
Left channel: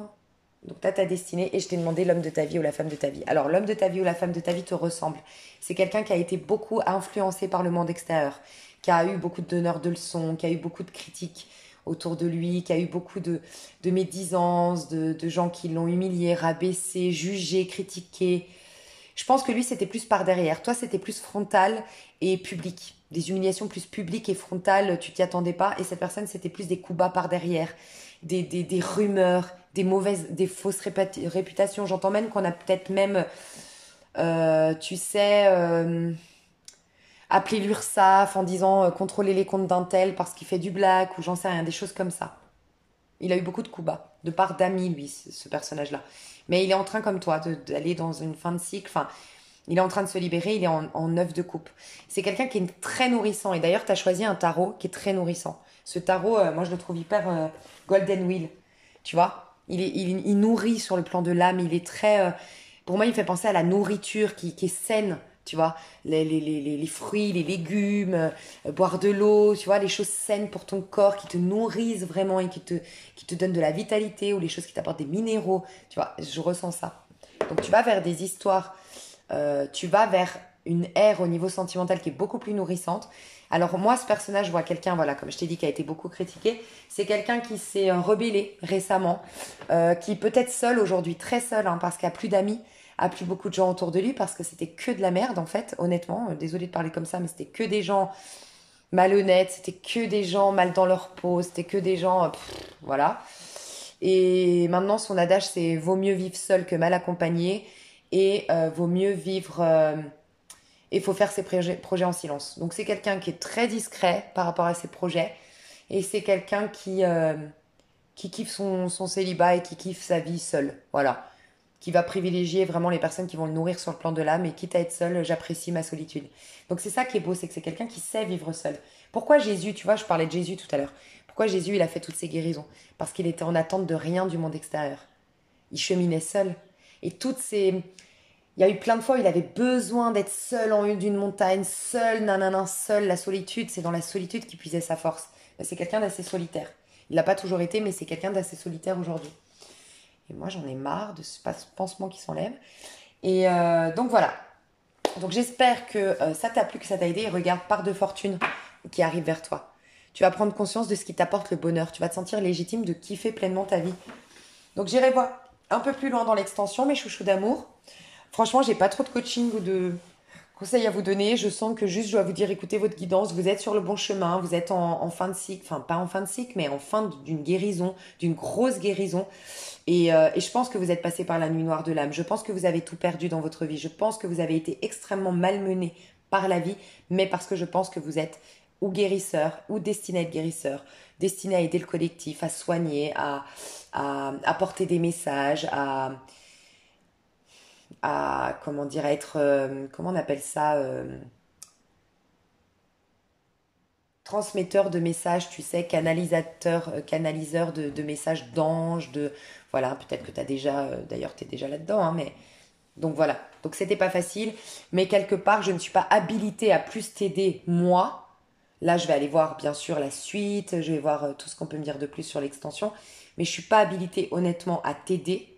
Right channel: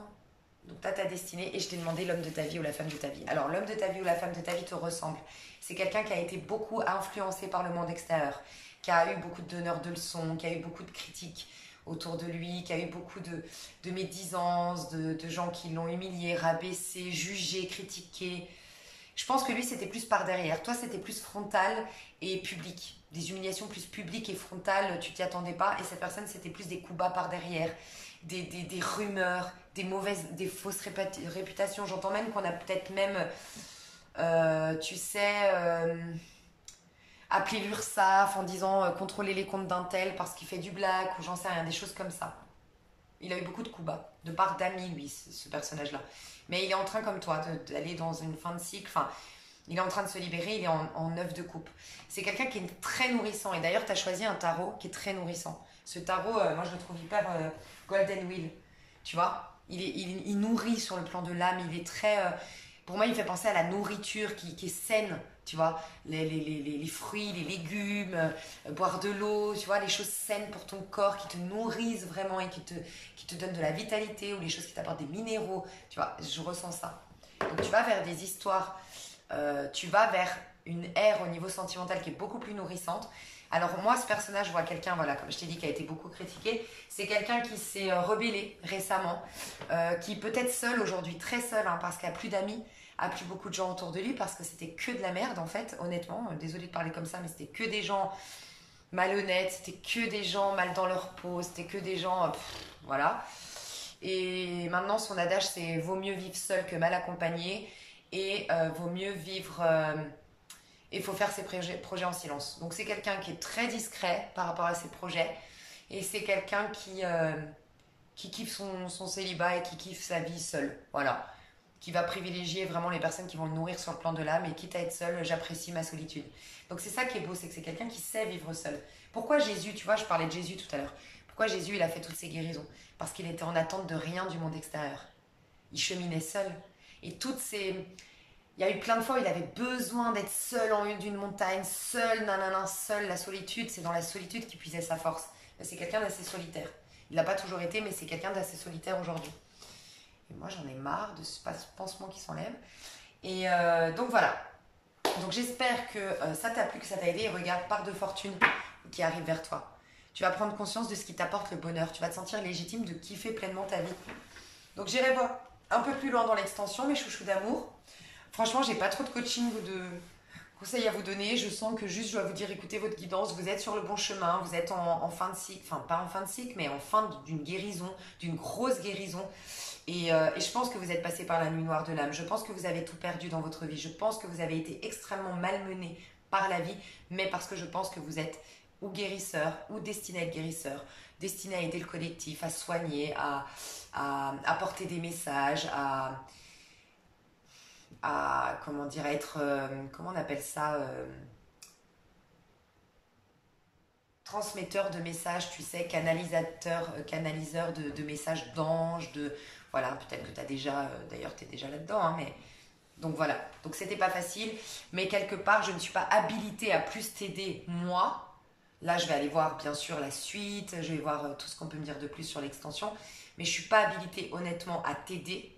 Donc, tu as ta destinée et je t'ai demandé l'homme de ta vie ou la femme de ta vie. Alors, l'homme de ta vie ou la femme de ta vie te ressemble. C'est quelqu'un qui a été beaucoup influencé par le monde extérieur, qui a eu beaucoup de donneurs de leçons, qui a eu beaucoup de critiques autour de lui, qui a eu beaucoup de médisances, de gens qui l'ont humilié, rabaissé, jugé, critiqué. Je pense que lui, c'était plus par derrière. Toi, c'était plus frontal et public. Des humiliations plus publiques et frontales, tu t'y attendais pas. Et cette personne, c'était plus des coups bas par derrière, des rumeurs, des fausses réputations. J'entends même qu'on a peut-être même, appeler l'URSSAF en disant contrôler les comptes d'un tel parce qu'il fait du black ou j'en sais rien, des choses comme ça. Il a eu beaucoup de coups bas, de part d'amis, lui, ce personnage-là. Mais il est en train, comme toi, d'aller dans une fin de cycle. Enfin, il est en train de se libérer, il est en 9 de coupe. C'est quelqu'un qui est très nourrissant. Et d'ailleurs, tu as choisi un tarot qui est très nourrissant. Ce tarot, moi, je le trouve hyper golden wheel. Tu vois, il nourrit sur le plan de l'âme. Il est très... pour moi, il fait penser à la nourriture qui est saine tu vois, les fruits, les légumes, boire de l'eau, tu vois, les choses saines pour ton corps qui te nourrissent vraiment et qui te donnent de la vitalité ou les choses qui t'apportent des minéraux, tu vois, je ressens ça. Donc tu vas vers des histoires, tu vas vers une ère au niveau sentimental qui est beaucoup plus nourrissante. Alors moi, ce personnage, je vois quelqu'un, voilà, comme je t'ai dit, qui a été beaucoup critiqué. C'est quelqu'un qui s'est rebellé récemment, qui peut être seul aujourd'hui, très seul, hein, parce qu'il n'a plus d'amis, a plus beaucoup de gens autour de lui, parce que c'était que de la merde, en fait, honnêtement. Désolée de parler comme ça, mais c'était que des gens malhonnêtes, c'était que des gens mal dans leur peau, c'était que des gens, voilà. Et maintenant, son adage, c'est vaut mieux vivre seul que mal accompagné, et vaut mieux vivre... il faut faire ses projets en silence. Donc c'est quelqu'un qui est très discret par rapport à ses projets. Et c'est quelqu'un qui kiffe son célibat et qui kiffe sa vie seule. Voilà. Qui va privilégier vraiment les personnes qui vont le nourrir sur le plan de l'âme. Et quitte à être seul, j'apprécie ma solitude. Donc c'est ça qui est beau, c'est que c'est quelqu'un qui sait vivre seul. Pourquoi Jésus, tu vois, je parlais de Jésus tout à l'heure. Pourquoi Jésus, il a fait toutes ces guérisons? Parce qu'il était en attente de rien du monde extérieur. Il cheminait seul. Et toutes ces... Il y a eu plein de fois où il avait besoin d'être seul en haut d'une montagne, seul, nanana, seul. La solitude, c'est dans la solitude qu'il puisait sa force. C'est quelqu'un d'assez solitaire. Il l'a pas toujours été, mais c'est quelqu'un d'assez solitaire aujourd'hui. Et moi, j'en ai marre de ce pansement qui s'enlève. Et donc voilà. Donc j'espère que ça t'a plu, que ça t'a aidé. Et regarde, part de fortune qui arrive vers toi. Tu vas prendre conscience de ce qui t'apporte le bonheur. Tu vas te sentir légitime de kiffer pleinement ta vie. Donc j'irai voir un peu plus loin dans l'extension, mes chouchous d'amour. Franchement, j'ai pas trop de coaching ou de conseils à vous donner. Je sens que juste je dois vous dire, écoutez votre guidance, vous êtes sur le bon chemin, vous êtes en fin de cycle, enfin pas en fin de cycle, mais en fin d'une guérison, d'une grosse guérison. Et je pense que vous êtes passé par la nuit noire de l'âme. Je pense que vous avez tout perdu dans votre vie. Je pense que vous avez été extrêmement malmené par la vie, mais parce que je pense que vous êtes ou guérisseur, ou destiné à être guérisseur, destiné à aider le collectif, à soigner, à apporter des messages, comment dire, à être, comment on appelle ça, transmetteur de messages, tu sais, canaliseur de messages d'anges, voilà, peut-être que tu as déjà, d'ailleurs tu es déjà là-dedans, hein, mais donc voilà, donc c'était pas facile, mais quelque part je ne suis pas habilitée à plus t'aider moi. Là je vais aller voir bien sûr la suite, je vais voir tout ce qu'on peut me dire de plus sur l'extension, mais je suis pas habilitée honnêtement à t'aider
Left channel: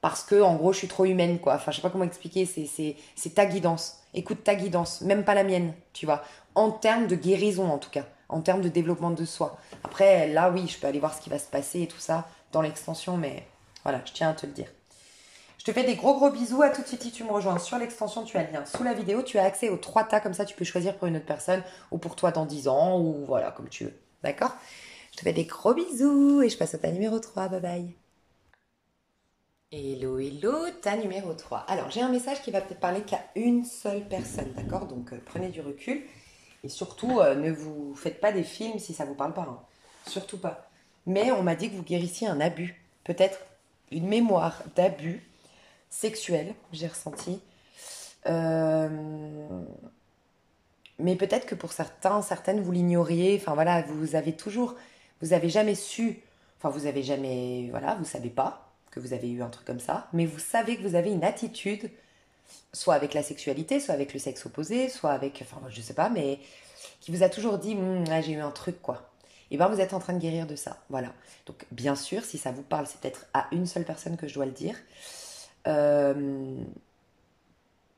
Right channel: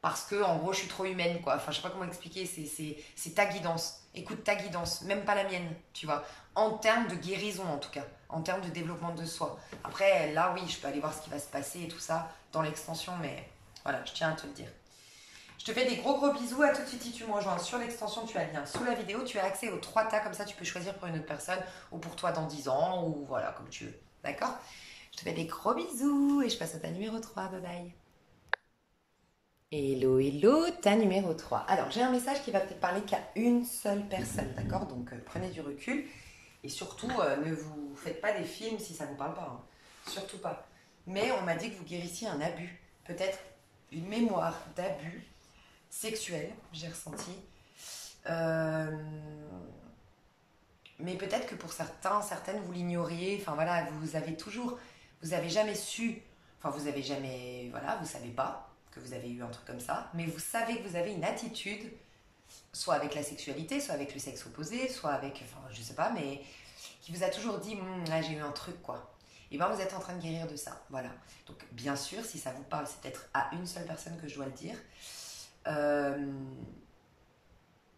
parce que en gros je suis trop humaine quoi. Enfin je sais pas comment expliquer, c'est ta guidance. Écoute ta guidance, même pas la mienne, tu vois. En termes de guérison en tout cas, en termes de développement de soi. Après là oui, je peux aller voir ce qui va se passer et tout ça dans l'extension, mais voilà, je tiens à te le dire. Je te fais des gros bisous, à tout de suite si tu me rejoins sur l'extension, tu as le lien sous la vidéo, tu as accès aux 3 tas, comme ça tu peux choisir pour une autre personne ou pour toi dans 10 ans ou voilà, comme tu veux. D'accord? Je te fais des gros bisous et je passe au tas numéro 3, bye bye. Hello, hello, tas numéro 3. Alors, j'ai un message qui va peut-être parler qu'à une seule personne, d'accord? Donc, prenez du recul et surtout, ne vous faites pas des films si ça ne vous parle pas, hein. Surtout pas. Mais on m'a dit que vous guérissiez un abus, peut-être une mémoire d'abus sexuel, j'ai ressenti. Mais peut-être que pour certains, certaines, vous l'ignoriez. Enfin voilà, vous avez jamais su, enfin vous avez jamais, voilà, vous savez pas que vous avez eu un truc comme ça, mais vous savez que vous avez une attitude, soit avec la sexualité, soit avec le sexe opposé, soit avec, enfin je sais pas, mais qui vous a toujours dit, ah, j'ai eu un truc quoi. Et bien vous êtes en train de guérir de ça, voilà. Donc bien sûr, si ça vous parle, c'est peut-être à une seule personne que je dois le dire.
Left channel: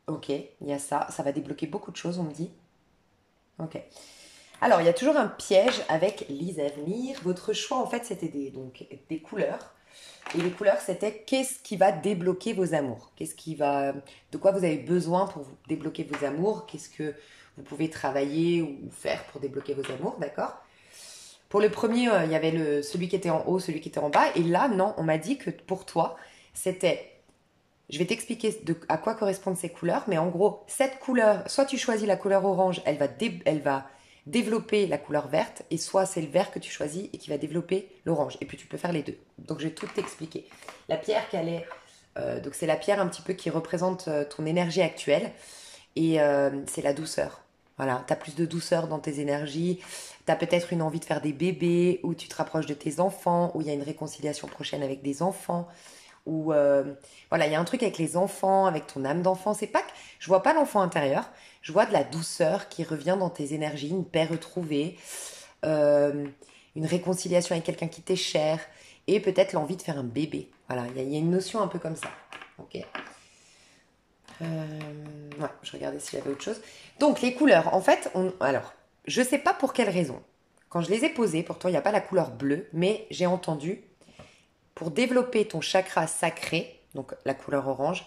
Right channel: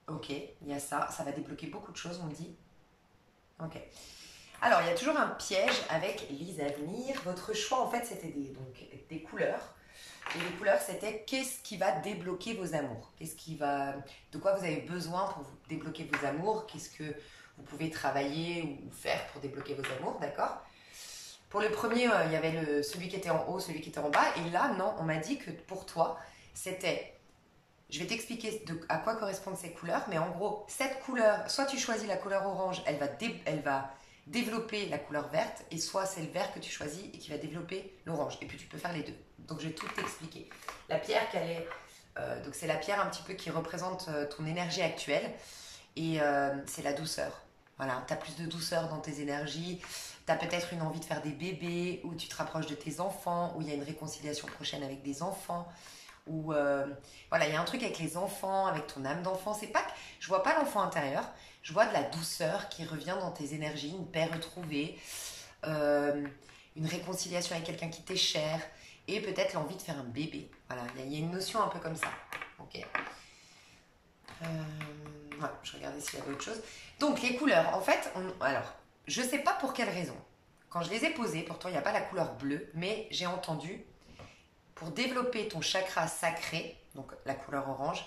Ok, il y a ça, ça va débloquer beaucoup de choses, on me dit. Ok. Alors, il y a toujours un piège avec les avenirs. Votre choix, en fait, c'était des couleurs. Et les couleurs, c'était qu'est-ce qui va débloquer vos amours? De quoi vous avez besoin pour vous débloquer vos amours? Qu'est-ce que vous pouvez travailler ou faire pour débloquer vos amours, d'accord? Pour le premier, il y avait celui qui était en haut, celui qui était en bas. Et là, non, on m'a dit que pour toi, c'était... Je vais t'expliquer à quoi correspondent ces couleurs, mais en gros, cette couleur, soit tu choisis la couleur orange, elle va développer la couleur verte, et soit c'est le vert que tu choisis et qui va développer l'orange. Et puis tu peux faire les deux. Donc je vais tout t'expliquer. La pierre donc c'est la pierre un petit peu qui représente ton énergie actuelle, et c'est la douceur. Voilà, tu as plus de douceur dans tes énergies, tu as peut-être une envie de faire des bébés, ou tu te rapproches de tes enfants, ou il y a une réconciliation prochaine avec des enfants. ou voilà, il y a un truc avec les enfants, avec ton âme d'enfant. C'est pas que je vois pas l'enfant intérieur, je vois de la douceur qui revient dans tes énergies, une paix retrouvée, euh, une réconciliation avec quelqu'un qui t'est cher, et peut-être l'envie de faire un bébé. Voilà, il y a une notion un peu comme ça. Ok. Non, je regardais s'il y avait autre chose. Donc les couleurs, en fait, alors, je sais pas pour quelle raison. Quand je les ai posées, pourtant il n'y a pas la couleur bleue, mais j'ai entendu pour développer ton chakra sacré, donc la couleur orange,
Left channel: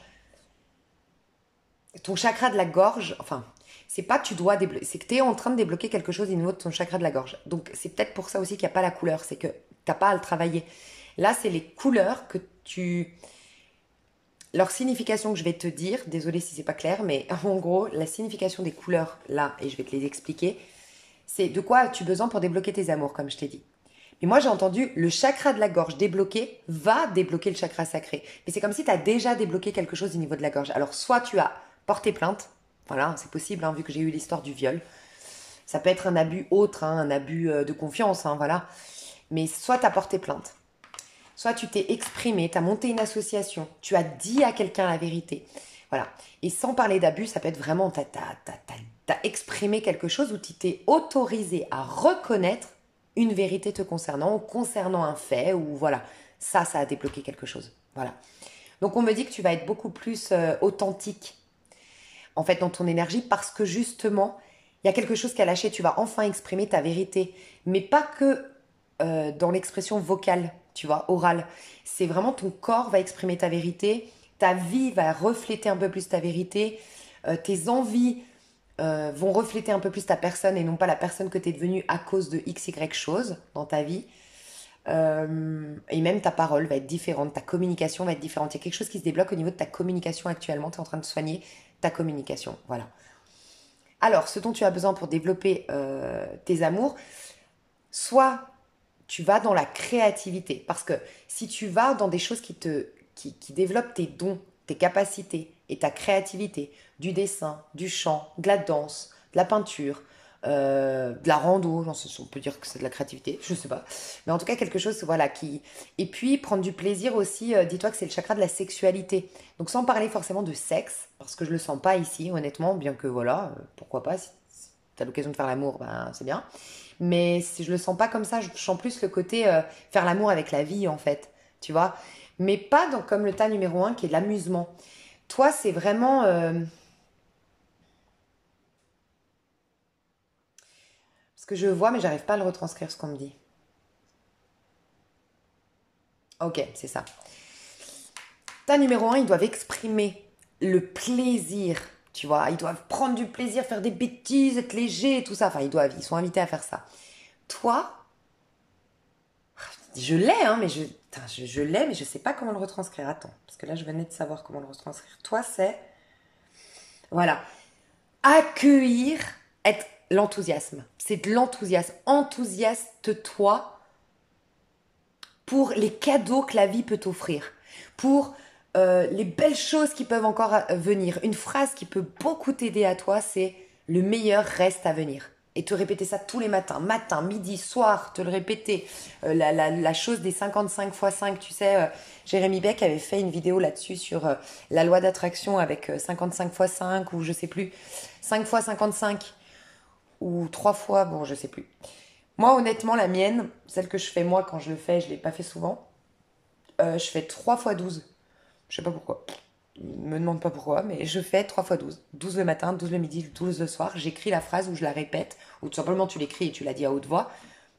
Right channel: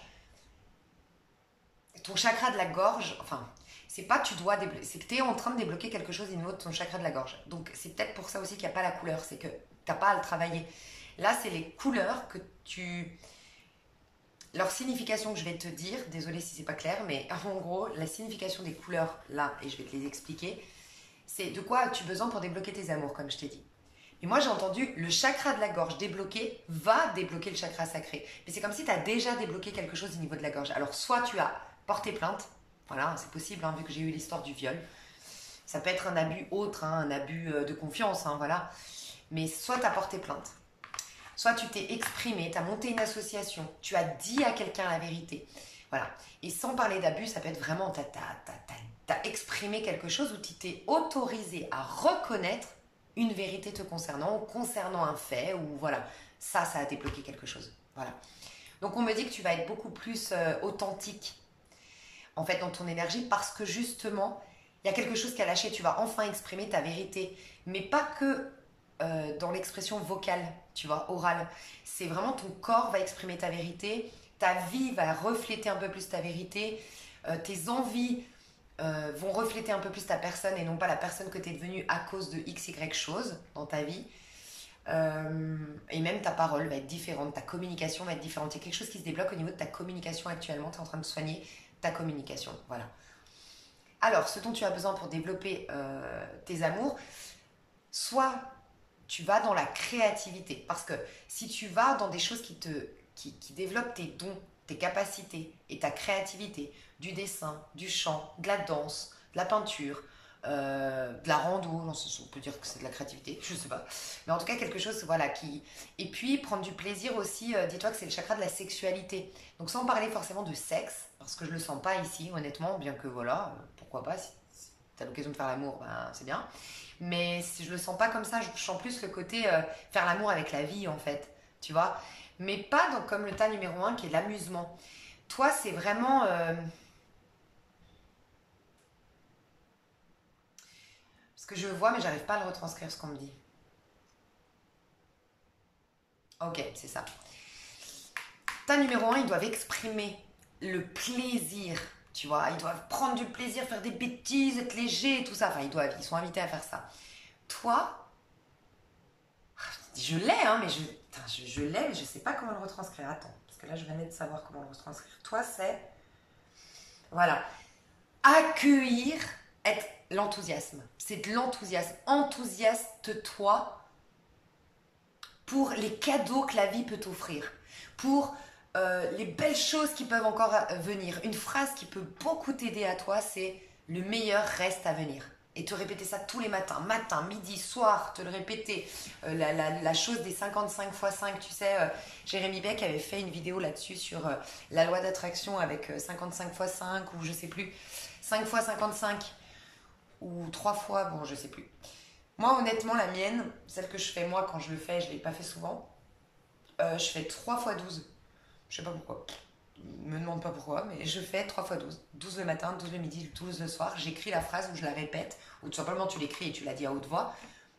ton chakra de la gorge, enfin, c'est pas que tu dois débloquer, c'est que tu es en train de débloquer quelque chose au niveau de ton chakra de la gorge. Donc c'est peut-être pour ça aussi qu'il n'y a pas la couleur, c'est que t'as pas à le travailler. Là, c'est les couleurs que tu... Leur signification que je vais te dire, désolé si c'est pas clair, mais en gros, la signification des couleurs là, et je vais te les expliquer, c'est de quoi as-tu besoin pour débloquer tes amours, comme je t'ai dit. Et moi, j'ai entendu le chakra de la gorge débloqué va débloquer le chakra sacré. Mais c'est comme si tu as déjà débloqué quelque chose au niveau de la gorge. Alors, soit tu as porté plainte, voilà, c'est possible, hein, vu que j'ai eu l'histoire du viol. Ça peut être un abus autre, hein, un abus de confiance, hein, voilà. Mais soit tu as porté plainte, soit tu t'es exprimé, tu as monté une association, tu as dit à quelqu'un la vérité. Voilà. Et sans parler d'abus, ça peut être vraiment, tu as exprimé quelque chose où tu t'es autorisé à reconnaître une vérité te concernant ou concernant un fait ou voilà. Ça a débloqué quelque chose. Voilà. Donc on me dit que tu vas être beaucoup plus authentique en fait dans ton énergie parce que justement, il y a quelque chose qui a lâché, tu vas enfin exprimer ta vérité. Mais pas que dans l'expression vocale, tu vois, orale. C'est vraiment ton corps va exprimer ta vérité, ta vie va refléter un peu plus ta vérité, tes envies vont refléter un peu plus ta personne et non pas la personne que tu es devenue à cause de x, y chose dans ta vie. Et même ta parole va être différente, ta communication va être différente. Il y a quelque chose qui se débloque au niveau de ta communication actuellement. Tu es en train de soigner ta communication. Voilà. Alors, ce dont tu as besoin pour développer tes amours, soit tu vas dans la créativité. Parce que si tu vas dans des choses qui développent tes dons, tes capacités et ta créativité, du dessin, du chant, de la danse, de la peinture, de la rando, non, on peut dire que c'est de la créativité, je sais pas. Mais en tout cas, quelque chose, voilà, qui... Et puis, prendre du plaisir aussi, dis-toi que c'est le chakra de la sexualité. Donc, sans parler forcément de sexe, parce que je le sens pas ici, honnêtement, bien que, voilà, pourquoi pas, si tu as l'occasion de faire l'amour, ben, c'est bien. Mais si je le sens pas comme ça, je sens plus le côté faire l'amour avec la vie, en fait, tu vois. Mais pas comme le tas numéro un qui est l'amusement. Toi, c'est vraiment... ce que je vois, mais j'arrive pas à le retranscrire, ce qu'on me dit. Ok, c'est ça. Ta numéro un, ils doivent exprimer le plaisir, tu vois. Ils doivent prendre du plaisir, faire des bêtises, être légers, tout ça. Enfin, ils sont invités à faire ça. Toi, je l'ai, hein, mais je l'ai, mais je sais pas comment le retranscrire. Attends, parce que là, je venais de savoir comment le retranscrire. Toi, c'est, voilà, accueillir, être l'enthousiasme. C'est de l'enthousiasme. Enthousiaste-toi pour les cadeaux que la vie peut t'offrir, pour les belles choses qui peuvent encore venir. Une phrase qui peut beaucoup t'aider à toi, c'est le meilleur reste à venir. Et te répéter ça tous les matins, matin, midi, soir, te le répéter. La chose des 55 x 5, tu sais, Jérémy Beck avait fait une vidéo là-dessus sur la loi d'attraction avec 55 x 5 ou je sais plus, 5 x 55 ou 3 fois, bon, je sais plus. Moi, honnêtement, la mienne, celle que je fais moi quand je le fais, je ne l'ai pas fait souvent, je fais 3 fois 12. Je sais pas pourquoi. Me demande pas pourquoi, mais je fais 3 fois 12. 12 le matin, 12 le midi, 12 le soir. J'écris la phrase ou je la répète, ou tout simplement tu l'écris et tu la dis à haute voix.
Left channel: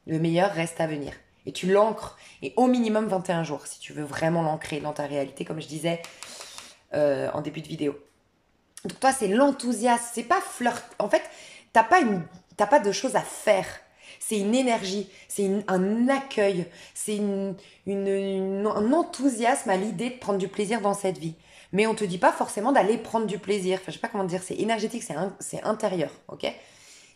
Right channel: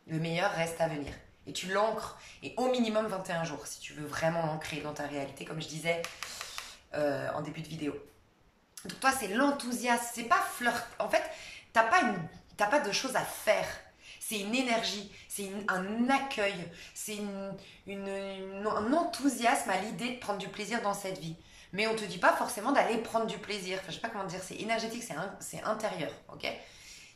Le meilleur reste à venir. Et tu l'ancres, et au minimum 21 jours, si tu veux vraiment l'ancrer dans ta réalité, comme je disais en début de vidéo. Donc toi, c'est l'enthousiasme, c'est pas flirt. En fait, t'as pas de choses à faire. C'est une énergie, c'est un accueil, c'est un enthousiasme à l'idée de prendre du plaisir dans cette vie. Mais on te dit pas forcément d'aller prendre du plaisir. Enfin, je sais pas comment dire, c'est énergétique, c'est intérieur, ok?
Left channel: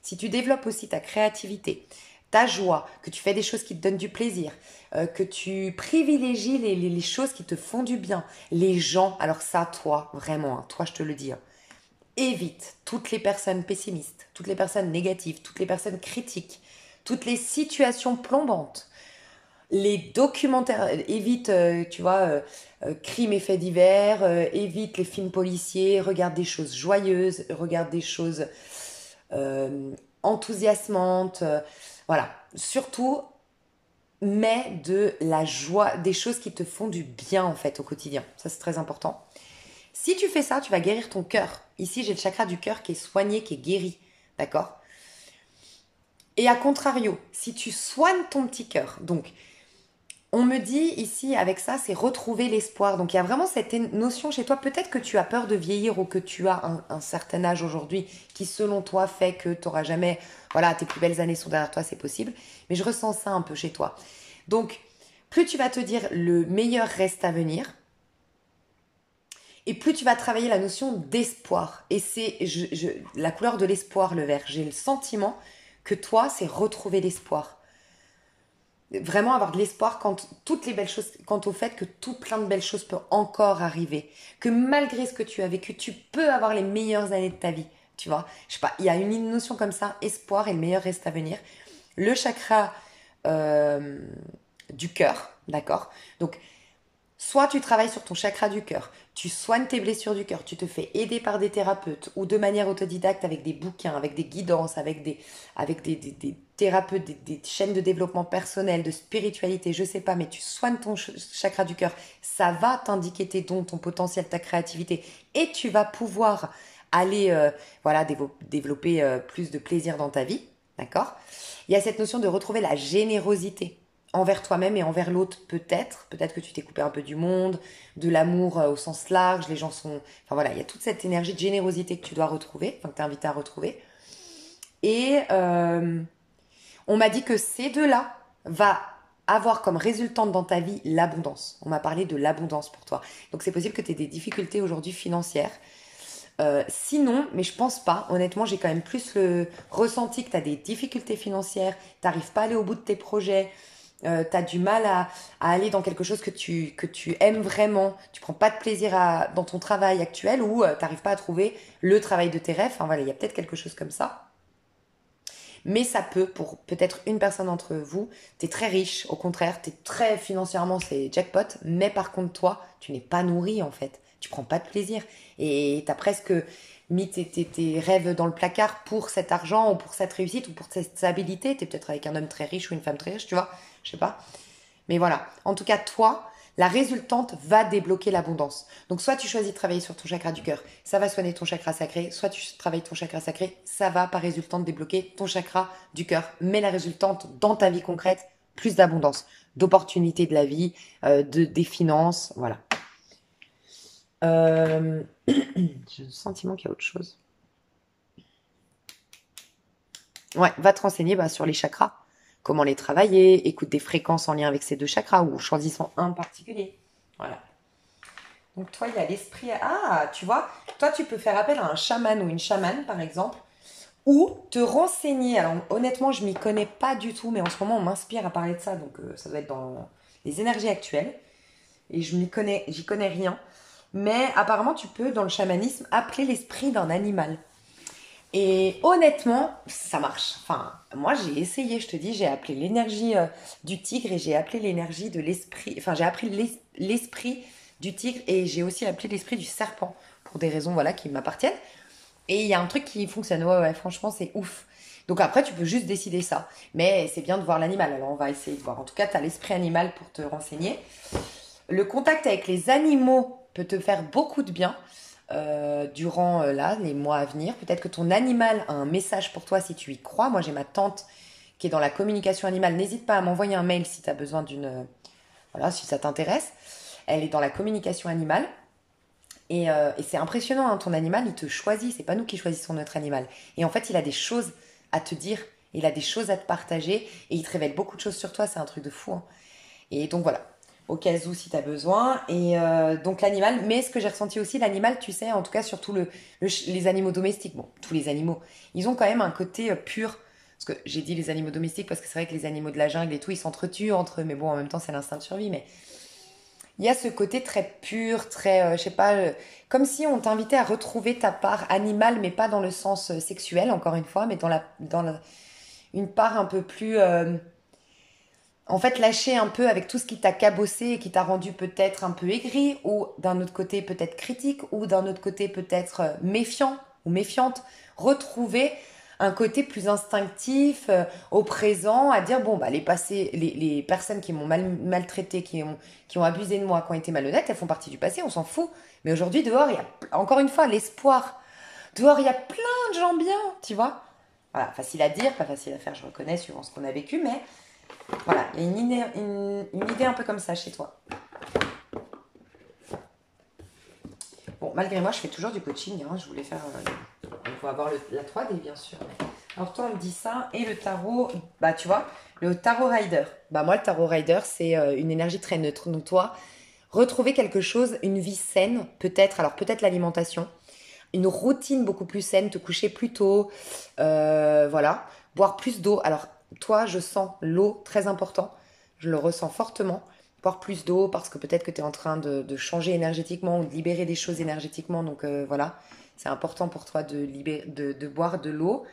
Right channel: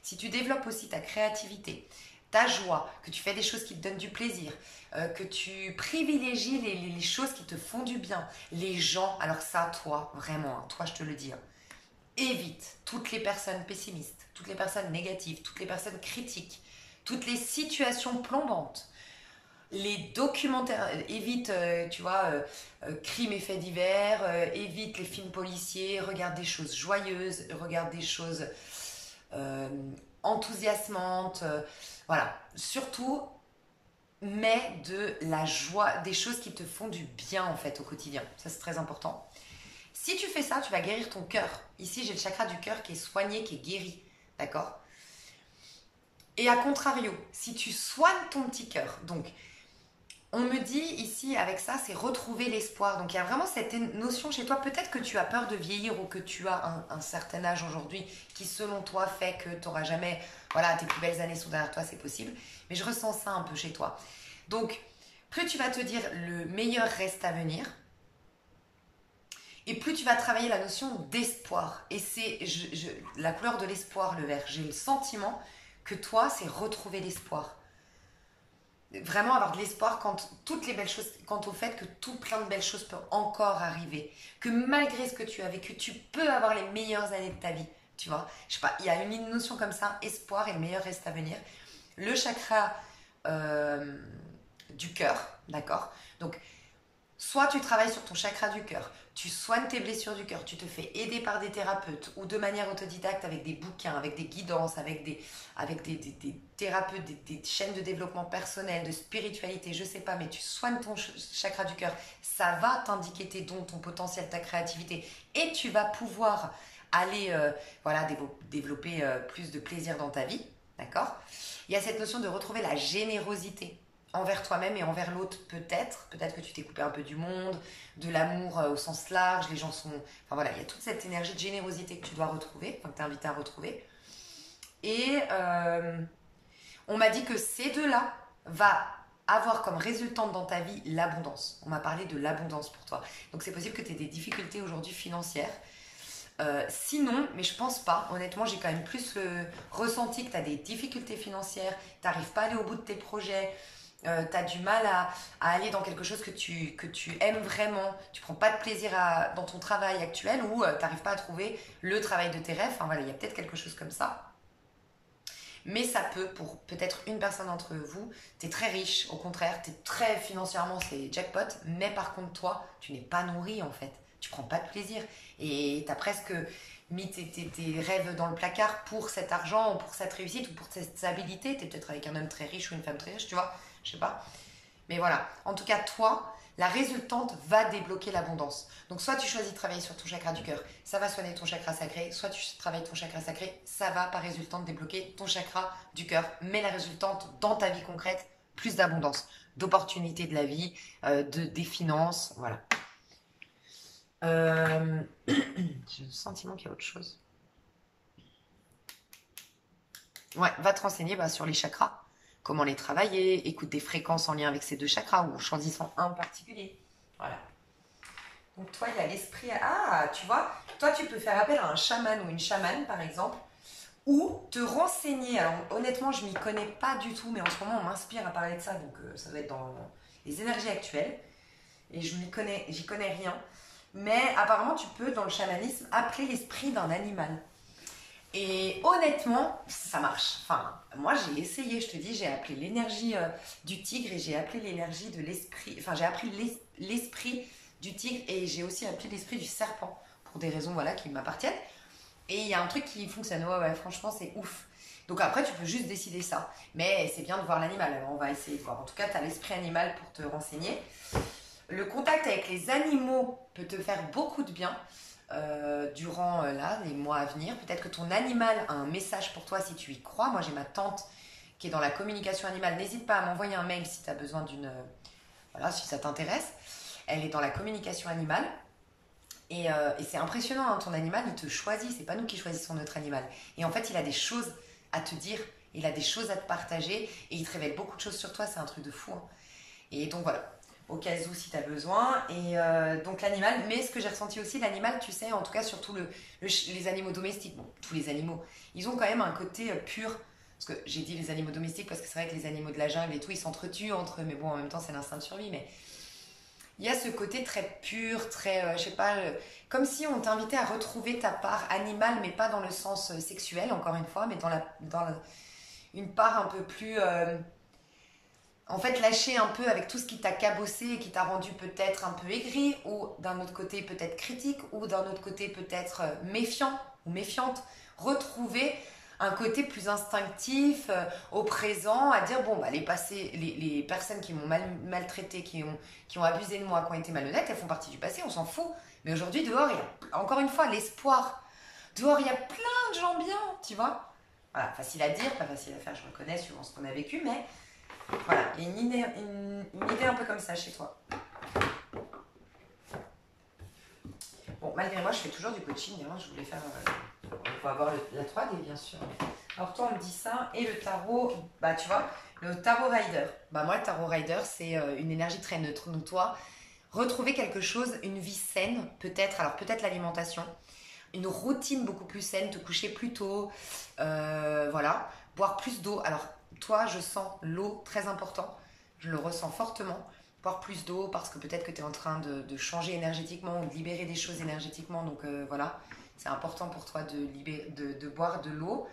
Si tu développes aussi ta créativité, ta joie, que tu fais des choses qui te donnent du plaisir, que tu privilégies les choses qui te font du bien, les gens, alors ça, toi, vraiment, hein, toi, je te le dis, hein, évite toutes les personnes pessimistes, toutes les personnes négatives, toutes les personnes critiques, toutes les situations plombantes. Les documentaires, évite, tu vois, crimes et faits divers, évite les films policiers, regarde des choses joyeuses, regarde des choses euh, enthousiasmantes. Voilà. Surtout, mets de la joie, des choses qui te font du bien en fait au quotidien. Ça, c'est très important. Si tu fais ça, tu vas guérir ton cœur. Ici, j'ai le chakra du cœur qui est soigné, qui est guéri. D'accord? Et à contrario, si tu soignes ton petit cœur, donc on me dit ici avec ça, c'est retrouver l'espoir. Donc il y a vraiment cette notion chez toi. Peut-être que tu as peur de vieillir ou que tu as un certain âge aujourd'hui qui selon toi fait que tu n'auras jamais, voilà, tes plus belles années sont derrière toi, c'est possible. Mais je ressens ça un peu chez toi. Donc plus tu vas te dire le meilleur reste à venir et plus tu vas travailler la notion d'espoir. Et c'est la couleur de l'espoir, le vert. J'ai le sentiment que toi, c'est retrouver l'espoir. Vraiment avoir de l'espoir quand toutes les belles choses, quant au fait que tout plein de belles choses peuvent encore arriver, que malgré ce que tu as vécu, tu peux avoir les meilleures années de ta vie, tu vois. Je sais pas, il y a une notion comme ça, espoir et le meilleur reste à venir. Le chakra euh, du cœur, d'accord. Donc soit tu travailles sur ton chakra du cœur, tu soignes tes blessures du cœur, tu te fais aider par des thérapeutes ou de manière autodidacte avec des bouquins, avec des guidances, avec des thérapeutes, des chaînes de développement personnel, de spiritualité, je sais pas, mais tu soignes ton chakra du cœur, ça va t'indiquer tes dons, ton potentiel, ta créativité et tu vas pouvoir aller voilà, développer plus de plaisir dans ta vie, d'accord? Il y a cette notion de retrouver la générosité envers toi-même et envers l'autre peut-être que tu t'es coupé un peu du monde, de l'amour au sens large, les gens sont, enfin voilà, il y a toute cette énergie de générosité que tu dois retrouver, enfin que tu es invité à retrouver. Et on m'a dit que ces deux-là va avoir comme résultante dans ta vie l'abondance. On m'a parlé de l'abondance pour toi. Donc c'est possible que tu aies des difficultés aujourd'hui financières. Sinon, mais je pense pas, honnêtement, j'ai quand même plus le ressenti que tu as des difficultés financières, tu n'arrives pas à aller au bout de tes projets, tu as du mal à aller dans quelque chose que tu aimes vraiment, tu prends pas de plaisir dans ton travail actuel ou tu n'arrives pas à trouver le travail de tes rêves. Enfin voilà, il y a peut-être quelque chose comme ça. Mais ça peut, pour peut-être une personne d'entre vous, tu es très riche, au contraire, tu es très financièrement, c'est jackpot, mais par contre, toi, tu n'es pas nourri en fait. Tu prends pas de plaisir. Et tu as presque mis tes rêves dans le placard pour cet argent ou pour cette réussite ou pour cette stabilité. Tu es peut-être avec un homme très riche ou une femme très riche, tu vois, je sais pas. Mais voilà, en tout cas, toi, la résultante va débloquer l'abondance. Donc, soit tu choisis de travailler sur ton chakra du cœur, ça va soigner ton chakra sacré, soit tu travailles ton chakra sacré, ça va par résultante débloquer ton chakra du cœur. Mais la résultante dans ta vie concrète, plus d'abondance, d'opportunités de la vie, des finances, voilà. J'ai le sentiment qu'il y a autre chose. Ouais, va te renseigner sur les chakras. Comment les travailler, écoute des fréquences en lien avec ces deux chakras ou choisissant un particulier. Voilà. Donc toi, il y a l'esprit. Ah, tu vois, toi, tu peux faire appel à un chaman ou une chamane, par exemple, ou te renseigner. Alors honnêtement, je m'y connais pas du tout, mais en ce moment, on m'inspire à parler de ça, donc ça doit être dans les énergies actuelles. Et j'y connais rien. Mais apparemment, tu peux, dans le chamanisme, appeler l'esprit d'un animal. Et honnêtement, ça marche. Enfin, moi, j'ai essayé, je te dis, j'ai appelé l'énergie du tigre et j'ai appelé l'énergie de l'esprit. Enfin, j'ai appelé l'esprit du tigre et j'ai aussi appelé l'esprit du serpent pour des raisons voilà qui m'appartiennent. Et il y a un truc qui fonctionne. Ouais, ouais, franchement, c'est ouf. Donc après, tu peux juste décider ça. Mais c'est bien de voir l'animal. Alors, on va essayer de voir. En tout cas, tu as l'esprit animal pour te renseigner. Le contact avec les animaux peut te faire beaucoup de bien durant là, les mois à venir. Peut-être que ton animal a un message pour toi si tu y crois. Moi, j'ai ma tante qui est dans la communication animale. N'hésite pas à m'envoyer un mail si tu as besoin voilà, si ça t'intéresse. Elle est dans la communication animale. Et c'est impressionnant, hein, ton animal, il te choisit. C'est pas nous qui choisissons notre animal. Et en fait, il a des choses à te dire. Il a des choses à te partager. Et il te révèle beaucoup de choses sur toi. C'est un truc de fou, hein. Et donc voilà, au cas où si tu as besoin. Et donc l'animal, mais ce que j'ai ressenti aussi, l'animal, tu sais, en tout cas surtout les animaux domestiques, bon, tous les animaux, ils ont quand même un côté pur. Parce que j'ai dit les animaux domestiques parce que c'est vrai que les animaux de la jungle et tout, ils s'entretuent entre eux, mais bon, en même temps, c'est l'instinct de survie. Mais il y a ce côté très pur, très, je sais pas, comme si on t'invitait à retrouver ta part animale, mais pas dans le sens sexuel, encore une fois, mais dans une part un peu plus en fait, lâcher un peu avec tout ce qui t'a cabossé et qui t'a rendu peut-être un peu aigri, ou d'un autre côté peut-être critique, ou d'un autre côté peut-être méfiant ou méfiante. Retrouver un côté plus instinctif, au présent, à dire, bon, bah, les personnes qui m'ont maltraité, qui ont abusé de moi, qui ont été malhonnêtes, elles font partie du passé, on s'en fout. Mais aujourd'hui, dehors, il y a, encore une fois, l'espoir. Dehors, il y a plein de gens bien, tu vois. Voilà, facile à dire, pas facile à faire, je reconnais, suivant ce qu'on a vécu, mais voilà, il y a une idée un peu comme ça chez toi. Bon, malgré moi, je fais toujours du coaching, hein, je voulais faire... il faut avoir la 3D, bien sûr. Alors toi, on me dit ça, et le tarot, bah tu vois, le tarot rider. Bah moi, le tarot rider, c'est une énergie très neutre. Donc toi, retrouver quelque chose, une vie saine, peut-être, alors peut-être l'alimentation, une routine beaucoup plus saine, te coucher plus tôt, voilà, boire plus d'eau. Alors, toi, je sens l'eau très important, je le ressens fortement. Boire plus d'eau parce que peut-être que tu es en train de changer énergétiquement ou de libérer des choses énergétiquement. Donc voilà, c'est important pour toi de boire de l'eau.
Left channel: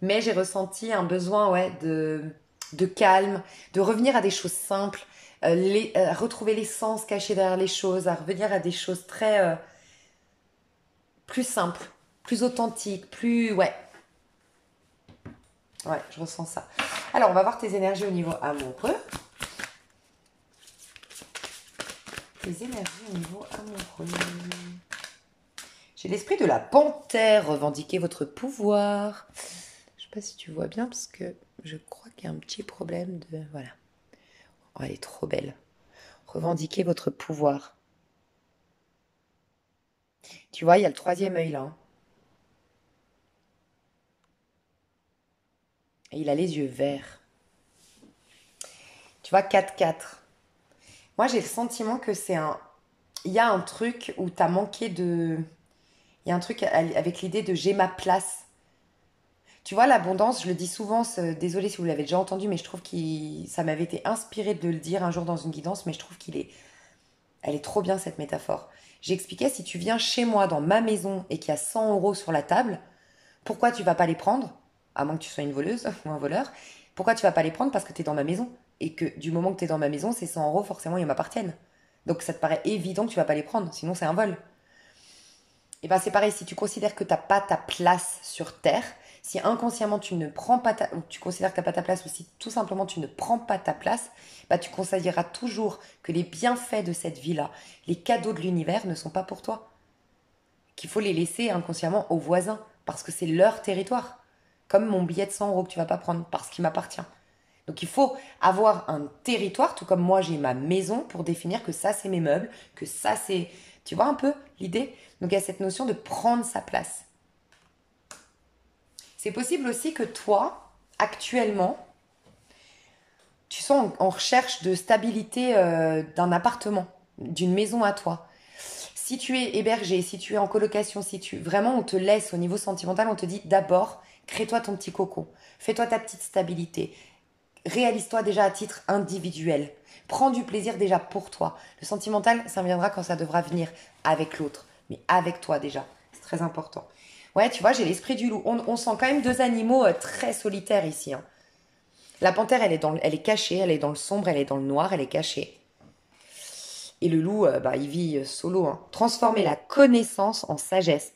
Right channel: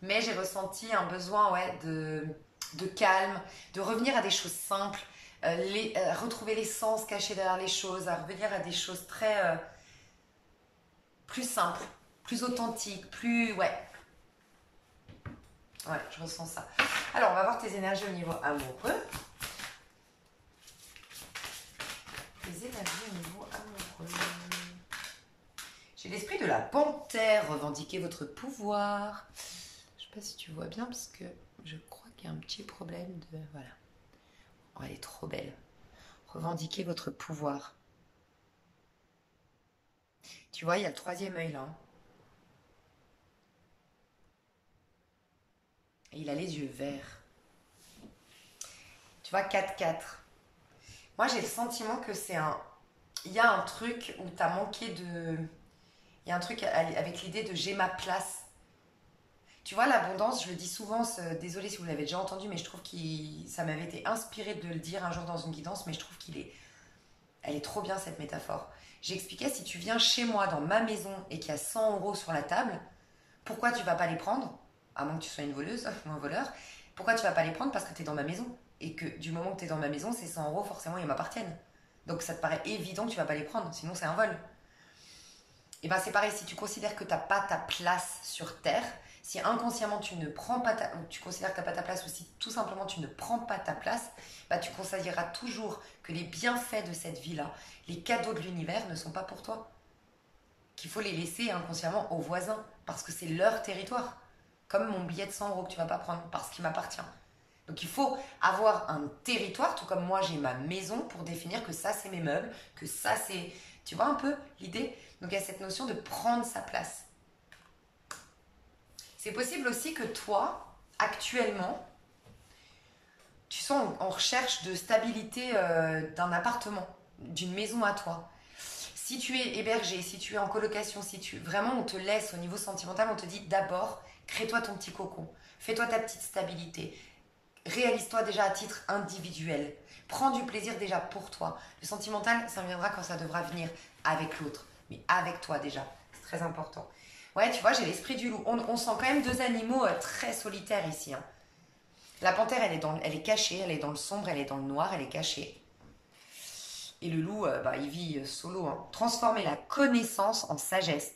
Mais j'ai ressenti un besoin ouais, de calme, de revenir à des choses simples, retrouver l'essence cachée derrière les choses, à revenir à des choses très... plus simple, plus authentique, plus... Ouais. Ouais, je ressens ça. Alors, on va voir tes énergies au niveau amoureux. Tes énergies au niveau amoureux. J'ai l'esprit de la panthère. Revendiquez votre pouvoir. Je sais pas si tu vois bien, parce que je crois qu'il y a un petit problème de... Voilà. Oh, elle est trop belle. Revendiquez votre pouvoir. Tu vois, il y a le troisième œil là. Et il a les yeux verts. Tu vois, 4-4. Moi, j'ai le sentiment que c'est un... Il y a un truc où tu as manqué de... Il y a un truc avec l'idée de j'ai ma place. Tu vois, l'abondance, je le dis souvent, désolée si vous l'avez déjà entendu, mais je trouve que ça m'avait été inspiré de le dire un jour dans une guidance, mais je trouve elle est trop bien cette métaphore. J'expliquais, si tu viens chez moi dans ma maison et qu'il y a 100 € sur la table, pourquoi tu vas pas les prendre? À moins que tu sois une voleuse ou un voleur. Pourquoi tu vas pas les prendre? Parce que tu es dans ma maison. Et que du moment que tu es dans ma maison, ces 100 € forcément, ils m'appartiennent. Donc ça te paraît évident que tu vas pas les prendre, sinon c'est un vol. Et bien c'est pareil, si tu considères que tu n'as pas ta place sur Terre, si inconsciemment tu ne prends pas ou tu considères que tu n'as pas ta place, ou si tout simplement tu ne prends pas ta place, bah, tu considéreras toujours que les bienfaits de cette vie-là, les cadeaux de l'univers ne sont pas pour toi. Qu'il faut les laisser inconsciemment aux voisins, parce que c'est leur territoire. Comme mon billet de 100 € que tu vas pas prendre, parce qu'il m'appartient. Donc il faut avoir un territoire, tout comme moi j'ai ma maison, pour définir que ça c'est mes meubles, que ça c'est... Tu vois un peu l'idée? Donc il y a cette notion de prendre sa place. C'est possible aussi que toi, actuellement, tu sois en recherche de stabilité d'un appartement, d'une maison à toi. Si tu es hébergé, si tu es en colocation, si tu vraiment on te laisse au niveau sentimental, on te dit d'abord, crée-toi ton petit cocon, fais-toi ta petite stabilité, réalise-toi déjà à titre individuel, prends du plaisir déjà pour toi. Le sentimental, ça viendra quand ça devra venir avec l'autre, mais avec toi déjà, c'est très important. Ouais, tu vois, j'ai l'esprit du loup. On sent quand même deux animaux très solitaires ici. Hein. La panthère, elle est cachée, elle est dans le sombre, elle est dans le noir, elle est cachée. Et le loup, bah, il vit solo. Hein. Transformer la connaissance en sagesse.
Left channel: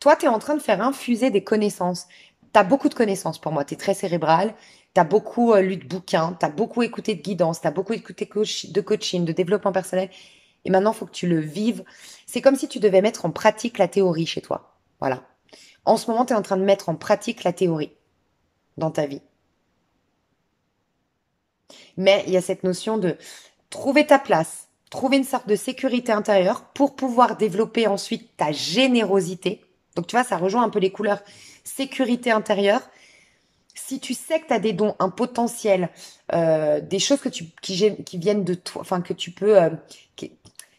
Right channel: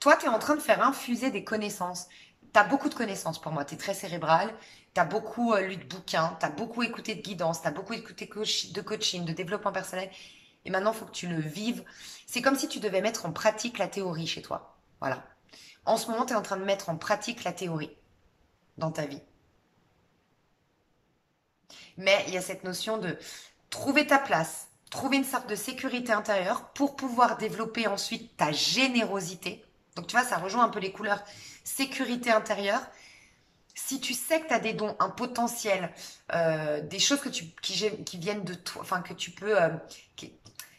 Toi, tu es en train de faire infuser des connaissances. Tu as beaucoup de connaissances pour moi. Tu es très cérébral. Tu as beaucoup lu de bouquins. Tu as beaucoup écouté de guidance. Tu as beaucoup écouté de coaching, de développement personnel. Et maintenant, il faut que tu le vives. C'est comme si tu devais mettre en pratique la théorie chez toi. Voilà. En ce moment, tu es en train de mettre en pratique la théorie dans ta vie. Mais il y a cette notion de trouver ta place, trouver une sorte de sécurité intérieure pour pouvoir développer ensuite ta générosité. Donc tu vois, ça rejoint un peu les couleurs. Sécurité intérieure. Si tu sais que tu as des dons, un potentiel, des choses qui viennent de toi, enfin que tu peux...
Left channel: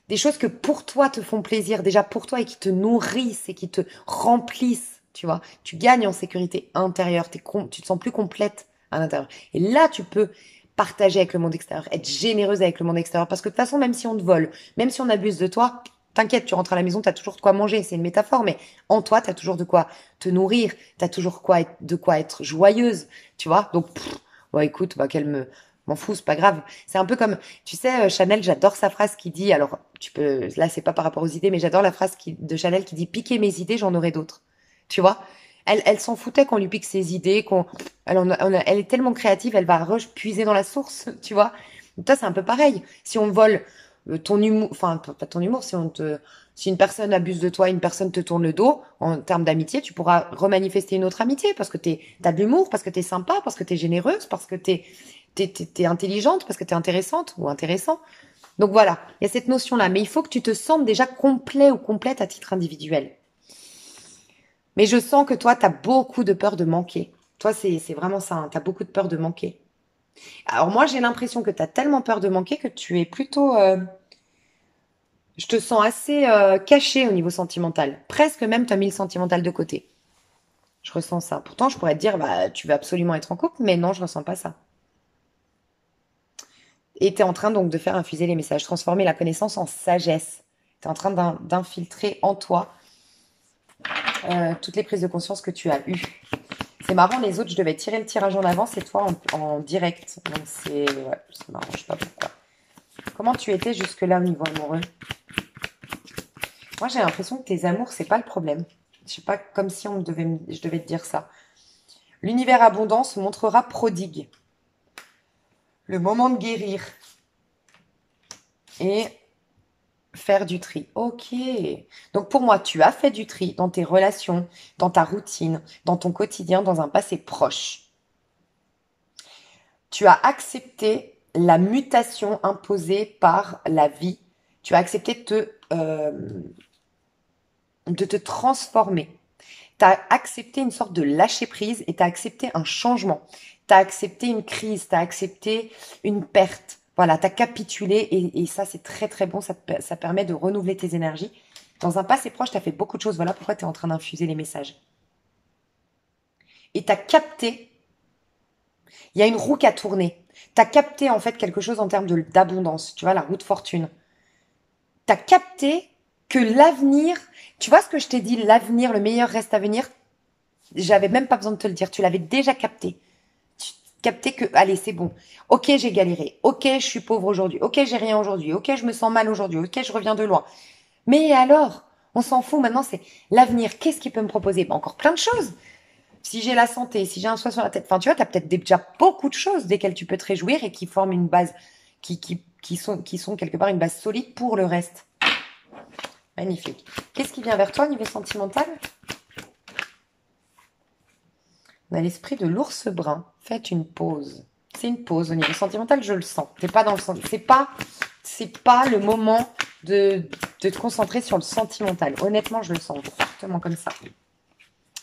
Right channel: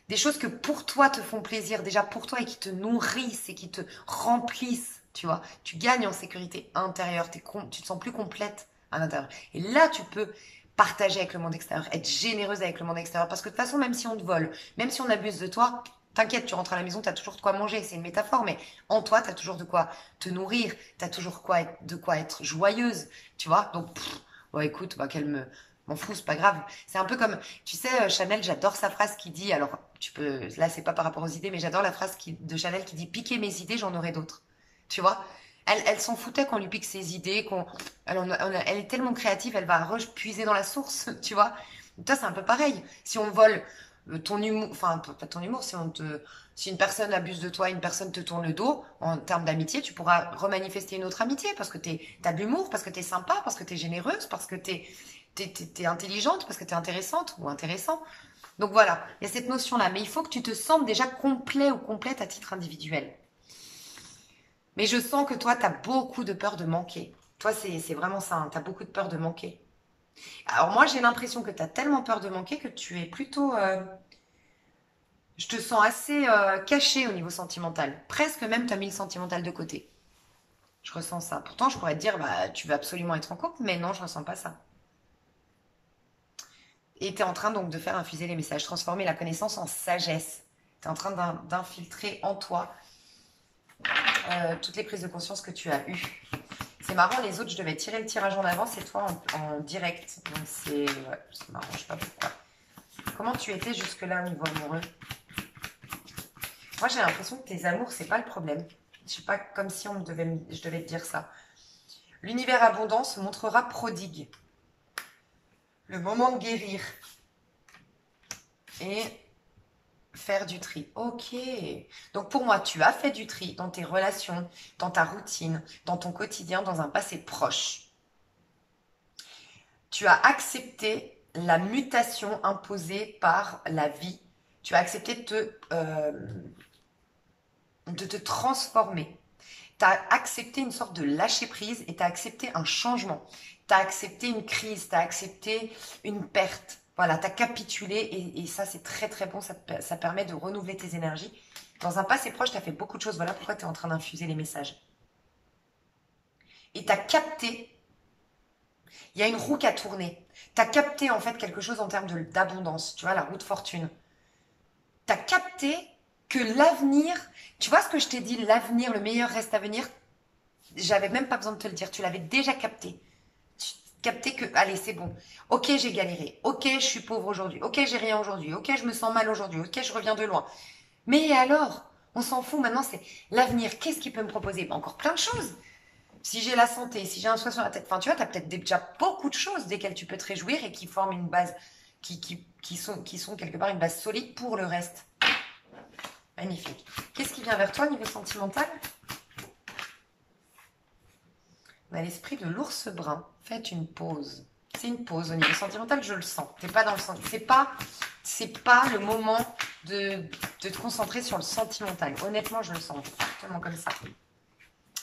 des choses que pour toi te font plaisir, déjà pour toi et qui te nourrissent et qui te remplissent, tu vois. Tu gagnes en sécurité intérieure, tu te sens plus complète à l'intérieur. Et là, tu peux partager avec le monde extérieur, être généreuse avec le monde extérieur. Parce que de toute façon, même si on te vole, même si on abuse de toi, t'inquiète, tu rentres à la maison, tu as toujours de quoi manger. C'est une métaphore, mais en toi, tu as toujours de quoi te nourrir, tu as toujours de quoi être joyeuse, tu vois. Donc, bon, écoute, bah, M'en fous, c'est pas grave. C'est un peu comme, tu sais, Chanel, j'adore sa phrase qui dit, alors, tu peux, là, c'est pas par rapport aux idées, mais j'adore la phrase de Chanel qui dit, piquez mes idées, j'en aurai d'autres. Tu vois? Elle s'en foutait qu'on lui pique ses idées, elle est tellement créative, elle va puiser dans la source, tu vois? Toi, c'est un peu pareil. Si on vole ton humour, enfin, pas ton humour, si une personne abuse de toi, une personne te tourne le dos, en termes d'amitié, tu pourras remanifester une autre amitié parce que t'as de l'humour, parce que t'es sympa, parce que t'es généreuse, parce que t'es intelligente, parce que t'es intéressante ou intéressant. Donc voilà, il y a cette notion-là. Mais il faut que tu te sentes déjà complet ou complète à titre individuel. Mais je sens que toi, t'as beaucoup de peur de manquer. Toi, c'est vraiment ça, hein, t'as beaucoup de peur de manquer. Alors moi, j'ai l'impression que t'as tellement peur de manquer que tu es plutôt... je te sens assez caché au niveau sentimental. Presque même, t'as mis le sentimental de côté. Je ressens ça. Pourtant, je pourrais te dire, bah, tu veux absolument être en couple, mais non, je ressens pas ça. Et tu es en train donc de faire infuser les messages, transformer la connaissance en sagesse. Tu es en train d'infiltrer en toi toutes les prises de conscience que tu as eues. C'est marrant, les autres, je devais tirer le tirage en avance et toi en direct. Donc c'est... Ouais, ça m'arrange pas pourquoi. Comment tu étais jusque-là au niveau amoureux? Moi, j'ai l'impression que tes amours, c'est pas le problème. Je sais pas, comme si je devais te dire ça. L'univers abondant se montrera prodigue. Le moment de guérir. Et faire du tri. Ok. Donc pour moi, tu as fait du tri dans tes relations, dans ta routine, dans ton quotidien, dans un passé proche. Tu as accepté la mutation imposée par la vie. Tu as accepté de te transformer. Tu as accepté une sorte de lâcher prise et tu as accepté un changement. Tu as accepté une crise, tu as accepté une perte. Voilà, tu as capitulé et ça, c'est très très bon. Ça permet de renouveler tes énergies. Dans un passé proche, tu as fait beaucoup de choses. Voilà pourquoi tu es en train d'infuser les messages. Et tu as capté, il y a une roue qui a tourné. Tu as capté en fait quelque chose en termes d'abondance. Tu vois, la roue de fortune. Tu as capté que l'avenir, tu vois ce que je t'ai dit, l'avenir, le meilleur reste à venir. J'avais même pas besoin de te le dire. Tu l'avais déjà capté. Capter que, allez, c'est bon. Ok, j'ai galéré. Ok, je suis pauvre aujourd'hui. Ok, j'ai rien aujourd'hui. Ok, je me sens mal aujourd'hui. Ok, je reviens de loin. Mais alors, on s'en fout. Maintenant, c'est l'avenir. Qu'est-ce qu'il peut me proposer? Bah, encore plein de choses. Si j'ai la santé, si j'ai un soin sur la tête. Enfin, tu vois, tu as peut-être déjà beaucoup de choses desquelles tu peux te réjouir et qui forment une base, qui sont quelque part une base solide pour le reste. Magnifique. Qu'est-ce qui vient vers toi au niveau sentimental? On a l'esprit de l'ours brun. Faites une pause. C'est une pause au niveau sentimental, je le sens. T'es pas dans le c'est pas le moment de te concentrer sur le sentimental. Honnêtement, je le sens fortement comme ça.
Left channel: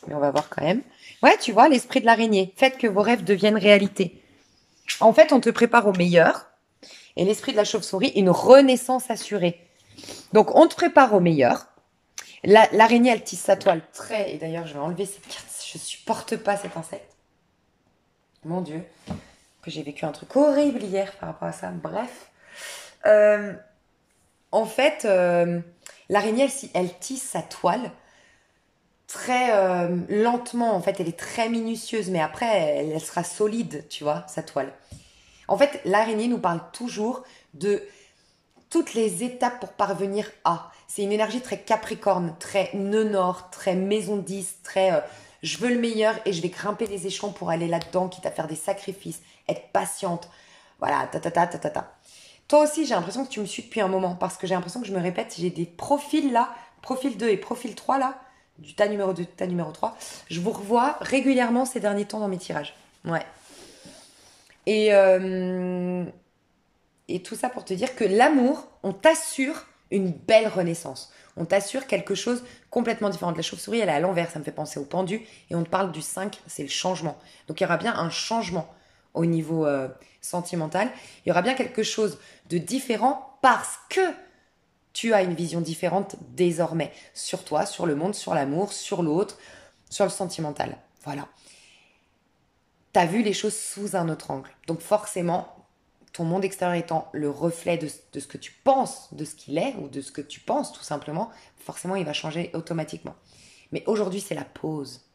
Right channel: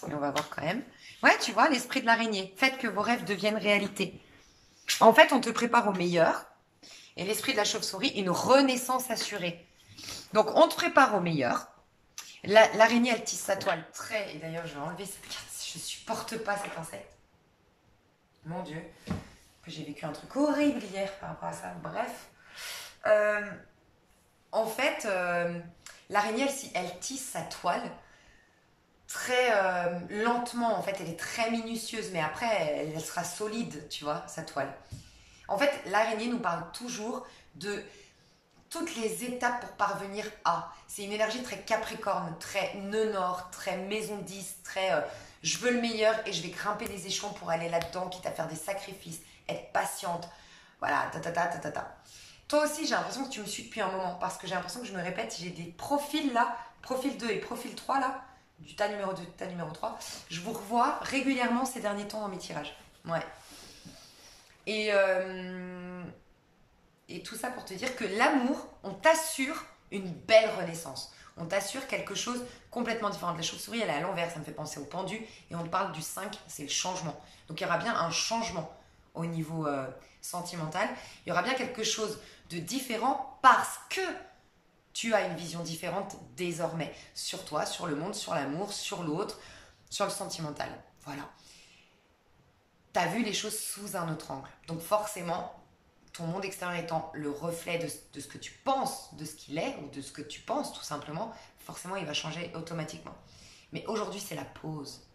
Mais on va voir quand même. Ouais, tu vois, l'esprit de l'araignée. Faites que vos rêves deviennent réalité. En fait, on te prépare au meilleur. Et l'esprit de la chauve-souris, une renaissance assurée. Donc, on te prépare au meilleur. L'araignée, elle tisse sa toile très... Et d'ailleurs, je vais enlever cette carte. Je supporte pas cet insecte. Mon Dieu. Que j'ai vécu un truc horrible hier par rapport à ça. Bref. En fait, l'araignée, elle tisse sa toile très lentement. En fait, elle est très minutieuse. Mais après, elle sera solide, tu vois, sa toile. En fait, l'araignée nous parle toujours de toutes les étapes pour parvenir à. C'est une énergie très capricorne, très nœud nord, très maison 10, très je veux le meilleur et je vais grimper les échelons pour aller là-dedans, quitte à faire des sacrifices, être patiente. Voilà, ta. Toi aussi, j'ai l'impression que tu me suis depuis un moment parce que j'ai l'impression que je me répète, j'ai des profils là, profil 2 et profil 3 là, du tas numéro 2, tas numéro 3. Je vous revois régulièrement ces derniers temps dans mes tirages. Ouais. Et, et tout ça pour te dire que l'amour, on t'assure une belle renaissance. On t'assure quelque chose complètement différent. La chauve-souris, elle est à l'envers, ça me fait penser au pendu. Et on te parle du 5, c'est le changement. Donc il y aura bien un changement au niveau sentimental. Il y aura bien quelque chose de différent parce que tu as une vision différente désormais sur toi, sur le monde, sur l'amour, sur l'autre, sur le sentimental. Voilà. Tu as vu les choses sous un autre angle. Donc forcément, ton monde extérieur étant le reflet de ce que tu penses, de ce qu'il est, ou de ce que tu penses tout simplement, forcément il va changer automatiquement. Mais aujourd'hui c'est la pause.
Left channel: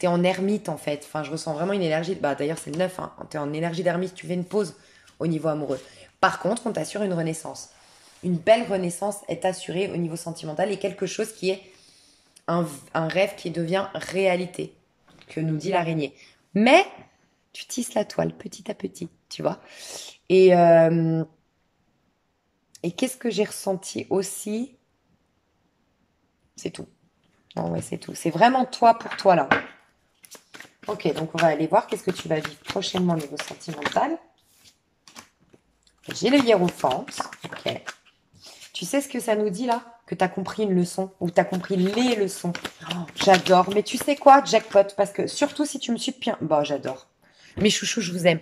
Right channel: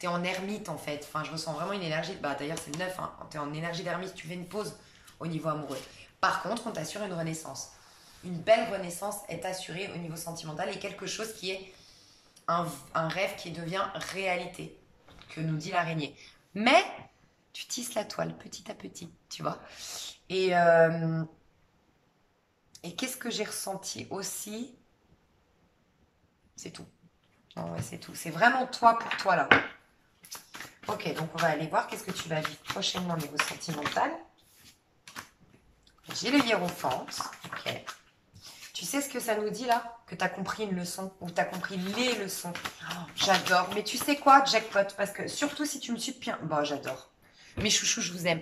Tu es en ermite en fait, enfin je ressens vraiment une énergie, bah d'ailleurs c'est le 9, hein. Tu es en énergie d'ermite, tu fais une pause au niveau amoureux. Par contre, on t'assure une renaissance. Une belle renaissance est assurée au niveau sentimental et quelque chose qui est un rêve qui devient réalité, que nous dit l'araignée. Mais tu tisses la toile petit à petit, tu vois. Et, euh, et qu'est-ce que j'ai ressenti aussi? C'est tout. Non, ouais, c'est tout. C'est vraiment toi pour toi là. Ok, donc on va aller voir qu'est-ce que tu vas vivre prochainement au niveau sentimental. J'ai le hiérophant. Ok. Tu sais ce que ça nous dit là? Que tu as compris une leçon ou tu as compris les leçons. Oh, j'adore. Mais tu sais quoi? Jackpot. Parce que surtout si tu me suis bien. Bah, j'adore. Mes chouchous, je vous aime.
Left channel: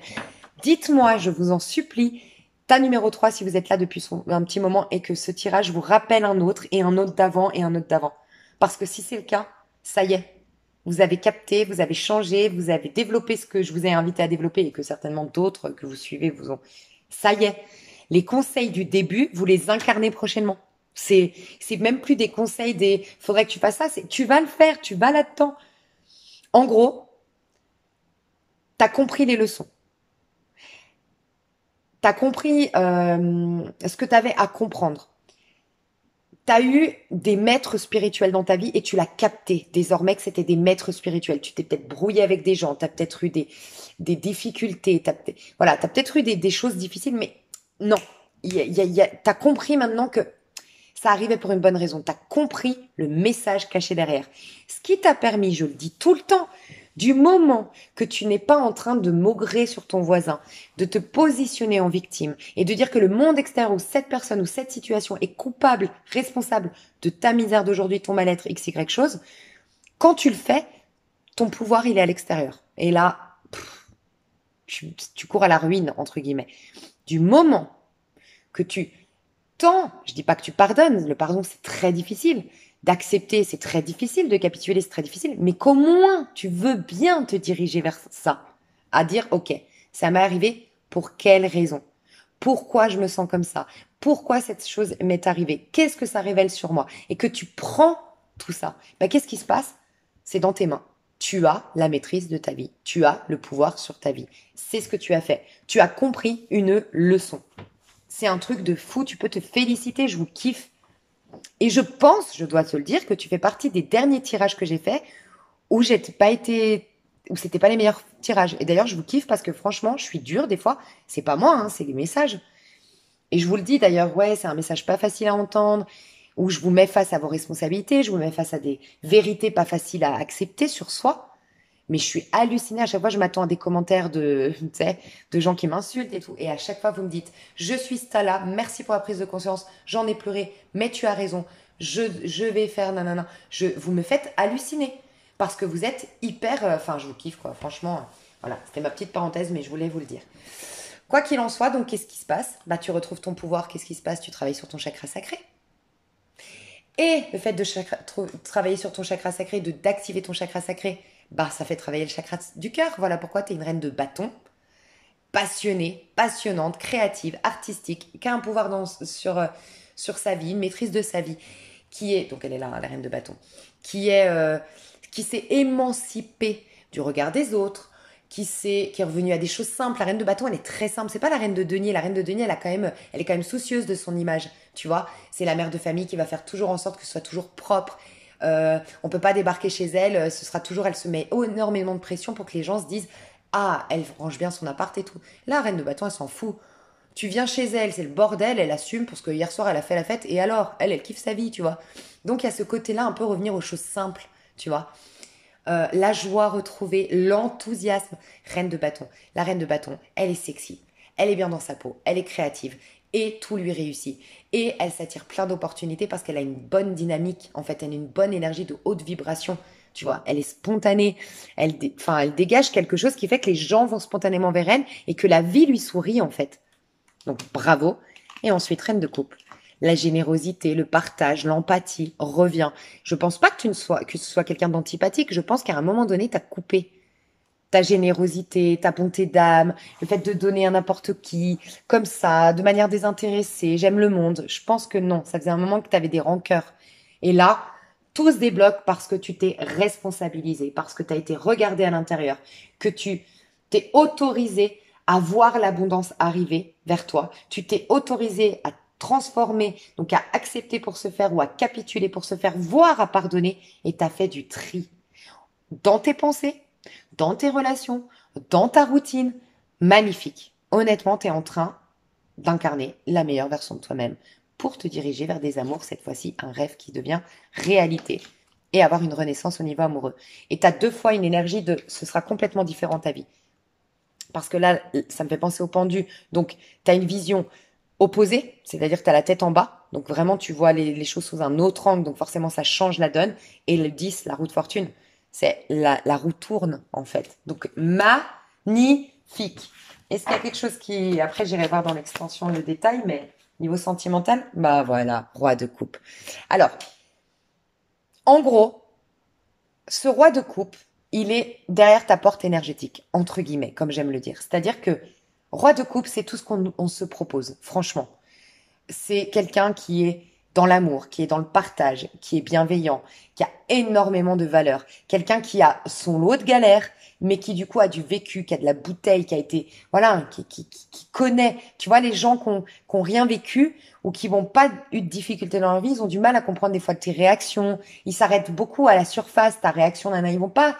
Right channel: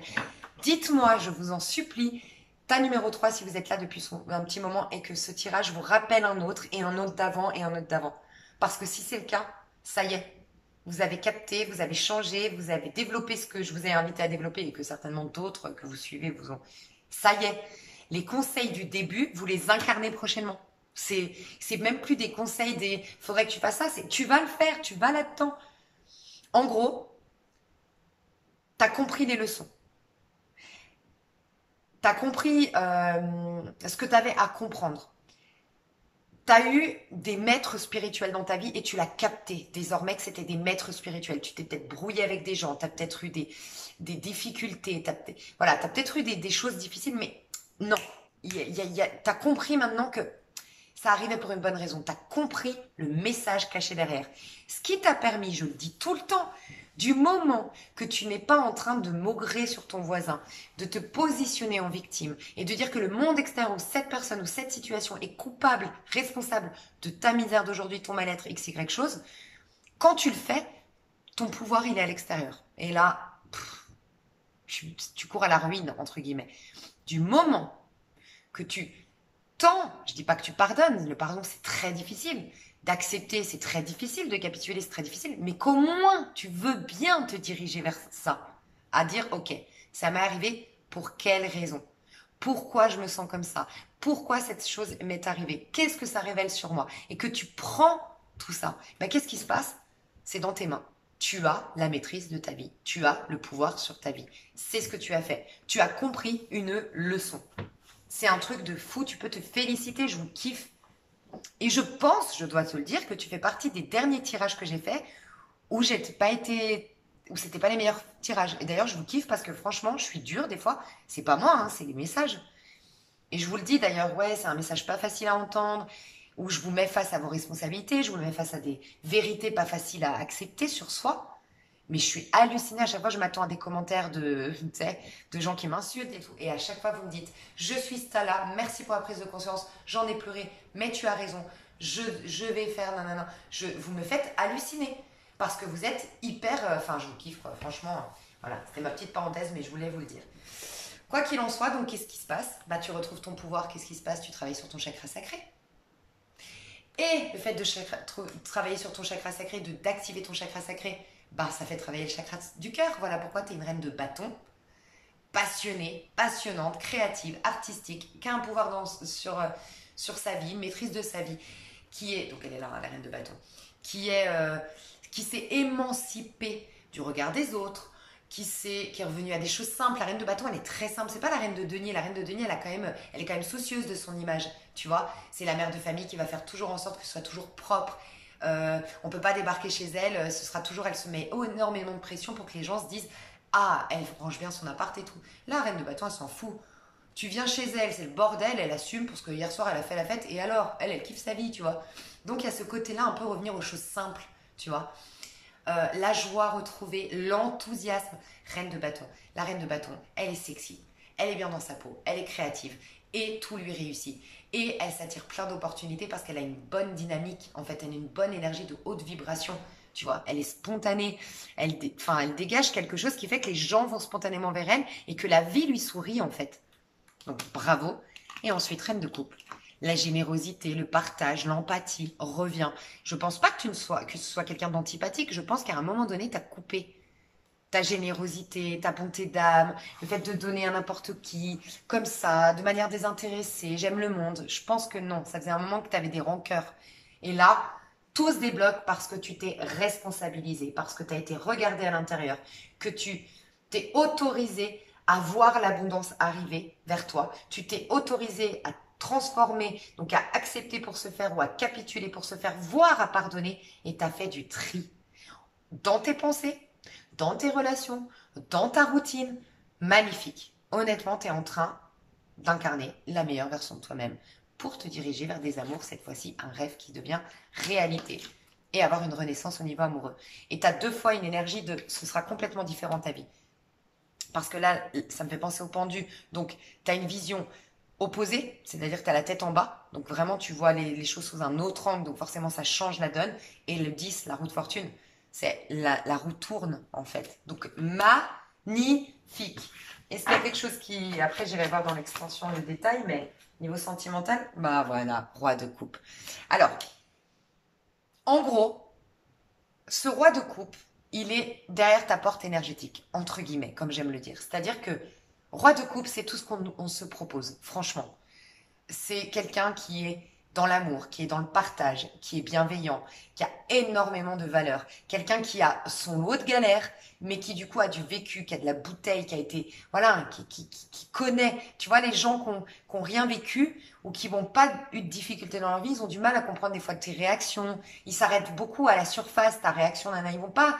Dites-moi, je vous en supplie, ta numéro 3 si vous êtes là depuis un petit moment et que ce tirage vous rappelle un autre et un autre d'avant et un autre d'avant. Parce que si c'est le cas, ça y est. Vous avez capté, vous avez changé, vous avez développé ce que je vous ai invité à développer et que certainement d'autres que vous suivez vous ont. Ça y est. Les conseils du début, vous les incarnez prochainement. C'est même plus des conseils des faudrait que tu fasses ça, c'est tu vas le faire, tu vas là-dedans. En gros, tu as compris les leçons. Tu as compris ce que tu avais à comprendre. Tu as eu des maîtres spirituels dans ta vie et tu l'as capté désormais que c'était des maîtres spirituels. Tu t'es peut-être brouillé avec des gens, tu as peut-être eu des difficultés, tu as peut-être eu des choses difficiles, mais non. Tu as compris maintenant que ça arrivait pour une bonne raison. Tu as compris le message caché derrière. Ce qui t'a permis, je le dis tout le temps, du moment que tu n'es pas en train de maugrer sur ton voisin, de te positionner en victime et de dire que le monde extérieur ou cette personne ou cette situation est coupable, responsable de ta misère d'aujourd'hui, ton mal-être, x, y chose, quand tu le fais, ton pouvoir, il est à l'extérieur. Et là, tu cours à la ruine, entre guillemets. Du moment que tu je dis pas que tu pardonnes, le pardon c'est très difficile, d'accepter c'est très difficile, de capituler c'est très difficile, mais qu'au moins tu veux bien te diriger vers ça, à dire ok, ça m'est arrivé pour quelle raison? Pourquoi je me sens comme ça? Pourquoi cette chose m'est arrivée? Qu'est-ce que ça révèle sur moi? Et que tu prends tout ça, qu'est-ce qui se passe? C'est dans tes mains. Tu as la maîtrise de ta vie. Tu as le pouvoir sur ta vie. C'est ce que tu as fait. Tu as compris une leçon. C'est un truc de fou, tu peux te féliciter, je vous kiffe. Et je pense, je dois te le dire, que tu fais partie des derniers tirages que j'ai faits où c'était pas les meilleurs tirages. Et d'ailleurs, je vous kiffe parce que franchement, je suis dure des fois. C'est pas moi, hein, c'est les messages. Et je vous le dis d'ailleurs, ouais, c'est un message pas facile à entendre, où je vous mets face à vos responsabilités, je vous mets face à des vérités pas faciles à accepter sur soi. Mais je suis hallucinée. À chaque fois, je m'attends à des commentaires tu sais, de gens qui m'insultent et tout. Et à chaque fois, vous me dites, je suis Stella, merci pour la prise de conscience, j'en ai pleuré, mais tu as raison, je vais faire nanana. Vous me faites halluciner. Parce que vous êtes hyper... Enfin, je vous kiffe, quoi. Franchement, voilà, c'était ma petite parenthèse, mais je voulais vous le dire. Quoi qu'il en soit, donc, qu'est-ce qui se passe? Tu retrouves ton pouvoir, qu'est-ce qui se passe? Tu travailles sur ton chakra sacré. Et le fait de travailler sur ton chakra sacré, d'activer ton chakra sacré, ça fait travailler le chakra du cœur. Voilà pourquoi tu es une reine de bâton, passionnée, passionnante, créative, artistique, qui a un pouvoir sur sa vie, une maîtrise de sa vie, donc elle est là, la reine de bâton, qui s'est émancipée du regard des autres, qui est revenue à des choses simples. La reine de bâton, elle est très simple. C'est pas la reine de denier. La reine de denier, elle est quand même soucieuse de son image. Tu vois, c'est la mère de famille qui va faire toujours en sorte que ce soit toujours propre. On peut pas débarquer chez elle. Elle se met énormément de pression pour que les gens se disent ah, elle range bien son appart et tout. La reine de bâton, elle s'en fout. Tu viens chez elle, c'est le bordel, elle assume parce que hier soir elle a fait la fête et alors, elle kiffe sa vie, tu vois. Donc il y a ce côté-là, un peu revenir aux choses simples, tu vois. La joie retrouvée, l'enthousiasme. Reine de bâton. La reine de bâton, elle est sexy, elle est bien dans sa peau, elle est créative et tout lui réussit. Et elle s'attire plein d'opportunités parce qu'elle a une bonne dynamique. En fait, elle a une bonne énergie de haute vibration. Tu vois, elle est spontanée. Elle dégage quelque chose qui fait que les gens vont spontanément vers elle et que la vie lui sourit en fait. Donc bravo. Et ensuite, reine de couple. La générosité, le partage, l'empathie revient. Je pense pas que ce soit quelqu'un d'antipathique. Je pense qu'à un moment donné, tu as coupé ta générosité, ta bonté d'âme, le fait de donner à n'importe qui, comme ça, de manière désintéressée, j'aime le monde. Je pense que non, ça faisait un moment que tu avais des rancœurs. Et là, tout se débloque parce que tu t'es responsabilisé, parce que tu as été regardé à l'intérieur, que tu t'es autorisé à voir l'abondance arriver vers toi. Tu t'es autorisé à transformer, donc à accepter pour se faire ou à capituler pour se faire, voire à pardonner, et tu as fait du tri dans tes pensées, dans tes relations, dans ta routine. Magnifique. Honnêtement, tu es en train d'incarner la meilleure version de toi-même pour te diriger vers des amours, cette fois-ci un rêve qui devient réalité et avoir une renaissance au niveau amoureux. Et tu as 2 fois une énergie de ce sera complètement différent ta vie. Parce que là, ça me fait penser au pendu. Donc, tu as une vision opposée, c'est-à-dire que tu as la tête en bas. Donc, vraiment, tu vois les choses sous un autre angle. Donc, forcément, ça change la donne. Et le 10, la roue de fortune, c'est la roue tourne, en fait. Donc, magnifique. Est-ce qu'il y a quelque chose qui... Après, j'irai voir dans l'extension le détail, mais niveau sentimental, bah voilà, roi de coupe. Alors, en gros, ce roi de coupe, il est derrière ta porte énergétique, entre guillemets, comme j'aime le dire. C'est-à-dire que roi de coupe, c'est tout ce qu'on se propose, franchement. C'est quelqu'un qui est dans l'amour, qui est dans le partage, qui est bienveillant, qui a énormément de valeur. Quelqu'un qui a son lot de galères, mais qui du coup a du vécu, qui a de la bouteille, qui a été, voilà, qui connaît. Tu vois, les gens qui ont rien vécu ou qui n'ont pas eu de difficultés dans leur vie, ils ont du mal à comprendre des fois tes réactions. Ils s'arrêtent beaucoup à la surface, ta réaction, nana. Ils vont pas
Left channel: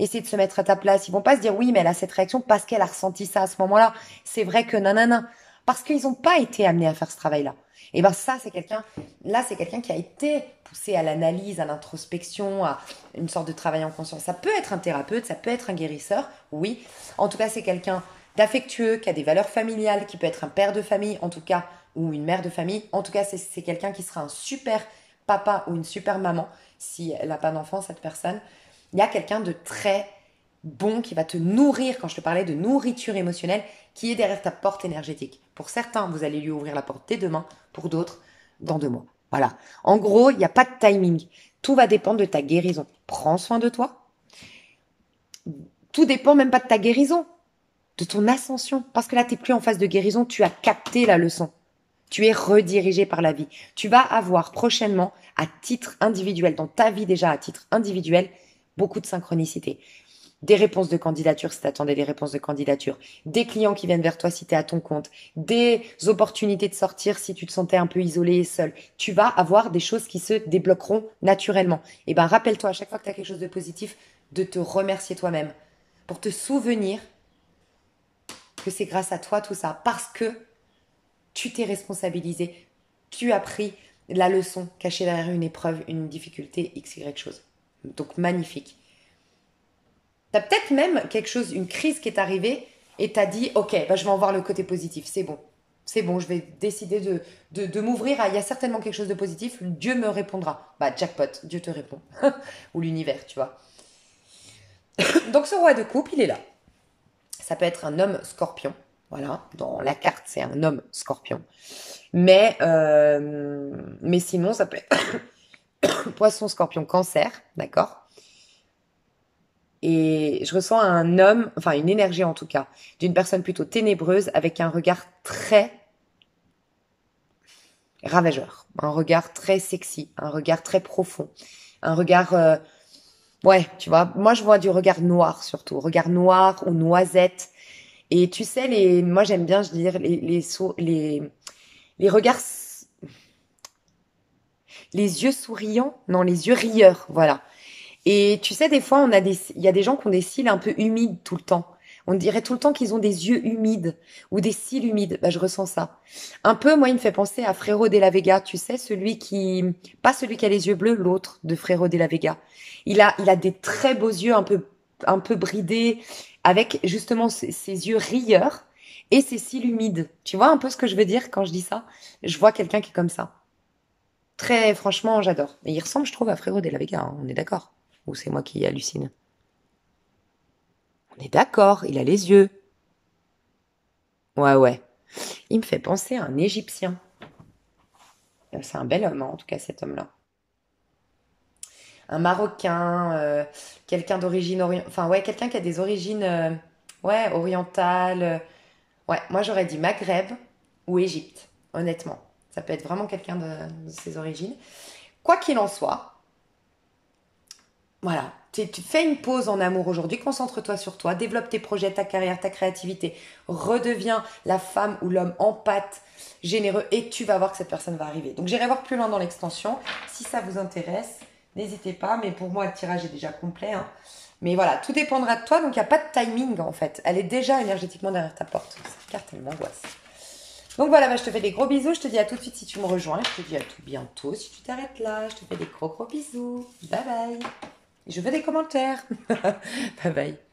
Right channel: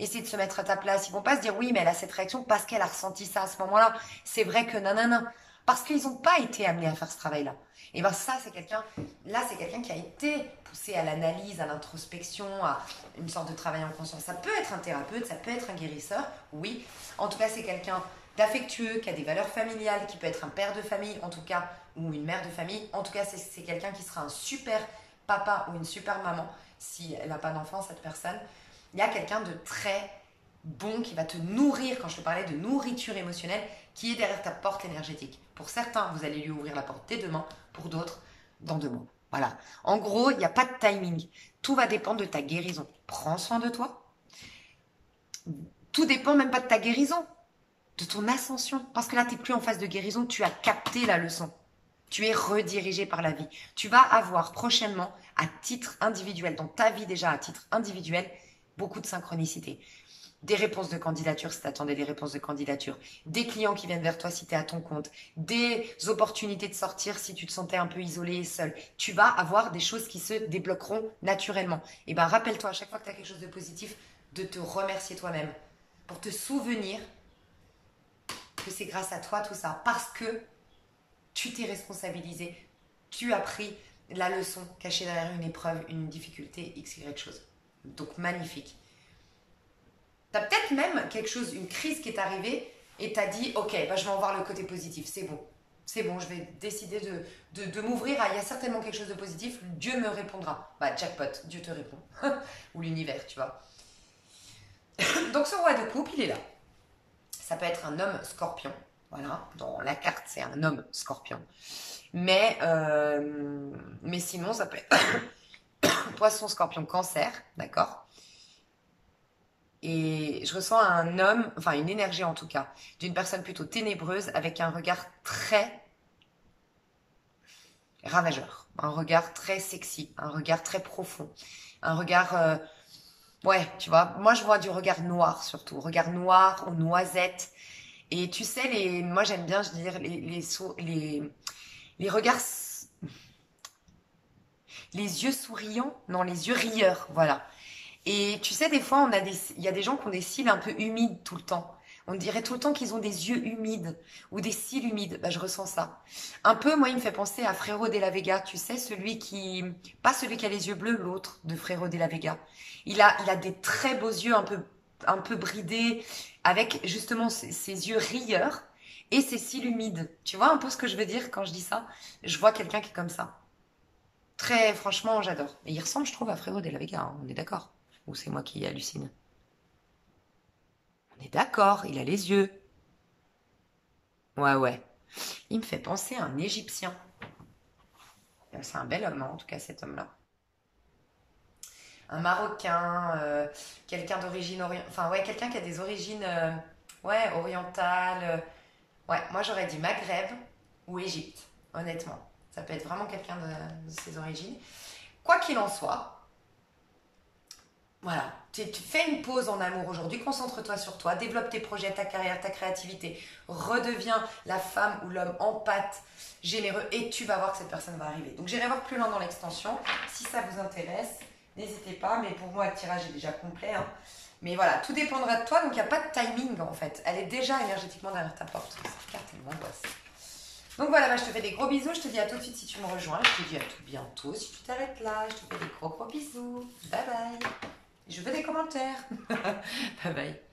essayer de se mettre à ta place. Ils vont pas se dire oui, mais elle a cette réaction parce qu'elle a ressenti ça à ce moment-là. C'est vrai que nanana. Parce qu'ils n'ont pas été amenés à faire ce travail-là. Et ben ça, c'est quelqu'un qui a été poussé à l'analyse, à l'introspection, à une sorte de travail en conscience. Ça peut être un thérapeute, ça peut être un guérisseur, oui. En tout cas, c'est quelqu'un d'affectueux, qui a des valeurs familiales, qui peut être un père de famille, en tout cas, ou une mère de famille. En tout cas, c'est quelqu'un qui sera un super papa ou une super maman, si elle n'a pas d'enfant, cette personne. Il y a quelqu'un de très bon qui va te nourrir, quand je te parlais de nourriture émotionnelle, qui est derrière ta porte énergétique. Pour certains, vous allez lui ouvrir la porte dès demain, pour d'autres, dans 2 mois. Voilà. En gros, il n'y a pas de timing. Tout va dépendre de ta guérison. Prends soin de toi. Tout dépend même pas de ta guérison, de ton ascension. Parce que là, tu n'es plus en phase de guérison, tu as capté la leçon. Tu es redirigé par la vie. Tu vas avoir prochainement, à titre individuel, dans ta vie déjà à titre individuel, beaucoup de synchronicité. Des réponses de candidature si tu attendais des réponses de candidature, des clients qui viennent vers toi si tu es à ton compte, des opportunités de sortir si tu te sentais un peu isolé et seul. Tu vas avoir des choses qui se débloqueront naturellement. Et bien rappelle-toi à chaque fois que tu as quelque chose de positif, de te remercier toi-même pour te souvenir que c'est grâce à toi tout ça, parce que tu t'es responsabilisé, tu as pris la leçon cachée derrière une épreuve, une difficulté, x, y chose. Donc magnifique. T'as peut-être même quelque chose, une crise qui est arrivée et t'as dit, ok, bah, je vais en voir le côté positif, c'est bon. C'est bon, je vais décider de m'ouvrir à, il y a certainement quelque chose de positif, Dieu me répondra. Bah, jackpot, Dieu te répond. Ou l'univers, tu vois. Donc ce roi de coupe, il est là. Ça peut être un homme scorpion. Voilà, dans la carte, c'est un homme scorpion. Mais sinon, ça peut être poisson, scorpion, cancer, d'accord? Et je ressens un homme, enfin une énergie en tout cas, d'une personne plutôt ténébreuse avec un regard très ravageur, un regard très sexy, un regard très profond, un regard, ouais, tu vois, moi je vois du regard noir surtout, regard noir ou noisette. Et tu sais, moi j'aime bien, je dire, les regards, les yeux souriants, non, les yeux rieurs, voilà. Et tu sais, des fois, il y a des gens qui ont des cils un peu humides tout le temps. On dirait tout le temps qu'ils ont des yeux humides ou des cils humides. Bah, je ressens ça. Un peu, moi, il me fait penser à Frérot de la Vega. Tu sais, pas celui qui a les yeux bleus, l'autre de Frérot de la Vega. Il a des très beaux yeux un peu bridés, avec justement ses yeux rieurs et ses cils humides. Tu vois un peu ce que je veux dire quand je dis ça? Je vois quelqu'un qui est comme ça. Très, franchement, j'adore. Et il ressemble, je trouve, à Frérot de la Vega, hein, on est d'accord? Ou c'est moi qui hallucine? On est d'accord, il a les yeux. Ouais, ouais. Il me fait penser à un Égyptien. C'est un bel homme, hein, en tout cas, cet homme-là. Un Marocain, quelqu'un d'origine enfin ouais, quelqu'un qui a des origines ouais, orientales. Ouais, moi j'aurais dit Maghreb ou Égypte, honnêtement. Ça peut être vraiment quelqu'un de ses origines. Quoi qu'il en soit, voilà. tu fais une pause en amour aujourd'hui, concentre-toi sur toi, développe tes projets, ta carrière, ta créativité, redeviens la femme ou l'homme empathe, généreux et tu vas voir que cette personne va arriver. Donc j'irai voir plus loin dans l'extension. Si ça vous intéresse, n'hésitez pas, mais pour moi le tirage est déjà complet. Hein. Mais voilà, tout dépendra de toi, donc il n'y a pas de timing en fait. Elle est déjà énergétiquement derrière ta porte. Cette carte, elle m'angoisse. Donc voilà, bah, je te fais des gros bisous. Je te dis à tout de suite si tu me rejoins. Je te dis à tout bientôt si tu t'arrêtes là. Je te fais des gros bisous. Bye bye. Je veux des commentaires. Bye bye.